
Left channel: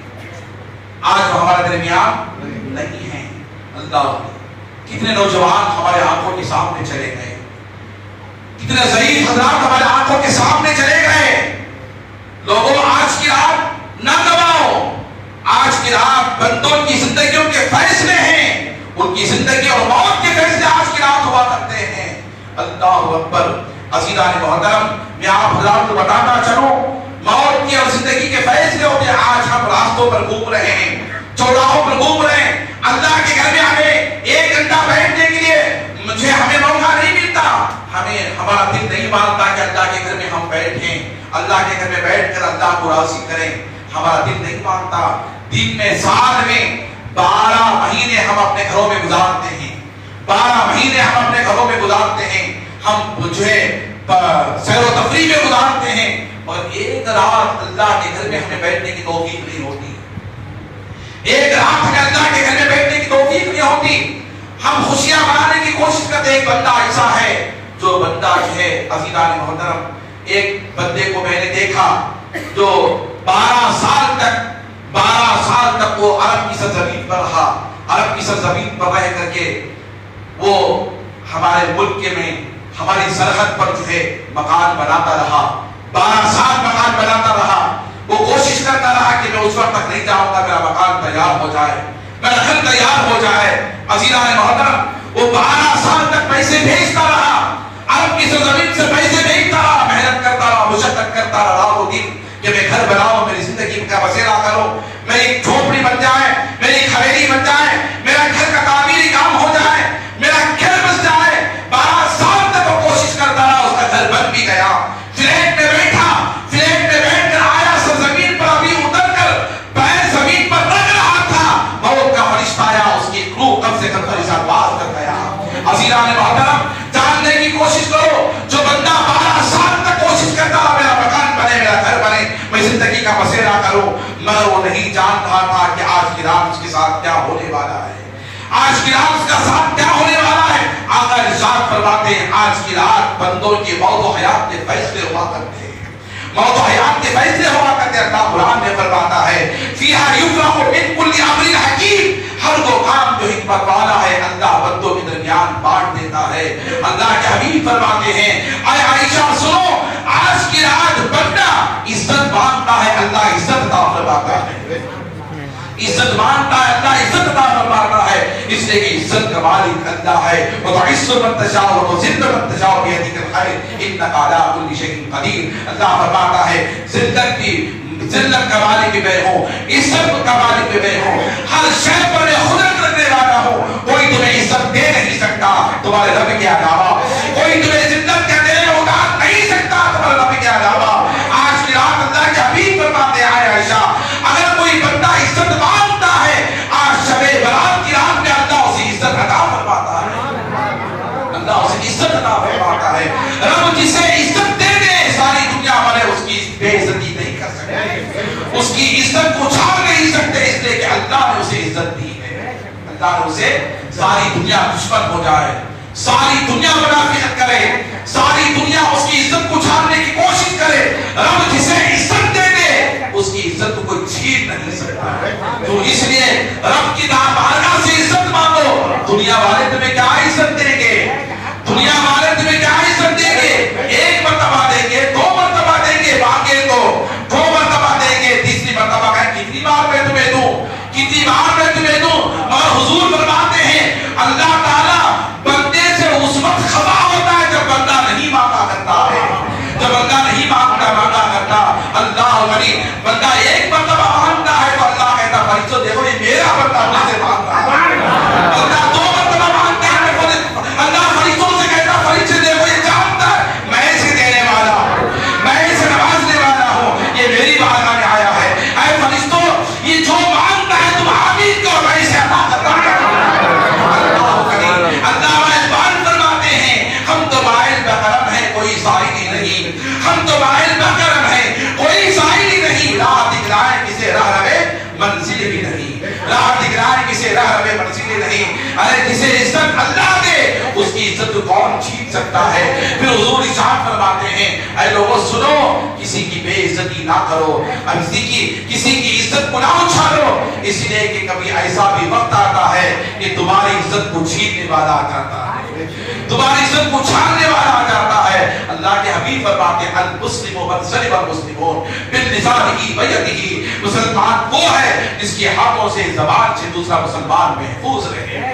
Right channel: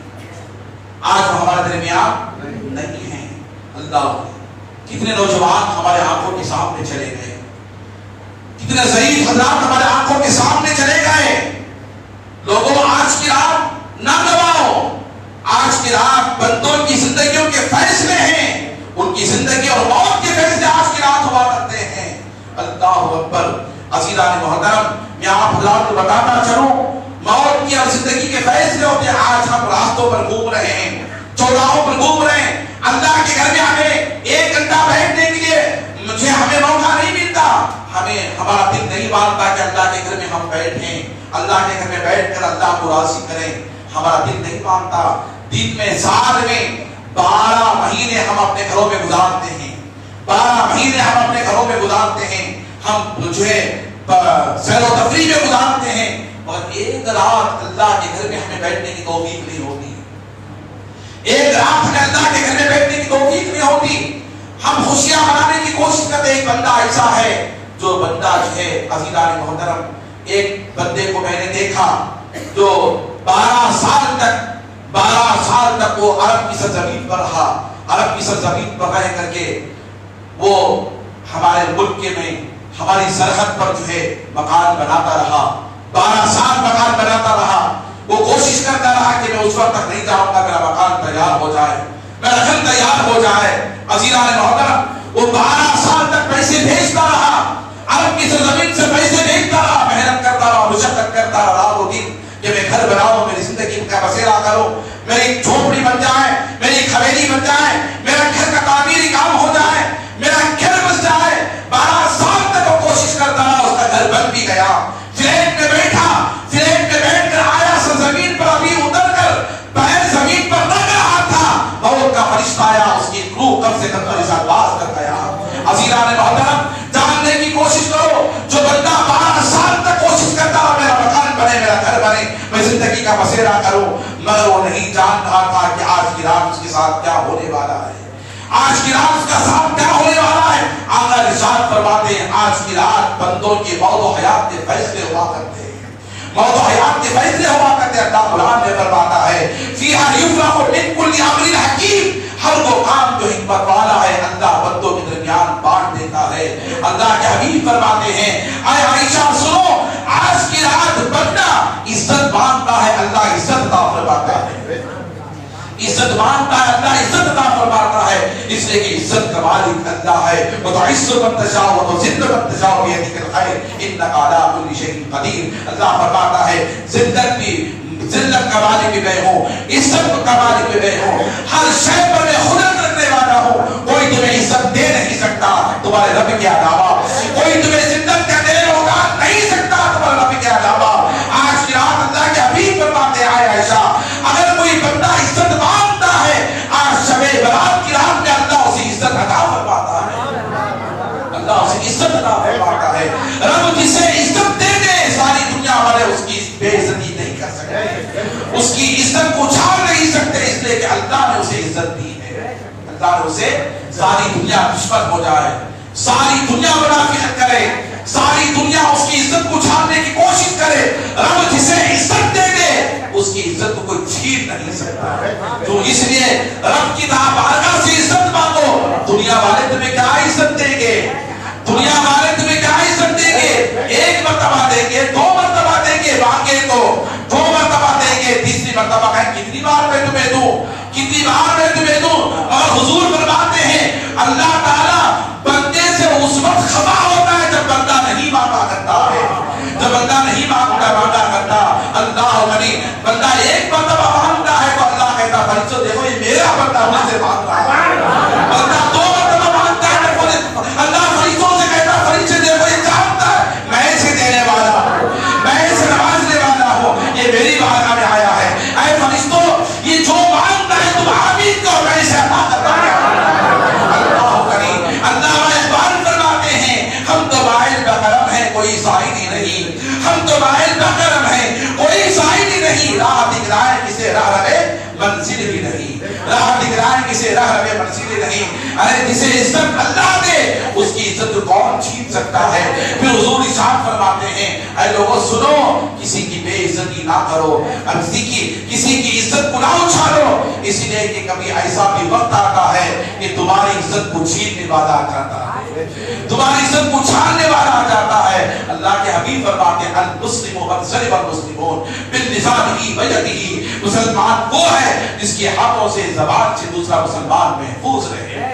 آج وہ ہمارے درمیان نہیں ہیں۔ اللہ، کتنے نوجوان ہمارے آنکھوں کے سامنے چلے گئے، کتنے ضعیف حضرات ہمارے آنکھوں کے سامنے چلے گئے۔ لوگوں، آج کی رات نہ گواؤ، آج کی رات بندوں کی زندگیوں کے فیصلے ہیں، ان کی زندگی اور موت کے فیصلے آج کی رات ہوا کرتے ہیں۔ اللہ اکبر۔ عزیزان محترم، میں آپ حضرات کو بتاتا چلوں، موت کی اور زندگی کے فیصلے ہوتے ہیں۔ آج ہم راستوں پر گھوم رہے ہیں، چوراہوں پر گھوم رہے ہیں، اللہ کے گھر میں ہمیں 1 گھنٹہ بیٹھنے کے لیے ہمیں موقع نہیں ملتا، ہمارا دل نہیں مانتا کہ اللہ کے گھر میں ہم بیٹھیں، اللہ کے گھر میں بیٹھ کر اللہ کو راضی کریں، ہمارا دل نہیں مانتا۔ دن میں، سال میں 12 مہینے ہم اپنے گھروں میں گزارتے ہیں، 12 مہینے ہم اپنے گھروں میں گزارتے ہیں، ہم جو ہے سیر و تفریح میں گزارتے ہیں، مگر ایک رات اللہ کے گھر میں ہمیں بیٹھنے کی توفیق نہیں ہوتی، ایک رات ہمیں اللہ کے گھر میں بیٹھنے کی توفیق نہیں ہوتی۔ ہم خوشیاں منانے کی کوشش کرتے ہیں۔ ایک بندہ ایسا ہے جو بندہ ہے، عزیزان محترم، ایک بندے کو میں نے دیکھا جو 12 سال تک وہ عرب کی سرزمین پر رہا، عرب کی سرزمین پر رہ کر کے وہ ہمارے ملک میں ہماری سرحد پر جو ہے مکان بناتا رہا، 12 سال مکان بناتا رہا۔ وہ کوشش کرتا رہا کہ میں اس وقت تک نہیں جاؤں گا میرا مکان تیار ہو جائے، میرا گھر تیار ہو جائے۔ عزیزان محترم، وہ 12 سال تک پیسے بھیجتا رہا، عرب کی سرزمین سے پیسے بھیجتا رہا، محنت کرتا رہا، مشقت کرتا رہا رات و دن کہ میں گھر بناؤں، میری زندگی کا بسیرا کروں، میری جھوپڑی بن جائے، میری حویلی بن جائے، میرا گھر کا تعمیری کام ہو جائے، میرا گھر بس جائے۔ 12 سال تک وہ کوشش کرتا رہا، اس کا گھر بن بھی گیا۔ فلیٹ میں بیٹھا، فلیٹ میں بیٹھ کر آیا، سرزمین پر ابھی اتر کر پیر زمین پر رکھ رہا تھا، موت کا فرشتہ آیا، اس کی روح کم سے کم فرشتہ باز کر گیا۔ عزیزان محترم، جاننے کی کوشش کرو، جو بندہ 12 سال تک کوشش کرتا رہا میرا مکان بنے، میرا گھر بنے، میں زندگی کا بسیرا کروں، مگر وہ نہیں جان رہا تھا کہ آج کی رات اس کے ساتھ کیا ہونے والا ہے، آج کی رات اس کا ساتھ کیا ہونے والا ہے۔ آقا ارشاد فرماتے ہیں، آج کی رات بندوں کے موت و حیات کے فیصلے ہوا کرتے ہیں، موت و حیات کے فیصلے ہوا کرتے ہیں۔ اللہ قرآن میں فرماتا ہے، فیہا یفرق من کل امر حکیم، ہر وہ کام جو حکمت والا ہے اللہ بندوں کے درمیان بانٹ دیتا ہے۔ اللہ کے حبیب فرماتے ہیں، اے عائشہ سنو، آج کی رات بندہ عزت مانگتا ہے، اللہ عزت عطا فرماتا ہے، عزت مانگتا ہے، اللہ عزت عطا فرماتا ہے، اس لیے کہ عزت کا مالک اللہ ہے۔ وتعز من تشاء وتذل من تشاء بيدك الخير انك على كل شيء قدير۔ اللہ فرماتا ہے، ذلت کا مالک بھی میں ہوں، عزت کا مالک بھی میں ہوں، ہر شے پر میں قدرت رکھنے والا ہوں، کوئی تمہیں عزت دے نہیں سکتا تمہارے رب کے علاوہ، کوئی تمہیں عزت کا دے ہوگا نہیں سکتا تمہارے رب کے علاوہ۔ آج کی رات اللہ کے حبیب فرماتے ہیں، اے عائشہ، اگر کوئی بندہ عزت مانگتا ہے، آج شب برات کی رات میں اللہ اسے عزت عطا فرماتا ہے، اللہ اسے عزت عطا فرماتا ہے۔ رب جسے عزت دے دے، ساری دنیا والے اس کی بے عزتی نہیں کر سکتے، اس کی عزت کو چھاپ نہیں سکتے، اس لیے کہ اللہ نے اسے عزت دی ہے۔ اللہ نے اسے، ساری دنیا دشمن ہو جائے، ساری دنیا منافقت کرے، ساری دنیا اس کی عزت کو چھاپنے کی کوشش کرے، رب جسے عزت دے دے اس کی عزت کو کوئی چھین نہیں سکتا۔ تو اس لیے رب کی بارگاہ سے عزت مانگو۔ دنیا والے تمہیں کیا عزت دیں گے، دنیا والے تمہیں کیا عزت دیں گے، 1 مرتبہ دیں گے، 2 مرتبہ دیں گے، مانگے تو 2 مرتبہ دیں گے، تیسری مرتبہ کہیں کتنی بار میں تمہیں دوں، کتنی بار میں تمہیں دوں۔ اور حضور فرماتے ہیں، اللہ تعالیٰ بندے سے اس وقت خفا ہوتا ہے جب بندہ نہیں مانگا کرتا ہے، جب بندہ نہیں مانگا سائل ہی نہیں، ہم تو مائل بکرم ہیں، کوئی سائل ہی نہیں، راہ دکھلائے کسے راہ رہے منزل ہی نہیں، راہ دکھلائے کسے راہ رہے منزل ہی نہیں۔ ارے جسے عزت اللہ دے اس کی عزت کون چھین سکتا ہے؟ پھر حضور ارشاد فرماتے ہیں اے لوگوں سنو، کسی کی بے عزتی نہ کرو، کسی کی عزت کو نہ اچھالو، اس لیے کہ کبھی ایسا بھی وقت آتا ہے کہ تمہاری عزت کو چھیننے والا آ جاتا ہے، تمہاری عزت کو چھاننے والا آ جاتا ہے۔ اللہ کے حبیب فرماتے ہیں المسلم من سلم المسلمون بلسانہ ویدہ، مسلمان وہ ہے جس کے ہاتھوں سے زبان سے دوسرا مسلمان محفوظ رہے۔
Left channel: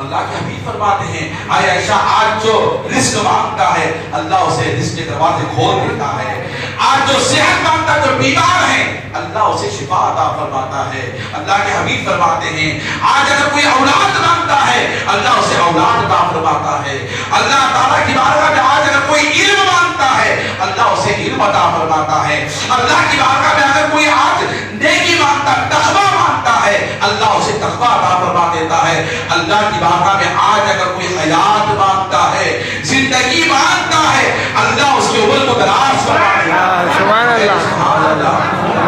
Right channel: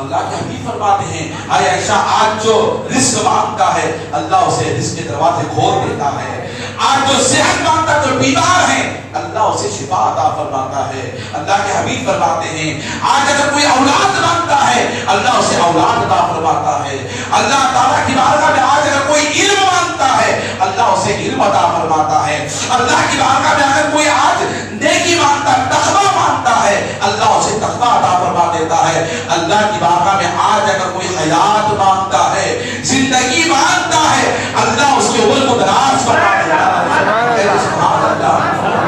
اللہ کے حبیب فرماتے ہیں اے عائشہ آج جو رزق مانگتا ہے اللہ اسے رزق کے دروازے کھول دیتا ہے، آج جو صحت مانگتا ہے، جو بیمار ہے اللہ اسے شفا عطا فرماتا ہے۔ اللہ کے حبیب فرماتے ہیں آج اگر کوئی اولاد مانگتا ہے اللہ اسے اولاد عطا فرماتا ہے۔ اللہ تعالیٰ کی بارگاہ میں آج اگر کوئی علم مانگتا ہے اللہ اسے علم عطا فرماتا ہے۔ اللہ کی بارگاہ میں اگر کوئی آج نیکی مانگتا ہے، تقویٰ مانگتا ہے اللہ اسے تقویٰ عطا فرما دیتا ہے۔ اللہ کی بارگاہ میں آج اگر کوئی حیات مانگتا ہے، زندگی مانگتا ہے اللہ اس کے عمر کو دراز فرما دیتا ہے۔ سبحان اللہ،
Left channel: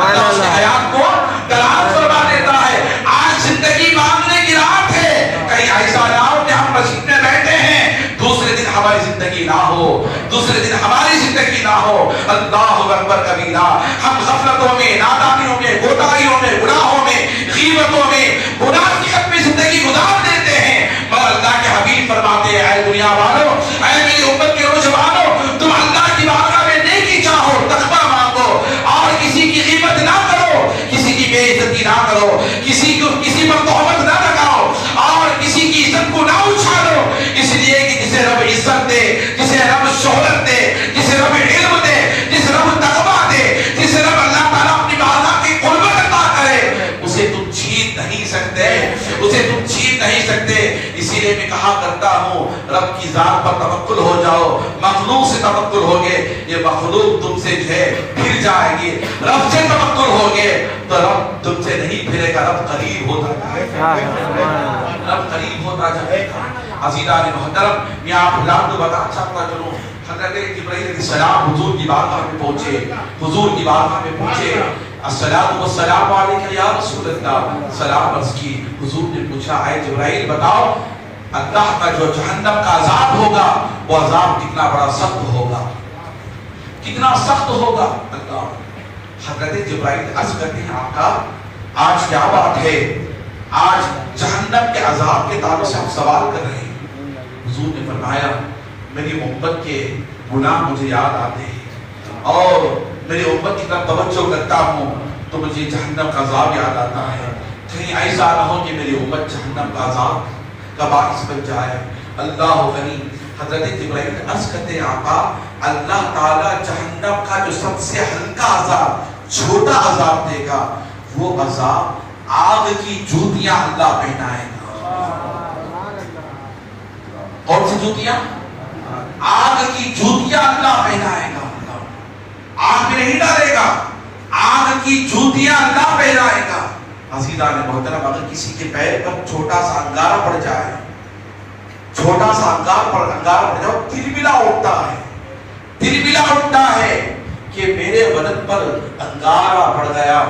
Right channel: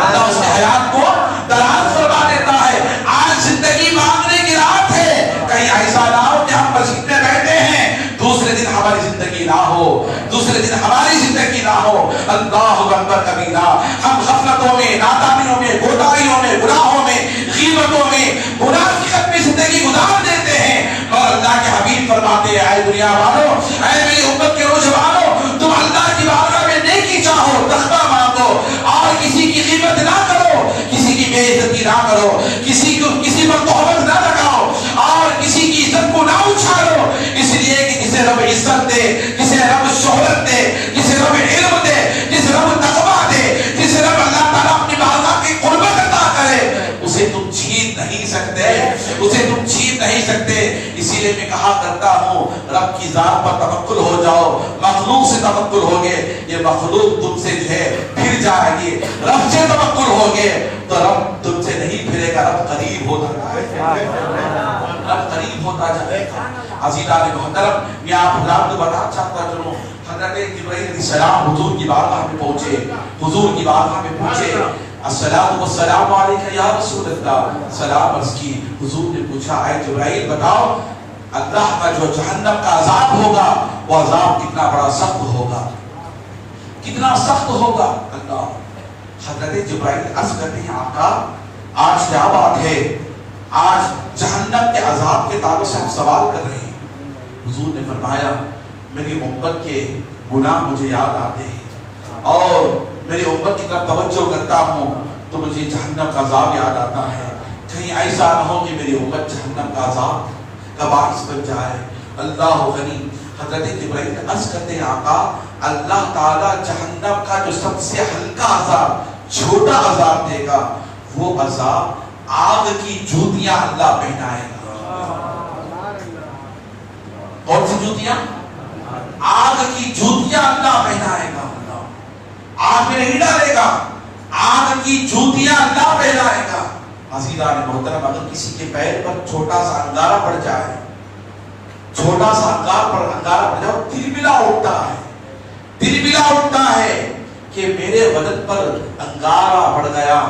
اللہ اس کے حیات کو دراز فرما دیتا ہے۔ آج زندگی مانگنے کی رات ہے، کہیں ایسا نہ ہو کہ ہم مسجد میں بیٹھے ہیں دوسرے دن ہماری زندگی نہ ہو، دوسرے دن ہماری زندگی نہ ہو۔ اللہ اکبر کبیرہ، ہم غفلتوں میں، نادانیوں میں، کوتاہیوں میں، گناہوں میں، غیبتوں میں، منافقت میں زندگی گزار دیتے ہیں، مگر اللہ کے حبیب فرماتے ہیں اے دنیا والو، اے میری امت کے نوجوانوں، تم اللہ کی بارگاہ میں نیکی چاہو، تقویٰ مانگو اور کسی کی غیبت نہ کرو، کسی کی بے عزتی نہ کرو، کسی پر تہمت نہ لگاؤ اور کسی کی عزت کو نہ اچھالو، اس لیے کہ جسے رب عزت دے، جسے رب شہرت دے، جسے رب علم دے، جسے رب تقویٰ دے، جسے رب اللہ تعالیٰ اپنی بارگاہ کی قربت عطا کرے، اسے تم چھین نہیں سکتے، اسے تم چھین نہیں سکتے۔ اسی لیے میں کہا کرتا ہوں رب کی ذات پر توکل ہو جاؤ، مخلوق سے توکل ہوگے یہ مخلوق تم سے جو ہے پھر جائے گی، رب سے توکل ہوگے تو رب تم سے نہیں پھرے گا، رب قریب ہوتا جائے گا، رب قریب ہوتا جائے گا۔ عزیزان محترم، میں آپ کو بتا چاہتا چلوں، حضرت جبرائیل علیہ السلام حضور کی بارگاہ میں پہنچے، حضور کی بارگاہ میں پہنچے، السلام والسلام علیکہ یا رسول اللہ، سلام عرض کی۔ حضور نے پوچھا اے جبرائیل بتاؤ اللہ کا جو جہنم کا عذاب ہوگا وہ عذاب کتنا بڑا سخت ہوگا، کتنا سخت ہوگا؟ اللہ حضرت جبرائیل عرض کرتے ہیں آقا آج کیا بات ہے، آج جہنم کے عذاب کے تعلق سے ہم سوال کر رہے ہیں۔ حضور نے فرمایا میری امت کے گناہ مجھے یاد آتے ہیں اور میری امت کی طرف توجہ کرتا ہوں تو مجھے جہنم کا عذاب یاد آتا ہے، کہیں ایسا نہ ہو کہ میری امت جہنم کا عذاب کا باعث بن جائے۔ اللہ غنی، حضرت جبرائیل عرض کرتے ہیں آقا اللہ تعالیٰ جہنم کا جو سب سے ہلکا عذاب، چھوٹا عذاب دے گا، وہ عذاب آگ کی جوتیاں اللہ پہنائے گا۔ کون سی جوتیاں؟ آگ کی جوتیاں اللہ پہنائے گا، آگ میں نہیں ڈالے گا، آگ کی جوتیاں اللہ پہنائے گا۔ عزیزان محترم، اگر کسی کے پیر پر چھوٹا سا انگارہ پڑ جائے، چھوٹا سا انگارہ پڑ جائے، تلبلا اٹھتا ہے، تلبلا اٹھتا ہے کہ میرے بدن پر انگارہ پڑ گیا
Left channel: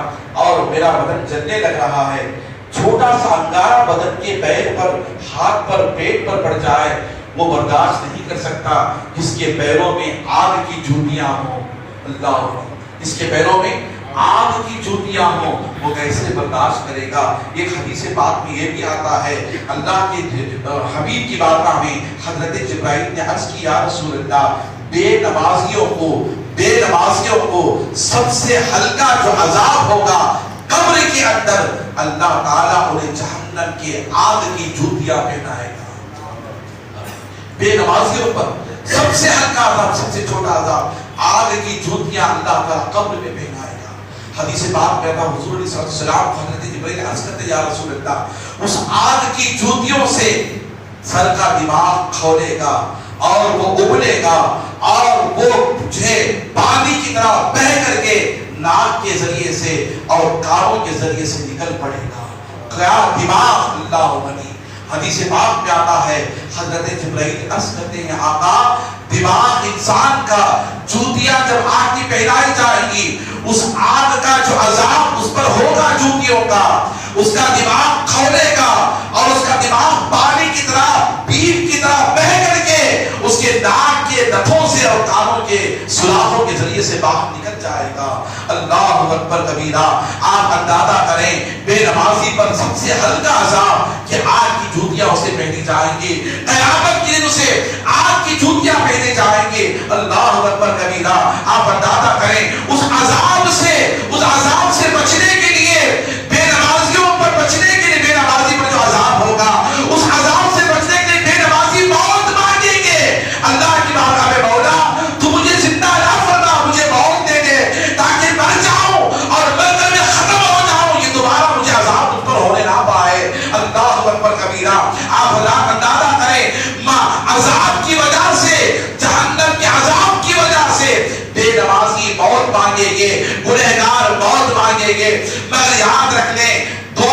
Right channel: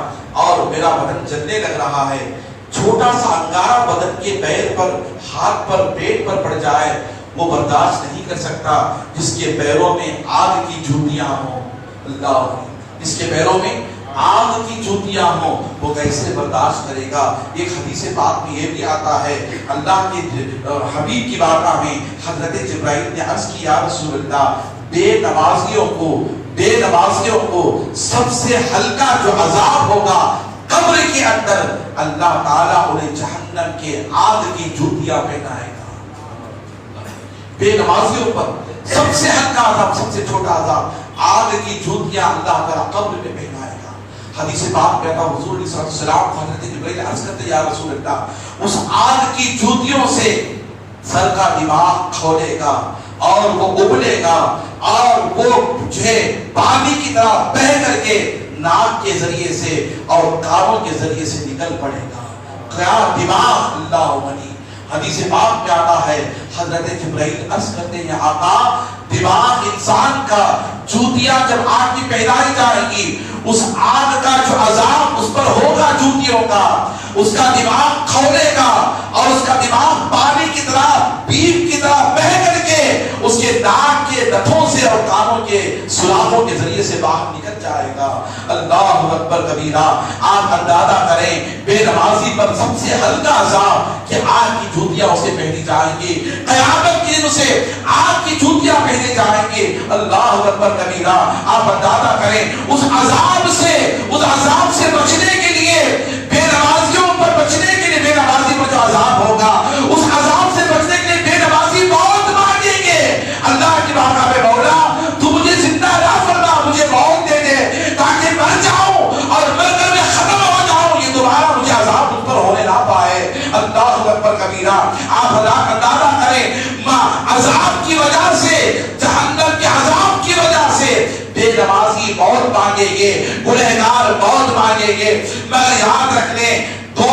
اور میرا بدن جلنے لگ رہا ہے۔ چھوٹا سا انگارہ بدن کے پیر پر، ہاتھ پر، پیٹ پر پڑ جائے، وہ برداشت نہیں کر سکتا جس کے پیروں میں آگ کی جوتیاں ہوں۔ اللہ، جس کے پیروں میں آگ کی جوتیاں ہوں وہ کیسے برداشت کرے گا؟ ایک حدیث پاک میں یہ بھی آتا ہے، اللہ کے حبیب کی بارگاہ میں حضرت جبرائیل نے عرض کی یا رسول اللہ بے نمازیوں کو سب سے ہلکا جو عذاب ہوگا قبر کے اندر، اللہ تعالیٰ انہیں جہنم کے آگ کی جوتیاں پہنائے گا۔ بے نمازیوں پر سب سے ہلکا عذاب، سب سے چھوٹا عذاب، آگ کی جوتیاں اللہ تعالیٰ قبر میں پہنائے گا۔ حدیث پاک میں حضور علیہ السلام حضرت جبرائیل عرض کرتے یا رسول اللہ اس آگ کی جوتیوں سے سر کا دماغ کھولے گا اور وہ ابلے گا اور وہ جو پانی کی طرح بہ کر کے ناک کے ذریعے سے اور کانوں کے ذریعے سے نکل پڑے گا۔ کیا دماغ! اللہ غنی۔ حدیث پاک میں آتا ہے حضرت جبرائیل عرض کرتے ہیں آقا دماغ انسان کا جوتیاں جب آگ کی پہنائی جائے گی، اس آگ کا جو عذاب اس پر ہوگا جوتیوں کا، اس کا دماغ کھولے گا اور اس کا دماغ پانی کی طرح بیپ کی طرح بہہ کر کے اس کے ناک کے نتھوں سے اور کانوں کے سوراخوں کے ذریعے سے باہر نکل جائے گا۔ اللہ اکبر کبیرہ۔ آپ اندازہ کریں بے نمازی پر سب سے ہلکا عذاب کہ آگ کی جوتیاں اسے پہنی جائیں گی، قیامت کے دن اسے آگ کی جوتیاں پہنے جائیں گے۔ اللہ اکبر کبیرہ۔ آپ اندازہ کریں اس عذاب سے بچنے کے لیے، بے نمازیوں پر بچنے کے لیے، بے نمازی پر جو عذاب ہوگا اس عذاب سے بچنے کے لیے بے نمازی موت مانگیں گے۔ اللہ کی بارگاہ میں مولا تو مجھے زندہ نہ فرما، مجھے موت دے دے تاکہ مر جاؤں اور مر کر میں ختم ہو جاؤں، یہ دوبارہ مجھے عذاب اس پر ہونے نہ پائے۔ اللہ اکبر کبیرہ۔ آپ اندازہ کریں عذاب کی وجہ سے، جہنم کے عذاب کی وجہ سے بے نمازی موت مانگیں گے، گنہگار موت مانگیں گے۔ مگر یاد رکھ لیں دو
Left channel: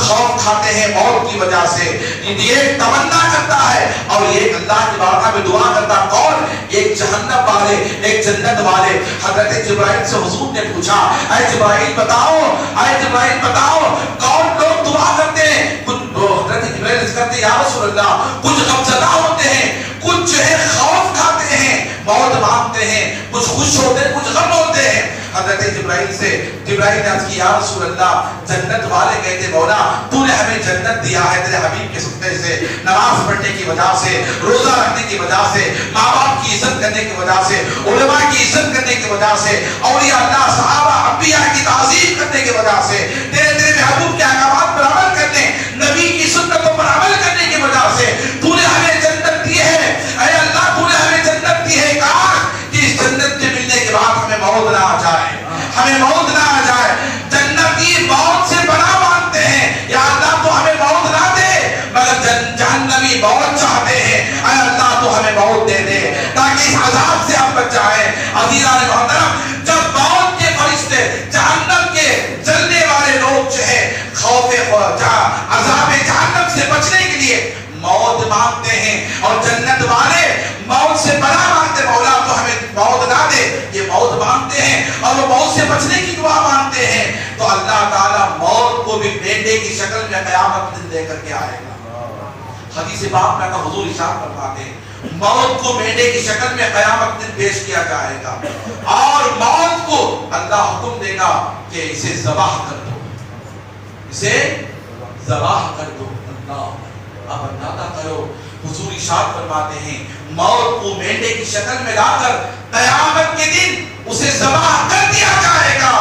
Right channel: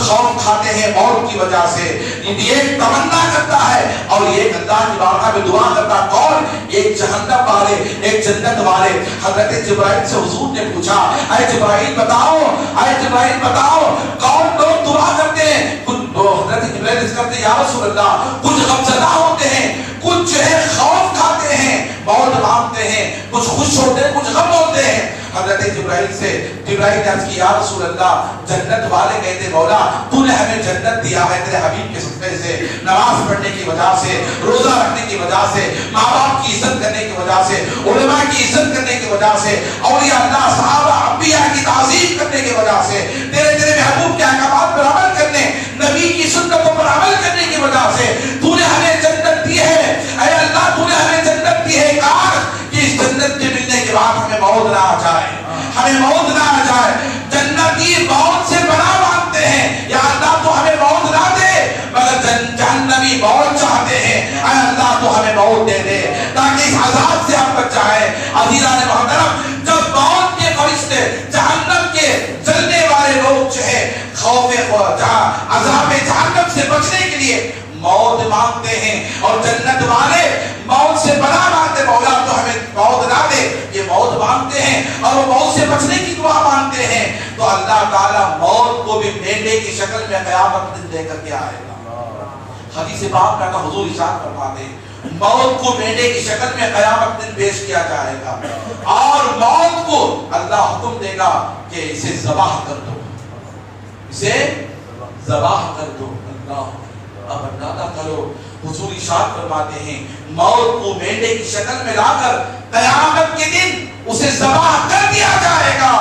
خوف کھاتے ہیں موت کی وجہ سے، ایک تمنا کرتا ہے اور ایک اللہ کی بارگاہ میں دعا کرتا ہے۔ کون؟ ایک جہنم والے، ایک جنت والے۔ حضرت جبرائیل سے حضور نے پوچھا، اے جبرائیل بتاؤ، اے جبرائیل بتاؤ کون لوگ دعا کرتے ہیں؟ کچھ لوگ حضرت جبرائیل عرض کرتے ہیں یا رسول اللہ کچھ غمزدہ ہوتے ہیں، کچھ جو ہے خوف کھاتے ہیں، موت مانگتے ہیں، کچھ خوش ہوتے ہیں، کچھ غم ہوتے ہیں۔ حضرت جبرائیل نے عرض کی یا رسول اللہ جنت والے کہتے مولا تو نے ہمیں جنت دیا ہے تیرے حبیب کے صدقے سے، نماز پڑھنے کی وجہ سے، روزہ رکھنے کی وجہ سے، ماں باپ کی عزت کرنے کی وجہ سے، علماء کی عزت کرنے کی وجہ سے، اولیاء اللہ صحابہ انبیاء کی تعظیم کرنے کی وجہ سے، تیرے محبوب کے احکامات پر عمل کرنے، نبی کی سنتوں پر عمل کرنے کی وجہ سے تو نے ہمیں جنت دی ہے۔ اے اللہ تو نے ہمیں جنت دی ہے، کاش کہ اس جنت کے ملنے کے بعد ہمیں موت نہ آ جائے، ہمیں موت نہ آ جائے۔ جنتی موت سے بڑا مانتے ہیں، یا اللہ تو ہمیں موت نہ دے، مگر جہنمی موت چاہتے ہیں، اے اللہ تو ہمیں موت دے دے تاکہ اس عذاب سے ہم بچ جائیں۔ عزیزان محترم، جب موت کے فرشتے جہنم کے جلنے والے لوگ جو ہے خوف عذاب جہنم سے بچنے کے لیے موت مانگتے ہیں اور جنت والے موت سے بڑا مانگتے مولا تو ہمیں موت نہ دے، یہ موت مانگتے ہیں اور وہ موت سے بچنے کی دعا مانگتے ہیں، تو اللہ تعالیٰ موت کو بھی مینڈے کی شکل میں قیامت دن دے کر کے آئے گا۔ حدیث پاک میں حضور ارشاد فرماتے ہیں موت کو مینڈے کی شکل میں قیامت دن پیش کیا جائے گا اور موت کو اللہ حکم دے گا کہ اسے ذبح کر دو، اسے ذبح کر دو۔ اللہ اب اندازہ کرو حضور ارشاد فرماتے ہیں موت کو مینڈے کی شکل میں لا کر قیامت کے دن اسے ذبح کر دیا جائے گا،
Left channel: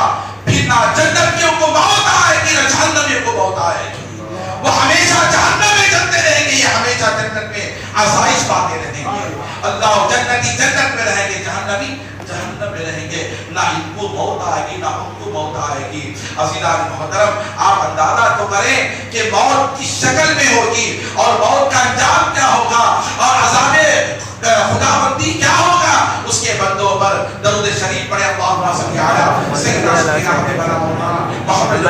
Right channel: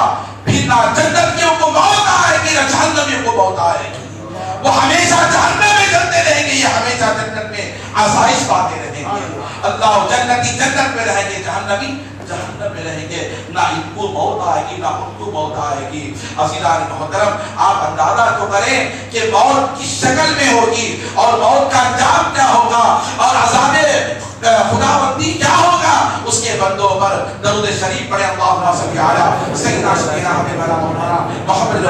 پھر نہ جنتیوں کو موت آئے گی نہ جہنمیوں کو موت آئے گی، وہ ہمیشہ جہنم میں جلتے رہیں گے، یہ ہمیشہ جنت میں آسائش پاتے رہیں گے۔ اللہ جنتی جنت میں رہیں گے، جہنمی جہنم میں رہیں گے، نہ ان کو موت آئے گی نہ ان کو موت آئے گی۔ عزیزان محترم، آپ اندازہ تو کریں کہ موت کس شکل میں ہوگی اور موت کا انجام کیا ہوگا اور عذاب خداوندی کیا ہوگا اس کے بندوں پر۔ درود شریف پڑھیں، اللہم صلی علی سیدنا محمد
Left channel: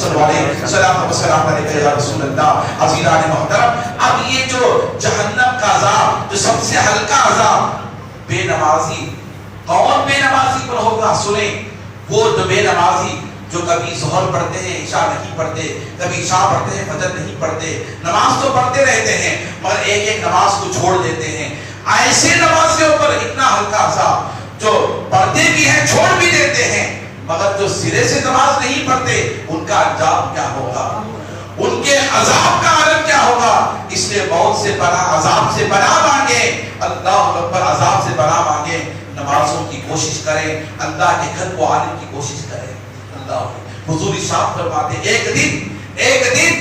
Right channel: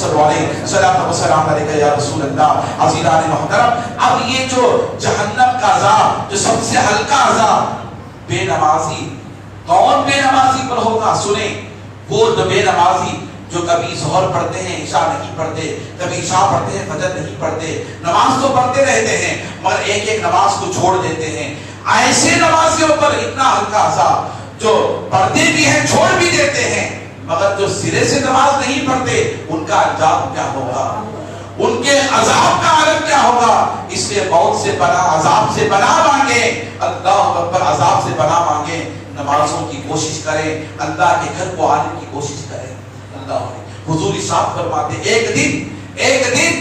صلوات و سلام علیکہ یا رسول اللہ۔ عزیزان محترم، اب یہ جو جہنم کا عذاب جو سب سے ہلکا عذاب بے نمازی، کون بے نمازی پر ہوگا؟ سنیں، وہ جو بے نمازی جو کبھی ظہر پڑھتے ہیں عشاء نہیں پڑھتے، کبھی عشاء پڑھتے ہیں فجر نہیں پڑھتے، نماز تو پڑھتے رہتے ہیں مگر ایک ایک نماز کو چھوڑ دیتے ہیں، ایسے نمازیوں پر اتنا ہلکا عذاب جو پڑھتے بھی ہیں چھوڑ بھی دیتے ہیں مگر جو سرے سے نماز نہیں پڑھتے ان کا انجام کیا ہوگا، ان کے عذاب کا عالم کیا ہوگا۔ اس لیے موت سے پناہ، عذاب سے پناہ مانگے، اللہ اکبر، عذاب سے پناہ مانگے، نمازوں کی کوشش کریں، اللہ کے گھر کو آنے کی کوشش کریں۔ اللہ حضور ارشاد فرماتے ایک دن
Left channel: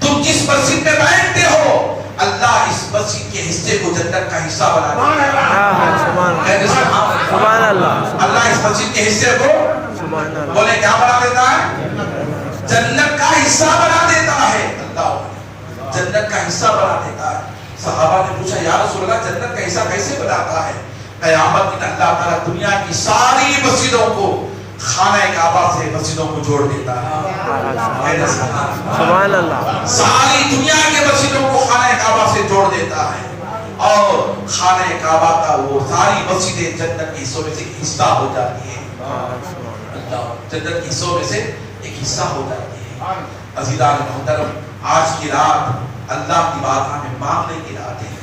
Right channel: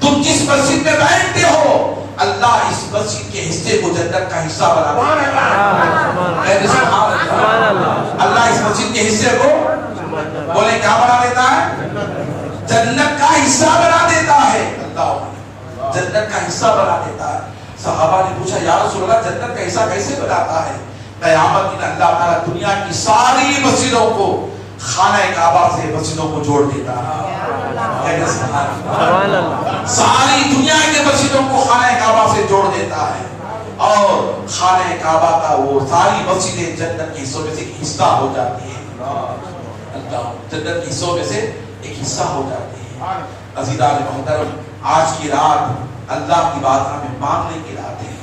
تم جس مسجد میں بیٹھتے ہو اللہ اس مسجد کے حصے کو جنت کا حصہ بنا دیتا ہے۔ سبحان اللہ۔ اللہ اس مسجد کے حصے کو بولے کیا بنا دیتا ہے؟ جنت کا حصہ بنا دیتا ہے۔ اللہ جنت کا حصہ بنا دیتا ہے۔ صحابہ نے پوچھا یا رسول اللہ جنت کا حصہ کیسے بناتا ہے؟ قیامت دن اللہ تعالیٰ دنیا کی ساری مسجدوں کو خانہ کعبہ سے مسجدوں کو جوڑ دیتا ہے۔ سبحان اللہ۔ ساری دنیا کے مسجدوں کو خانہ کعبہ سے جوڑ دیتا ہے اور خانہ کعبہ کا وہ ساری مسجدیں جنت کے حصوں میں سے ایک حصہ ہو جاتی ہیں. اللہ جنت کے حصوں میں سے ایک حصہ ہو جاتی ہے. عزیزان محترم، آج کی رات اللہ کی بارگاہ میں مانگنے کی رات ہے،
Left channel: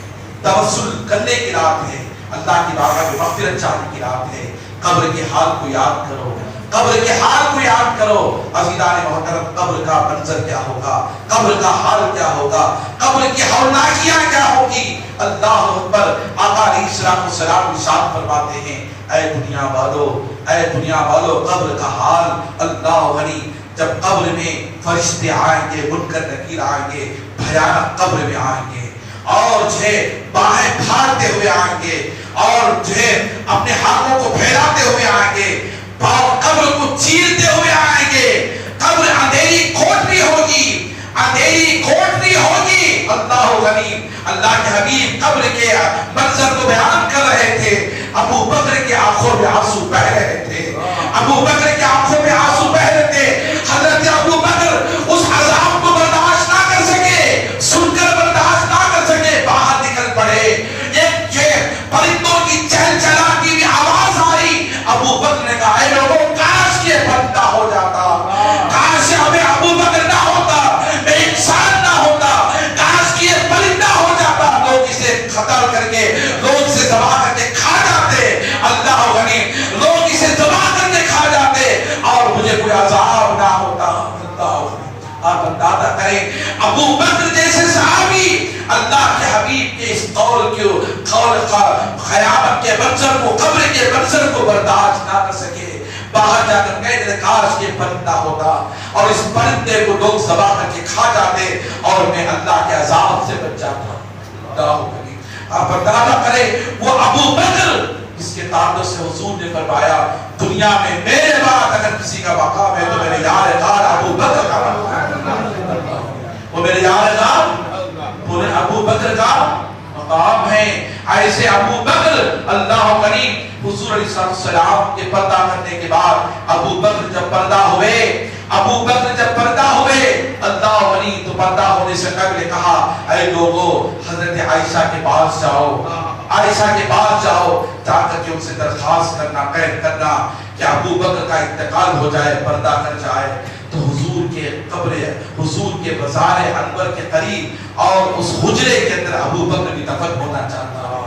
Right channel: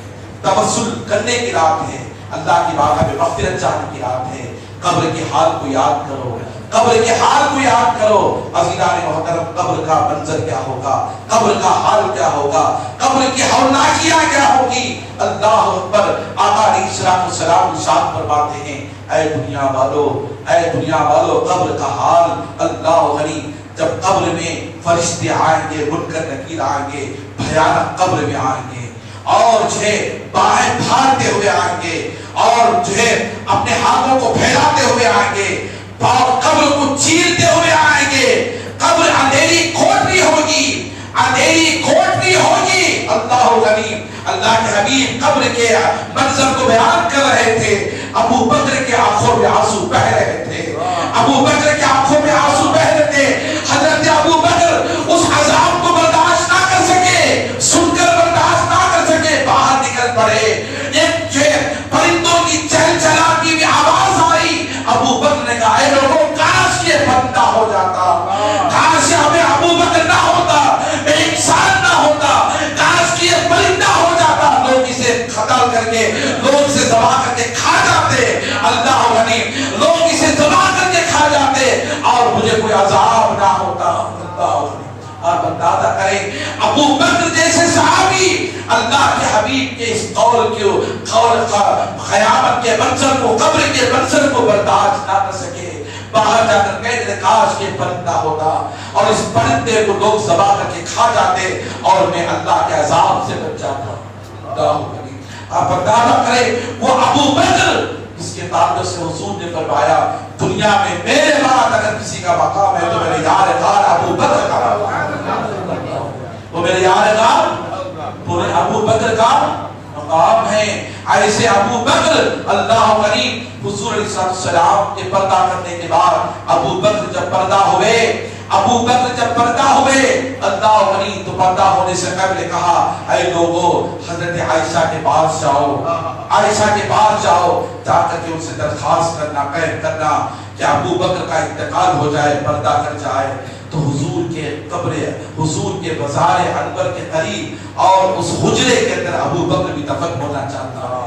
توسل کرنے کی رات ہے، اللہ کی بارگاہ میں مغفرت چاہنے کی رات ہے. قبر کے حال کو یاد کرو، قبر کے حال کو یاد کرو. عزیزان محترم، قبر کا منظر کیا ہوگا، قبر کا حال کیا ہوگا، قبر کی ہولناکیاں کیا ہوگی. اللہ اکبر. آقا علیہ السلام ارشاد فرماتے ہیں، اے دنیا والو، اے دنیا والو، قبر کا حال اللہ غنی. جب قبر میں فرشتے آئیں گے، منکر نکیر آئیں گے، بھیانک قبر میں آئیں گے اور جو ہے باہیں پھاڑتے ہوئے آئیں گے اور جو ہے اپنے ہاتھوں کو پھیلاتے ہوئے آئیں گے، قبر کو چیرتے ہوئے آئیں گے. قبر اندھیری کھوٹری ہوگی، اندھیری کھوٹری ہوگی. اللہ غنی. اللہ کے حبیب قبر کے منظر کو بیان کر رہے تھے. ابو بکر کے آنکھوں میں آنسو بہ رہے تھے، ابو بکر کے آنکھوں میں آنسو بہ رہے تھے. حضرت ابو بکر اس عذاب کو برداشت نہ کر سکے، سن کر برداشت نہ کر سکے، باہر نکل پڑے. ایک پرندوں کی چہل چلاتی ہوئی آواز آئی. ابو بکر نے کہا، اے لوگوں، کاش یہ بندہ ہو جاتا، کاش ہمیں ابو بکر نہ ہوتا، انسان نہ ہوتا، کاش یہ پرندہ ہو جاتا. لوگ اسے قتل کر کے، لوگ اسے ذبح کر کے کھا جاتے. اللہ غنی. لوگ اسے ذبح کر کے کھا جاتے اور مجھے کوئی عذاب نہ ہوتا. اللہ غنی. آپ اندازہ کریں، ابو بکر جیسے صحابی اللہ کے حبیب کے اس قول قیامت کے منظر کو، قبر کے منظر کو برداشت نہ کر سکے. باہر جا کر کہتے کاش یہ پرندہ ہوتا اور اس پرندے کو لوگ ذبح کر کے کھا جاتے اور میں اللہ کے عذاب سے بچ جاتا. آپ اندازہ کریں، وہ ابو بکر اس کے تعلق سے حضور نے فرمایا، دنیا میں میرے بعد اگر کسی کا مقام ہے تو میرے یار غار ابو بکر کا مقام، وہ میرے یار غار پورے ابو بکر کا مقام ہے. ایسے ابو بکر اللہ کریم حضور علیہ السلام کے پردہ کرنے کے بعد ابو بکر جب پردہ ہوئے، ابو بکر جب پردہ ہوئے، اللہ غنی تو پردہ ہونے سے قبل کہا، اے لوگو حضرت عائشہ کے پاس جاؤ، عائشہ کے پاس جاؤ، جا کر کے ان سے درخواست کرنا، قید کرنا کہ ابو بکر کا انتقال ہو جائے، پردہ کر جائے. تو حضور کے قبر، حضور کے مزار انور کے قریب اور اس حجرے کے اندر ابو بکر بھی دفن ہونا چاہتا ہے،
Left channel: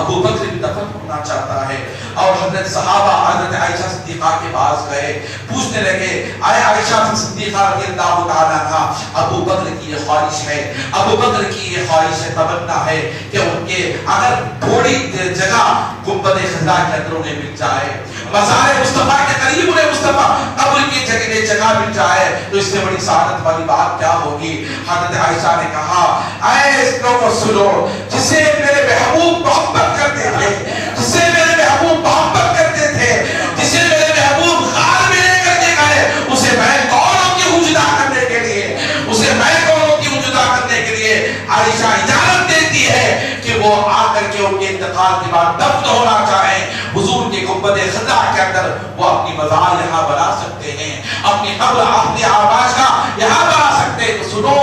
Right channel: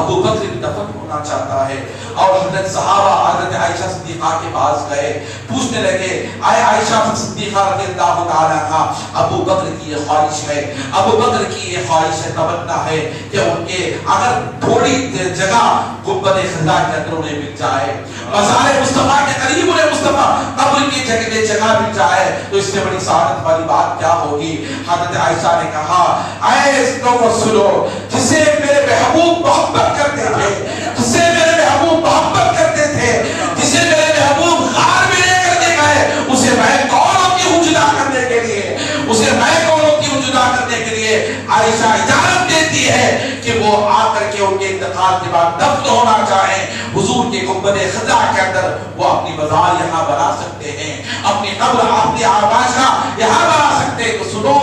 ابو بکر بھی دفن ہونا چاہتا ہے. اور حضرت صحابہ حضرت عائشہ صدیقہ کے پاس گئے، پوچھنے لگے، اے عائشہ صدیقہ رضی اللہ تعالیٰ عنہا، ابو بکر کی یہ خواہش ہے، ابو بکر کی یہ خواہش ہے، تمنا ہے کہ ان کے اگر تھوڑی دیر جگہ گنبد خضرا کے اندر انہیں مل جائے، مزار مصطفیٰ کے قریب انہیں مصطفیٰ قبر کی جگہ مل جائے، تو اس سے بڑی سعادت والی بات کیا ہوگی. حضرت عائشہ نے کہا، اے لوگوں سنو، جسے میرے محبوب محبت کرتے تھے، جسے میرے محبوب محبت کرتے تھے، جسے میرے محبوب غار میں لے کر کے گئے، اسے میں کون ہوتی ہوں جدا کرنے کے لیے، اسے میں کون ہوتی ہوں جدا کرنے کے لیے. عائشہ اجازت دیتی ہے کہ وہ آ کر کے ان کے انتقال کے بعد دفن ہونا چاہیں حضور کے گنبد خضرا کے اندر، وہ اپنی مزار یہاں بنا سکتے ہیں، اپنی قبر اپنی آباشگاہ یہاں بنا سکتے ہیں. تو سنو،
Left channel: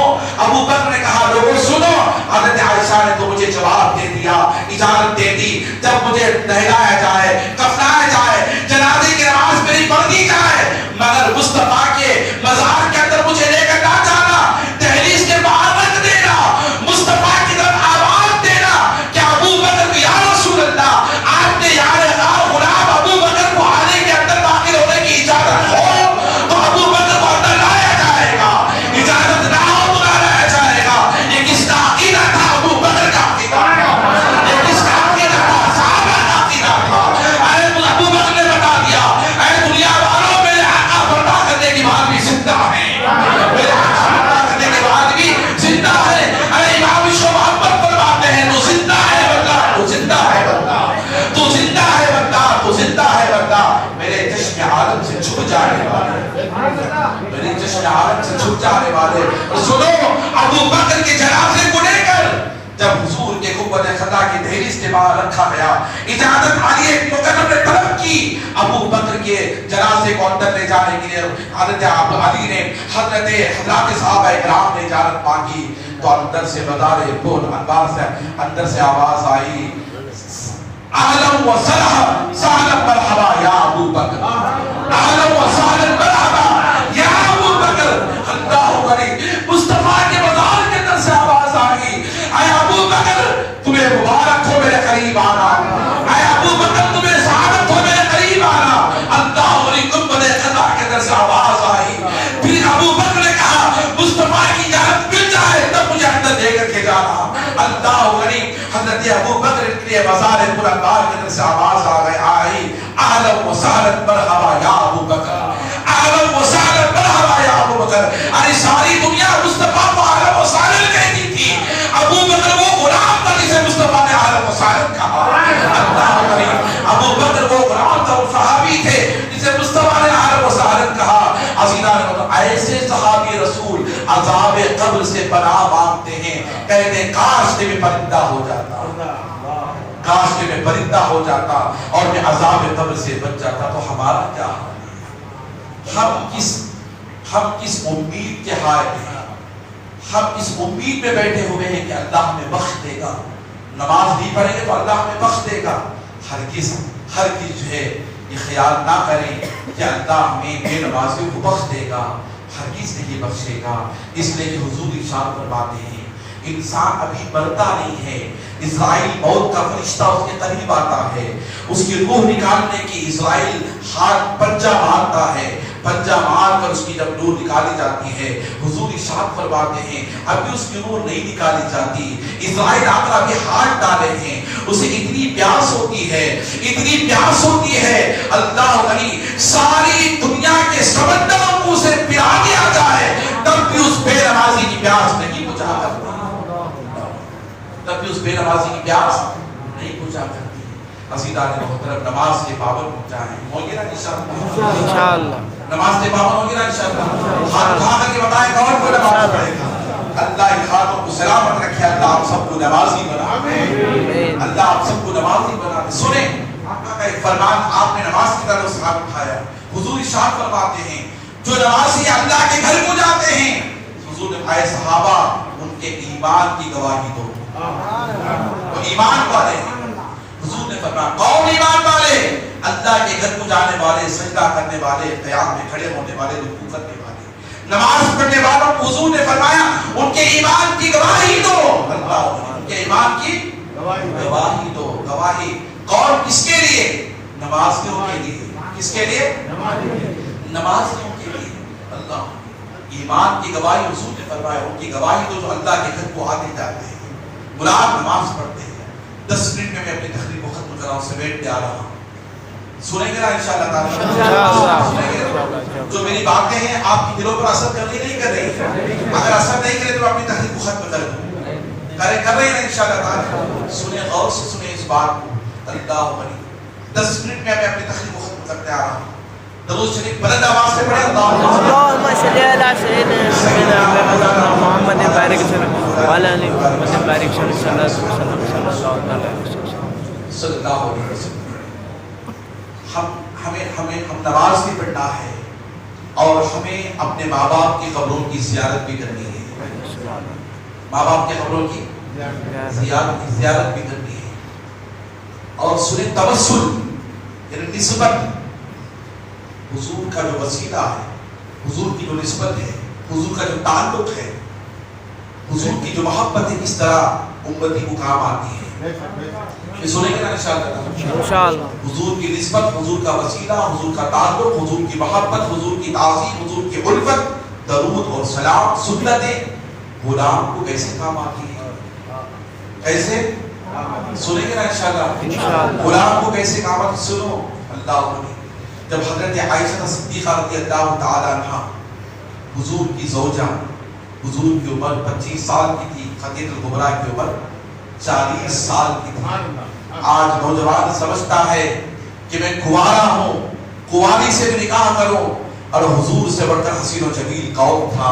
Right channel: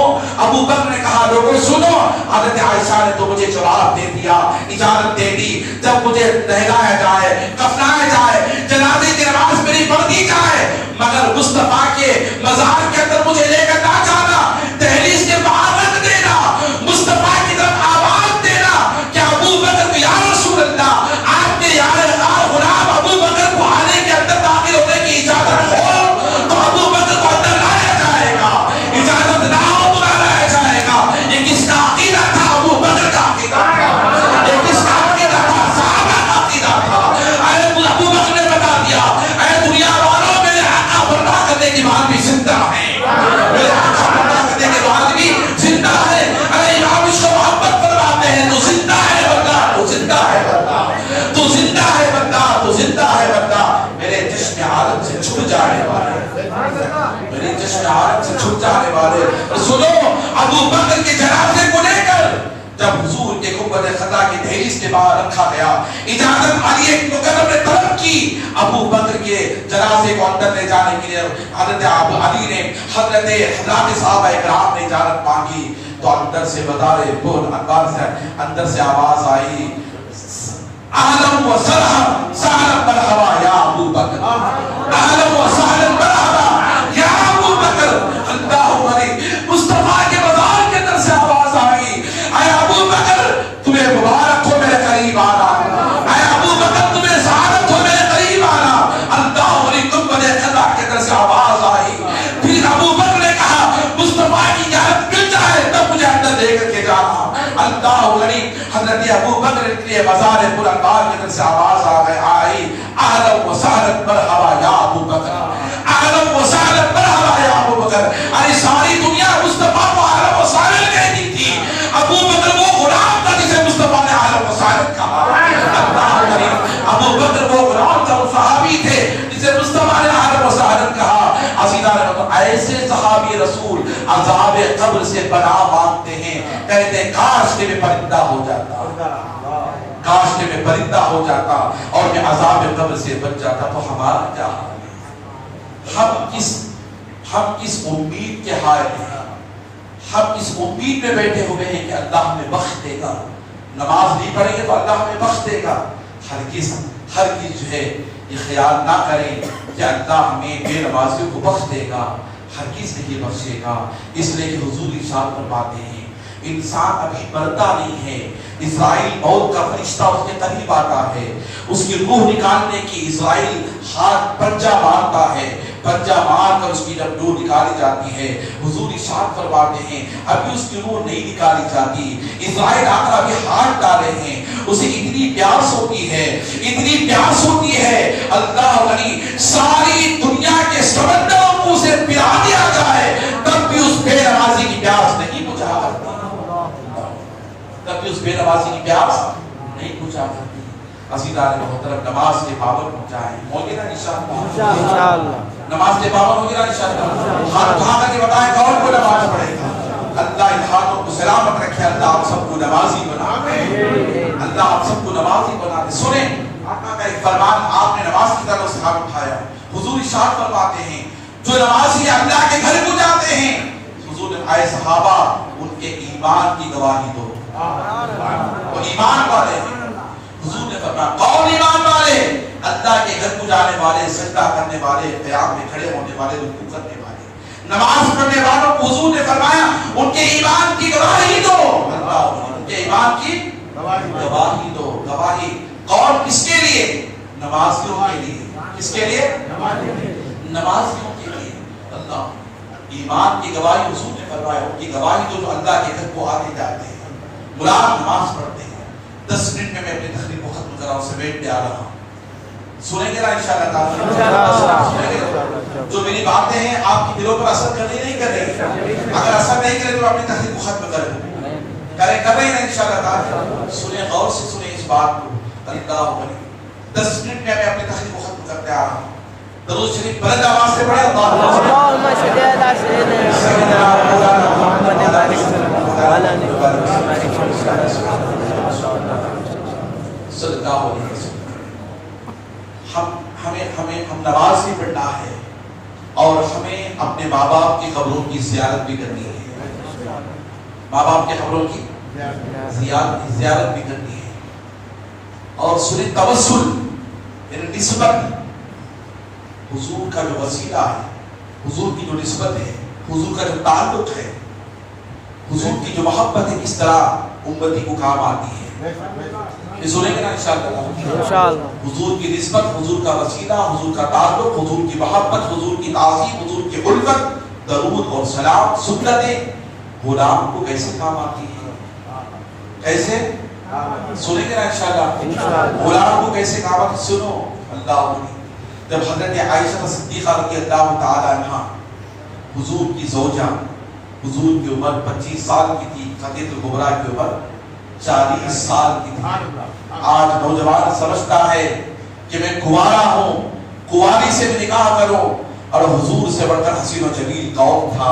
ابو بکر نے کہا، لوگوں سنو. حضرت عائشہ نے تو مجھے جواب دے دیا، اجازت دے دی، جب مجھے نہلایا جائے، کفنایا جائے، جنازے کی نماز میری پڑھ دی جائے، مگر مصطفیٰ کے مزار کے اندر مجھے لے کر نہ جانا، دہلیز کے باہر رکھ دینا، مصطفیٰ کی طرف آواز دینا کہ ابو بکر کو، یا رسول اللہ، آپ کے یار غار غلام ابو بکر کو آنے کے اندر داخل ہونے کی اجازت ہو تو ابو بکر کو اندر لایا جائے گا، اجازت نہ ہو تو نہ لایا جائے گا. یہ کس کا عقیدہ تھا؟ ابو بکر کا عقیدہ تھا. یہ کس کا عقیدہ تھا؟ صحابہ کا عقیدہ تھا. ابو بکر نے بتا دیا، اے دنیا والوں، میرے آقا پردہ کرنے کے بعد بھی زندہ ہیں، میرے آقا پردہ کرنے کے بعد بھی زندہ ہے. اے امام اس کو محبت فرماتے ہیں، تو زندہ ہے بندہ، تو زندہ ہے بندہ، تو زندہ ہے بندہ، تو زندہ ہے بندہ. میرے جشن عالم سے چھپ جانے والے، میرے جشن عالم سے چھپ جانے والے، سنو، ابو بکر کے جنازے کو لے کر جب حضور کے گنبد خضرا کی دہلیز کے باہر رکھا گیا، اجازت علی مقدم نے طلب کی ابو بکر کے جنازے کو اندر لے جانے کے لیے. حضرت علی نے، حضرت حضرات صحابہ اکرام نے اجازت مانگی تو اندر سے بدارے بول اندر سے آواز آئی، اہلا و سہلا مرحبا یا ابو بکر، اہلا و سہلا مرحبا یا ابو بکر۔ اللہ علیہ مصطفیٰ کے مزار کے اندر سے آواز آئی، اے ابو بکر تمہیں مبارک ہو میرے قریب آنا، اے ابو بکر تمہیں سعادت ہو میرے قریب آنا۔ اللہ علیہ گنبد خضرا کے اندر سے آواز آئی، پھر ابو بکر نے کہا مصطفیٰ کی اجازت مل جائے تب مجھے اندر دے کر کے جانا۔ اللہ علیہ حضرت ابو بکر کے لیے بازار پرانوار کے اندر سے آواز آئی، اہلا و سہلا مرحبا یا ابو بکر، اہلا و سہلا مرحبا یا ابو بکر۔ ارے ساری دنیا مصطفیٰ کو اہلا و سہلا کہتی تھی، ابو بکر وہ غلام تھا جسے مصطفیٰ نے اہلا و سہلا کہا۔ اللہ علیہ ابو بکر وہ غلام تھا، وہ صحابی تھے جسے مصطفیٰ نے اہلا و سہلا کہا۔ عزیزان ایسے صحابی رسول عذاب قبر سے پناہ مانگتے ہیں، کہتے ہیں کاش کہ میں پرندہ ہو جاتا، کاش کہ میں پرندہ ہو جاتا اور میں عذاب قبر سے بچ جاتا، تو ہمارا کیا حال ہے؟ ہم کس امید کے حائل ہیں؟ ہم اس امید میں بیٹھے ہوئے ہیں کہ اللہ ہمیں بخش دے گا، نماز نہیں پڑھیں گے تو اللہ ہمیں بخش دے گا۔ ہرگز جو ہے یہ خیال نہ کریں کہ اللہ ہمیں بے نمازیوں کو بخش دے گا، ہرگز نہیں بخشے گا۔ اس لیے کہ حضور ارشاد فرماتے ہیں انسان ابھی مرتا نہیں ہے، اسرائیل موت کا فرشتہ اس کے قریب آتا ہے، اس کی روح نکالنے کی اسرائیل ہاتھ پنجہ مارتا ہے، پنجہ مار کر اس کی جب روح نکالی جاتی ہے، حضور ارشاد فرماتے ہیں ابھی اس کی روح نہیں نکالی جاتی، اسرائیل آ کر ابھی ہاتھ ڈالے ہیں، اسے اتنی پیاس ہوتی ہے، اتنی پیاس ہوتی ہے، اللہ علی ساری دنیا کے سمندروں کو اسے پلا دیا جائے تب بھی اس بے نمازی کی پیاس نہیں بجھا کرتی، تب بھی اس بے نمازی کی پیاس نہیں بجھا کرتی۔ عزیزان محترم نماز کے پابند ہو جائیں، ہوگی نا انشاءاللہ؟ نماز کے پابند ہوگی نا انشاءاللہ؟ ہاتھ اٹھا کر کے بتائیں کون کو نماز پڑھے گا؟ اللہ ان ہاتھوں کو سلامت رکھے، اللہ آپ سب کو نمازی بنا دے، اللہ آپ سب کو نمازی بنا دے۔ سنیں آقا کا ایک فرمان آپ نے نماز کی طرف سے ہاتھ اٹھایا، حضور ارشاد فرماتے ہیں جو نمازی اللہ کے گھر کو جاتے ہیں، حضور نے اے صحابہ ان کے ایمان کی گواہی دو، وہ ایمان والے ہیں۔ حضور نے فرمایا کون ایمان والے؟ اللہ کے گھر کو جانے والے، سجدہ کرنے والے، قیام میں کھڑے ہونے والے، رکوع کرنے والے، نماز پڑھنے والوں کو حضور نے فرمایا ان کے ایمان کی گواہی دو، اللہ ان کے ایمان کی گواہی دو۔ گواہی کون کس کے لیے؟ نمازیوں کے لیے۔ کس کے لیے؟ نمازیوں کے لیے۔ اللہ ایمان کی گواہی حضور نے فرمایا ان کی گواہی دو جو اللہ کے گھر کو آتے جاتے ہیں، غلام نماز پڑھتے ہیں۔ 10 منٹ میں اپنی تقریر کو ختم کر رہا ہوں، سمیٹ کے آ رہا ہوں، سنیں گے نا انشاءاللہ تعالی؟ جو میری باتیں ہیں آپ کی دلوں پر اثر کر رہی نہیں کر رہی؟ اگر اثر نہیں کرے تو اپنی تقریر کو ختم کر دوں، کر رہے ہیں انشاءاللہ تعالی؟ سنیں غور سے، سنیں اس بات کو۔ اللہ علیہ 10 منٹ میں اپنی تقریر کو ختم کرتے آ رہا ہوں۔ درود شریف بلند آواز سے پڑھیں، اللہم صلی علی سیدنا محمد بارک وسلم وعلی آلہ محمد بارک صلی اللہ علیہ وسلم۔ ہم نماز بھی پڑھنا ہے اور ہمیں اپنے ماں باپ کی قبروں کی زیارت بھی کرنی ہے، ماں باپ کی قبروں کی زیارت بھی کرنی ہے۔ اور سنیں توسل یعنی نسبت، حضور کا جو وسیلہ ہے، حضور کی جو نسبت ہے، حضور کا جو تعلق ہے، حضور کی جو محبت ہے، کس طرح امتی کو کام آتی ہے، یہ سنیں گے نا انشاءاللہ؟ حضور کی نسبت، حضور کا وسیلہ، حضور کا تعلق، حضور کی محبت، حضور کی تعظیم، حضور کی الفت، درود اور سلام، سنتیں غلام کو کیسے کام آتی ہے، کیسے سنیں گے نا انشاءاللہ؟ غلام کو کیسے کام آتی؟ سنو اللہ علیہ جب حضرت عائشہ صدیقہ رضی اللہ تعالی عنہ حضور کی زوجہ، حضور کی عمر 25 سال کی تھی، خدیجہ کبریٰ کی عمر 40 سال کی تھی۔ آج نوجوان سمجھتا ہے کہ میں کنوارا ہوں، کنواری سے بھی نکاح کروں، اور حضور سے بڑھ کر حسین و جمیل کون تھا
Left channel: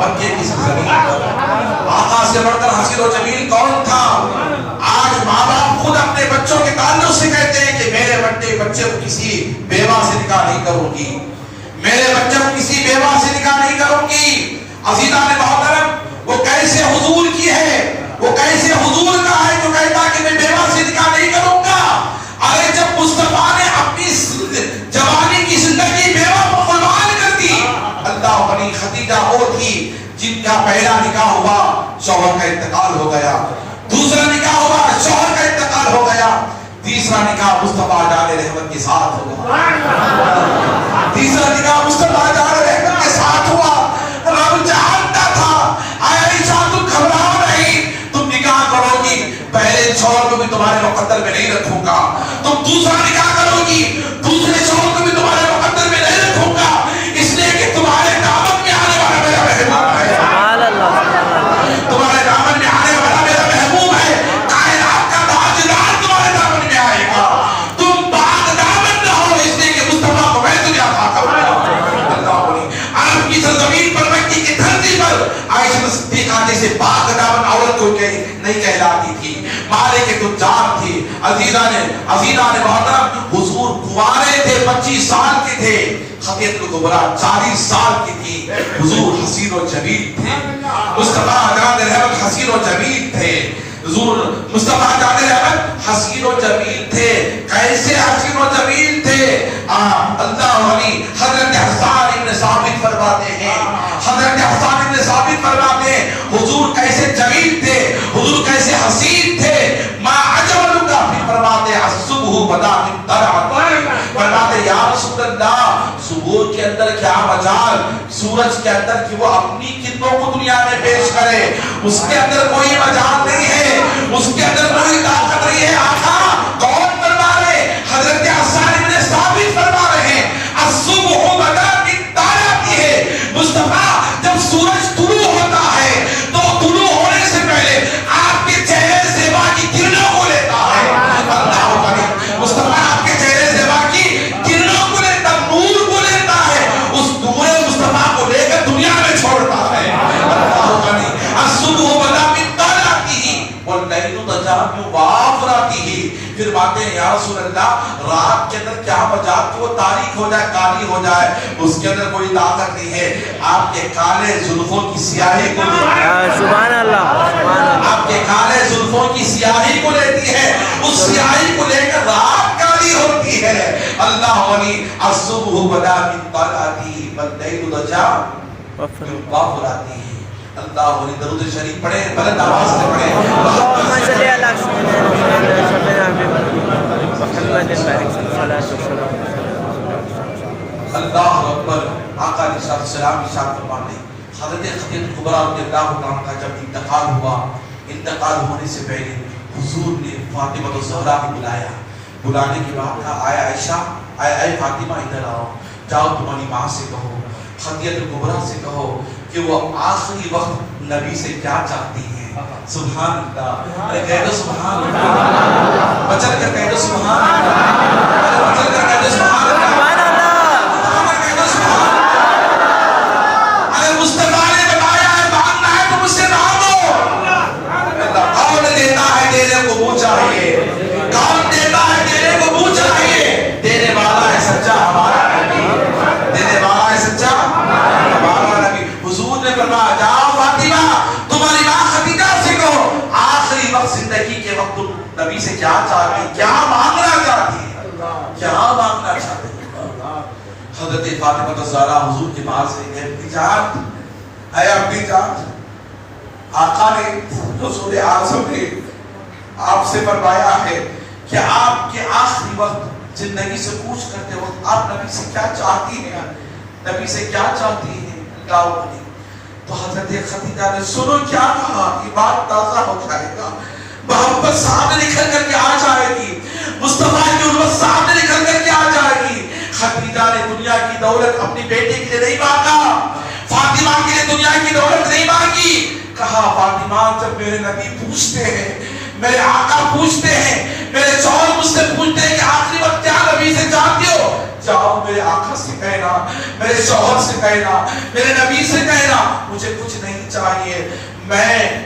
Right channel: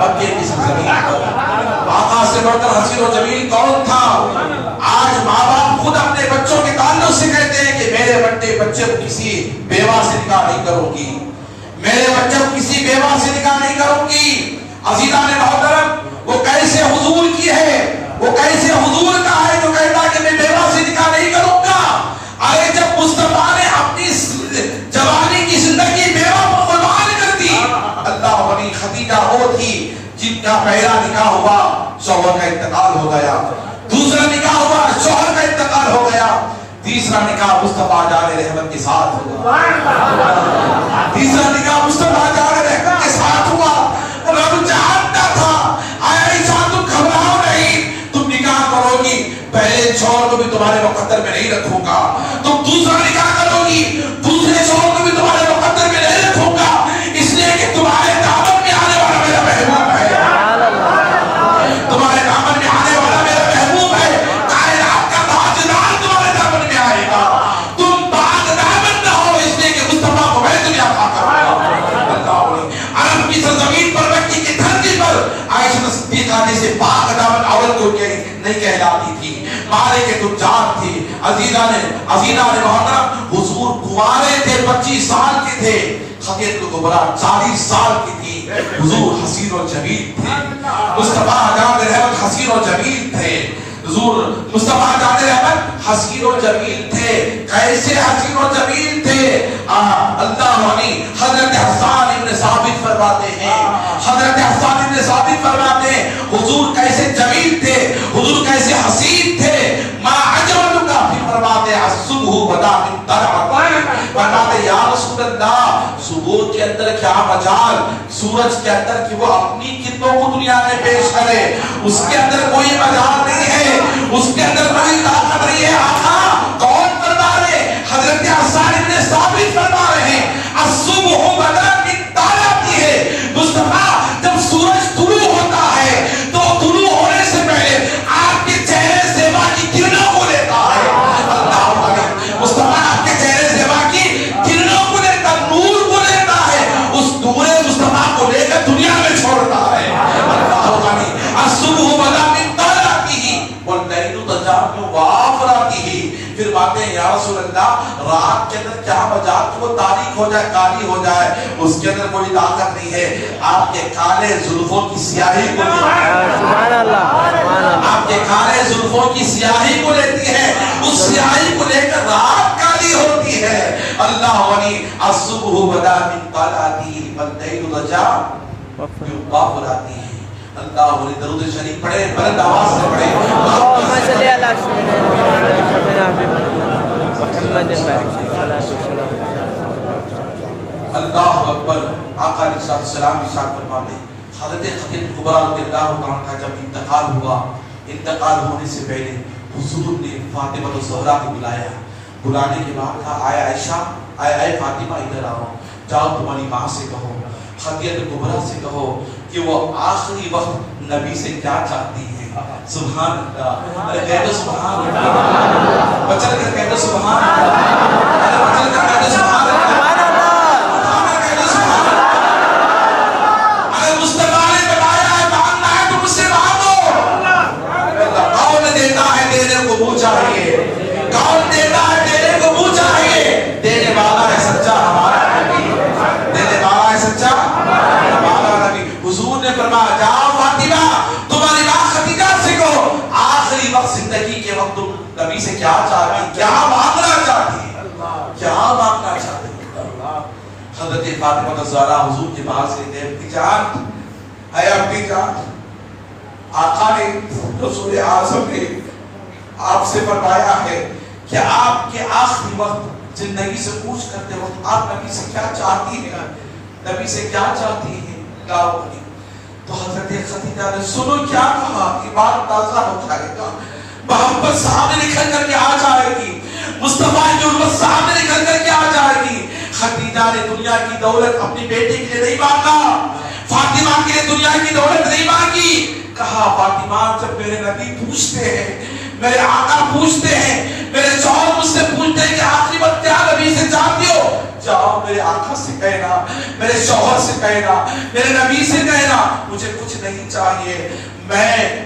مکے کی سرزمین پر؟ آقا سے بڑھ کر حسین و جمیل کون تھا؟ آج ماں باپ خود اپنے بچوں کے تعلق سے کہتے ہیں کہ میرے بچے کو کسی بیوہ سے نکاح نہیں کروں گی، میرے بچے کو کسی بیوہ سے نکاح نہیں کروں گی۔ عزیزان محترم وہ کیسے حضور کی ہے، وہ کیسے حضور کا ہے جو کہتا ہے کہ میں بیوہ سے نکاح نہیں کروں گا؟ پہلا نکاح ہوا، شوہر کا انتقال ہو گیا، دوسرا نکاح ہوا، شوہر کا انتقال ہو گیا، تیسرا نکاح مصطفیٰ جان رحمت کے ساتھ ہوا، تیسرا نکاح مصطفیٰ جان رحمت کے ساتھ ہوا۔ رب جانتا تھا اے عائشہ تم گھبراؤ نہیں، تم نکاح کرو گی، پہلے شوہر کو بھی تمہارے مقدر میں نہیں رکھوں گا، تم دوسرا نکاح کرو گی، دوسرے شوہر کو بھی تمہارے مقدر میں نہیں رکھوں گا، اس لیے کہ تمہارے دامن میں آنے والا میرا مہمان ہے، تمہارے دامن میں آنے والا میرا محبوب ہے، کائنات کا تاجدار تمہارے دامن میں آئے گا، تم بعد دامن نہ ہو، اس لیے کہ مصطفیٰ کو میں تمہیں عطا کروں گا۔ عرب کی سرزمین پر، مکی کی دھرتی پر عائشہ صدیقہ جیسے پاک دامن عورت کو نہیں کہلاتی تھی، مالے کے تجار تھی۔ عزیزہ نے محترم، حضور کنوارے تھے، 25 سال کے تھے، خدیجہ کبریٰ 40 سال کی تھی، حضور حسین و جمیل تھے، مصطفیٰ جان رحمت حسین و جمیل تھے، حضور مصطفیٰ جان رحمت حسین و جمیل تھے۔ کیسے حسین و جمیل تھے؟ اللہ علی حضرت حسان ابن ثابت فرماتے ہیں، حضرت حسان ابن ثابت فرماتے ہیں حضور کیسے جمیل تھے، حضور کیسے حسین تھے۔ ما عجب کا پھر فرماتے ہیں الصبح بدا من طلعت، فرماتے یا رسول اللہ صبح کے اندر کیا مجال، سورج کے اندر کہ وہ اپنی خدمتوں کو دنیا میں پیش کرے، اس کے اندر کوئی مجال نہیں ہے، اس کے اندر کوئی طاقت نہیں ہے۔ آقا کون فرما رہے؟ حضرت حسان ابن ثابت فرما رہے ہیں الصبح بدا من طلعت ہے، مصطفیٰ جب سورج طلوع ہوتا ہے تو طلوع ہونے سے پہلے آپ کے چہرے سے باقی کرنوں کو لیتا ہے، اللہ اکبر، مصطفیٰ آپ کے چہرے سے باقی کرنوں کو لیتا، نور کو لیتا ہے، اس نور مصطفیٰ کو لے کر دنیا میں چھوڑتا ہے، اللہ اکبر۔ الصبح بدا من طلعت واللیل تجافی وافراته، پھر باتیں یا رسول اللہ رات کے اندر کیا مجال کہ وہ تاریک ہو جائے، کالی ہو جائے، اس کے اندر کوئی طاقت نہیں ہے۔ آپ کے کالے زلفوں کی سیاہی کو سبحان اللہ، آپ کے کالے زلفوں کی سیاہی کو لیتی ہے، اس سیاہی کو لے کر رات کالی ہوتی ہے۔ اللہ ولی الصبح بدا من طلعته واللیل تجافی وافراته۔ اللہ ولی درود شریف پڑھے، بلند آواز سے پڑھے، اللهم صل على سيدنا محمد صلاة والسلام۔ اللہ اکبر۔ آقا علیہ الصلوۃ والسلام ارشاد فرماتے ہیں حضرت خدیجہ کبریٰ رضی اللہ عنہا کا جب انتقال ہوا، انتقال ہونے سے پہلے حضور نے فاطمہ الزہرا کو بلایا، بلانے کے بعد کہا اے عائشہ، اے فاطمہ ادھر آؤ، جاؤ تمہاری ماں سے کہو، خدیجہ کبریٰ سے کہو کہ وہ آخری وقت نبی سے کیا چاہتی ہیں۔ سبحان اللہ، ارے کہہ دو سبحان اللہ، بچل کر کہہ دو سبحان اللہ، ارے بچل کر کہہ دو سبحان اللہ، کہہ دو سبحان اللہ۔ اگر مصطفیٰ نے بتایا ہے ماننا ہے تو مجھ سے مانگو۔ اللہ کون دیتا ہے دینے کو منہ چاہیے، کون دیتا ہے دینے کو منہ چاہیے، دینے والا ہے سچا ہمارا نبی، دینے والا ہے سچا ہمارا نبی۔ حضور نے فرمایا جاؤ فاطمہ تمہاری ماں خدیجہ سے کہو آخری وقت زندگی کے وقت تم نبی سے کیا چاہتی، کیا مانگنا چاہتی، کیا مانگنا چاہتی۔ حضرت فاطمہ الزہرا حضور کے پاس سے اپنی جان، اے اپنی جان، آقا نے رسول اعظم نے آپ سے فرمایا ہے کہ آپ کے آخری وقت زندگی سے پوچھ کرتے وقت آپ نبی سے کیا چاہتی ہیں، نبی سے کیا چاہتی ہیں، تو حضرت خدیجہ نے سنو کیا کہا، ایمان تازہ ہو جائے گا، محبت سامنے نکل کر کے آ جائے گی، مصطفیٰ کی الفت سامنے نکل کر کے آ جائے گی۔ خدیجہ نے دنیا کی دولت اپنی بیٹے کے لیے نہیں مانگا، فاطمہ کے لیے دنیا کی دولت نہیں مانگی، کہا فاطمہ جب میرے نبی پوچھتے ہیں، میرے آقا پوچھتے ہیں، میرے شوہر مجھ سے پوچھتے ہیں کہ آخری وقت کیا نبی سے چاہتے ہو، جاؤ میرے آقا سے کہنا، میرے شوہر سے کہنا، میرے نبی سے کہنا مجھے کچھ نہیں چاہیے،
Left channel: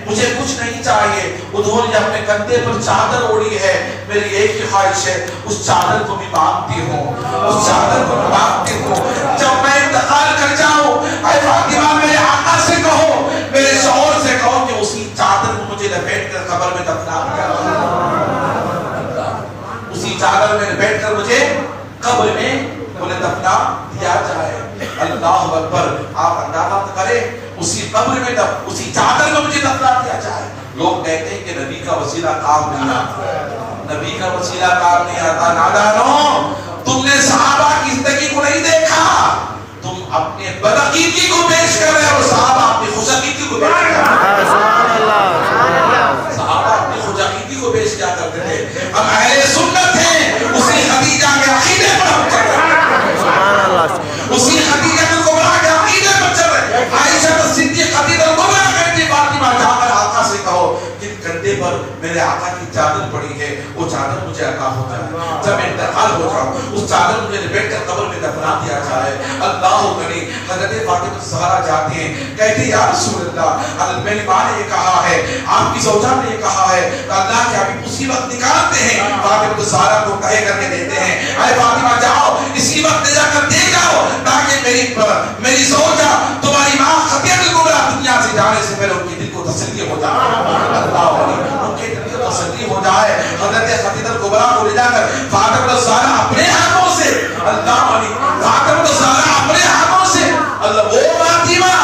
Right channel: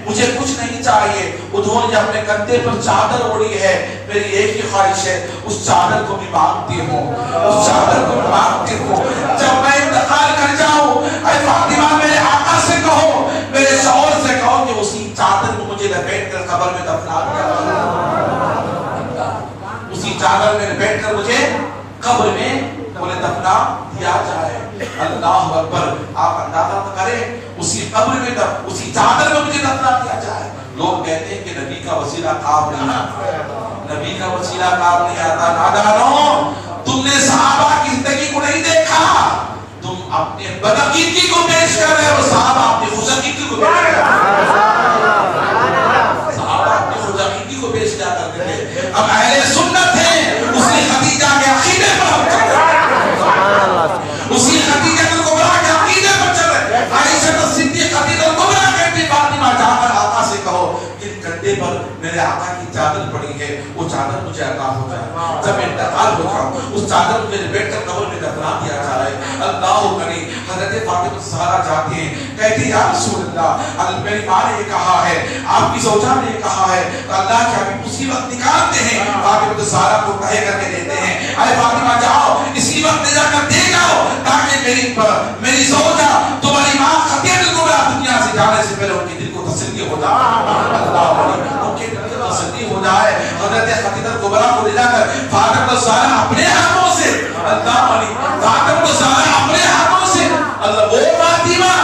مجھے کچھ نہیں چاہیے۔ انہوں نے اپنے کندھے پر چادر اوڑھی ہے، میری ایک ہی خواہش ہے اس چادر کو بھی مانگتی ہوں، اس چادر کو بھی مانگتی ہوں، جب میں انتقال کر جاؤں اے فاطمہ میرے آقا سے کہو، میرے شوہر سے کہو کہ اسی چادر کو مجھے لپیٹ کر قبر میں دفنا دیا، اسی چادر میں لپیٹ کر مجھے قبر میں دفنا دیا جائے۔ اللہ اکبر۔ آپ اندازہ کریں اسی قبر میں اسی چادر میں مجھے دفنا کیا جائے. لوگ کہتے ہیں کہ نبی کا وسیلہ کام نہیں آتا, نبی کا وسیلہ کام نہیں آتا. نادانو, تم نے صحابہ کی زندگی کو نہیں دیکھا, تم اپنے بدعقیدگی کو پیش کر رہے ہو, صحابہ اپنی خوش عقیدگی کو پیش کر رہے ہیں. صحابہ اپنی خوش عقیدگی کو پیش کیا کرتے تھے. ہم اہل سنت ہیں, اسی خدیجہ کے عقیدے پر ہم چل رہے ہیں, اسی خدیجہ الکبریٰ کے عقیدے پر چل رہے ہیں. عائشہ صدیقہ الکبریٰ کہتی فاطمہ جا کر آقا سے کہو جن کندھے پر میرے آقا کی چادر پڑی ہے وہ چادر مجھے عطا ہو جائے, جب میں انتقال ہو جاؤں اس چادر مجھے لپیٹ کر قبر میں دفنا دیا جائے. اللہ کریم. حضرت فاطمہ الزہرا جاتی ہیں, کہتی یا رسول اللہ, میری ماں نے یہ کہا ہے, آپ کی زوجہ نے یہ کہا ہے, تو اللہ کے حبیب اسی وقت نکالتے ہیں, فاطمہ الزہرا کو کہے کر کے دیتے ہیں, اے فاطمہ جاؤ اسی وقت لے جا کر دے جاؤ تاکہ میری زوجہ تمہاری ماں خدیجہ الکبریٰ دنیا سے جانے سے پہلے ان کے دل کو تسلی ہو جائے. اللہ ان کے دل کو تسلی ہو جائے. حضرت خدیجہ الکبریٰ کو لے جا کر فاطمہ الزہرا اپنے ہاتھوں سے, اللہ علی فاطمہ الزہرا اپنے ہاتھوں سے, اللہ وہ فاطمہ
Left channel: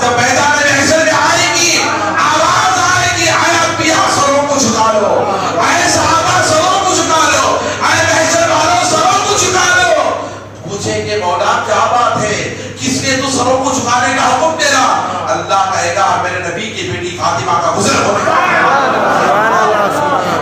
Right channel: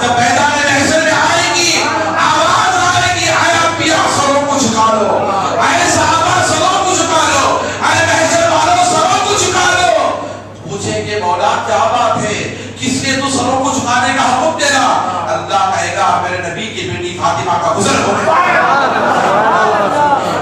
جب میدان محشر میں آئے گی آواز آئے گی, اے انبیاء سروں کو جھکا لو, اے صحابہ سروں کو جھکا لو, اے محشر والوں سروں کو جھکا لو. پوچھے کہ مولا کیا بات ہے, کس نے تو سروں کو جھکانے کا حکم دیا؟ اللہ کہے گا میرے نبی کی بیٹی فاطمہ کا گزر ہونے والا ہے,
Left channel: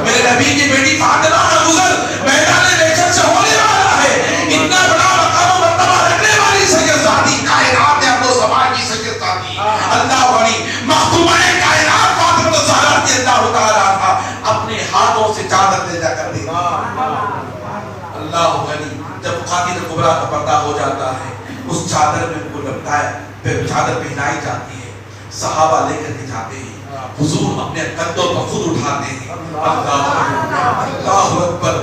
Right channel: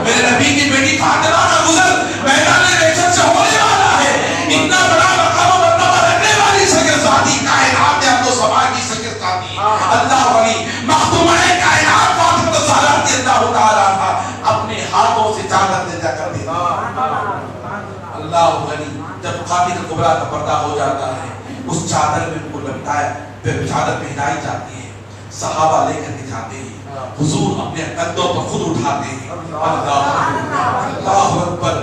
میرے نبی کی بیٹی فاطمہ کا گزر میدان محشر سے ہونے والا ہے. اتنا بڑا مقام و مرتبہ رکھنے والی شگرزادی کائنات ہے, اب تو سما کی شگرزادی اللہ والی مختومہ کائنات فاطمہ الزہرا رضی اللہ تعالی عنہا اپنے ہاتھوں سے چادر لے جا کر دی. اللہ والی جب خدیجہ الکبریٰ کا پردہ ہو جاتا ہے, اس چادر میں ان کو لپٹایا, پھر چادر پہنائی جاتی ہے, صحابہ لے کر کے جاتے ہیں, حضور اپنے کندھوں پر خود اٹھاتے ہیں. اللہ اکبر.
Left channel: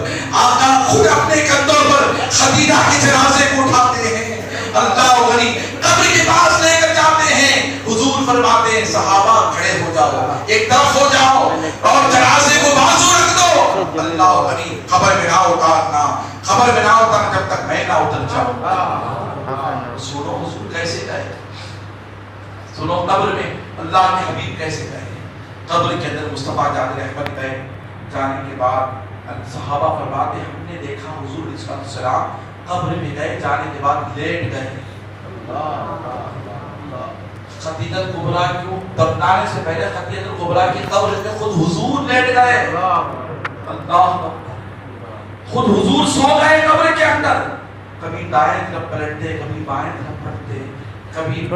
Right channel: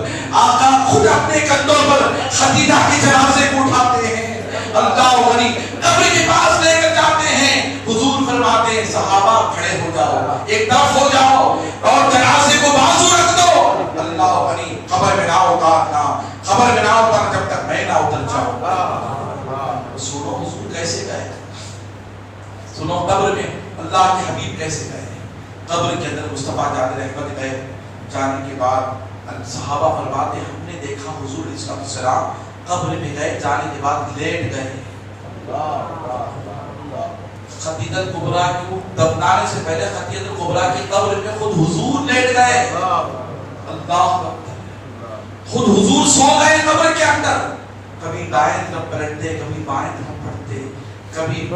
آقا خود اپنے کندھوں پر خدیجہ کے جنازے کو اٹھاتے ہیں. اللہ غنی. قبر کے پاس لے کر جاتے ہیں, حضور فرماتے ہیں صحابہ کھڑے ہو جاؤ, ایک طرف ہو جاؤ اور جنازے کو بازو رکھ دو. اللہ غنی. قبر میں نہ اتارنا, قبر میں نہ اترنا جب تک میں نہ اتر جاؤں. سنو حضور کیسے گئے, سنو قبر میں اللہ کے حبیب کیسے گئے. قبر کے اندر مصطفیٰ جان رحمت گئے, جانے کے بعد صحابہ فرماتے ہیں ہم نے دیکھا حضور علیہ السلام قبر میں گئے, جانے کے بعد لیٹ گئے. خدیجہ الکبریٰ کو دفنانے سے پہلے خدیجہ الکبریٰ کی قبر میں خود حضور لیٹ گئے. اللہ خود حضور سو گئے قبر کے اندر, کبھی دائیں طرف پلٹتے, کبھی بائیں طرف پلٹتے, کبھی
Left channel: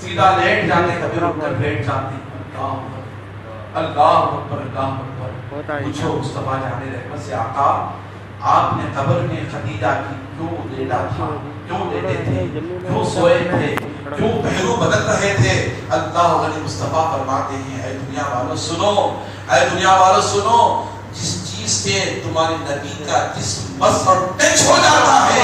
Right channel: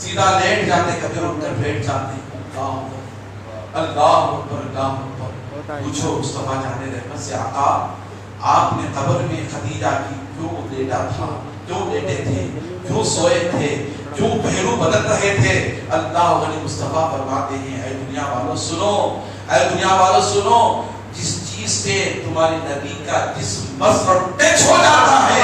سیدھا لیٹ جاتے, کبھی رک کر بیٹھ جاتے. اللہ اکبر, اللہ اکبر. پوچھو مصطفیٰ جان رحمت سے, آقا آپ نے قبر میں خدیجہ کی کیوں لیٹا تھا, کیوں لیٹے تھے, کیوں سوئے تھے, کیوں پہلو بدل رہے تھے؟ اللہ علیہ مصطفیٰ فرماتے ہیں اے دنیا والوں سنو, اے دنیا والوں سنو, جس چیز سے تمہارے نبی کا جسم بس اور ٹچ ہو جاتا ہے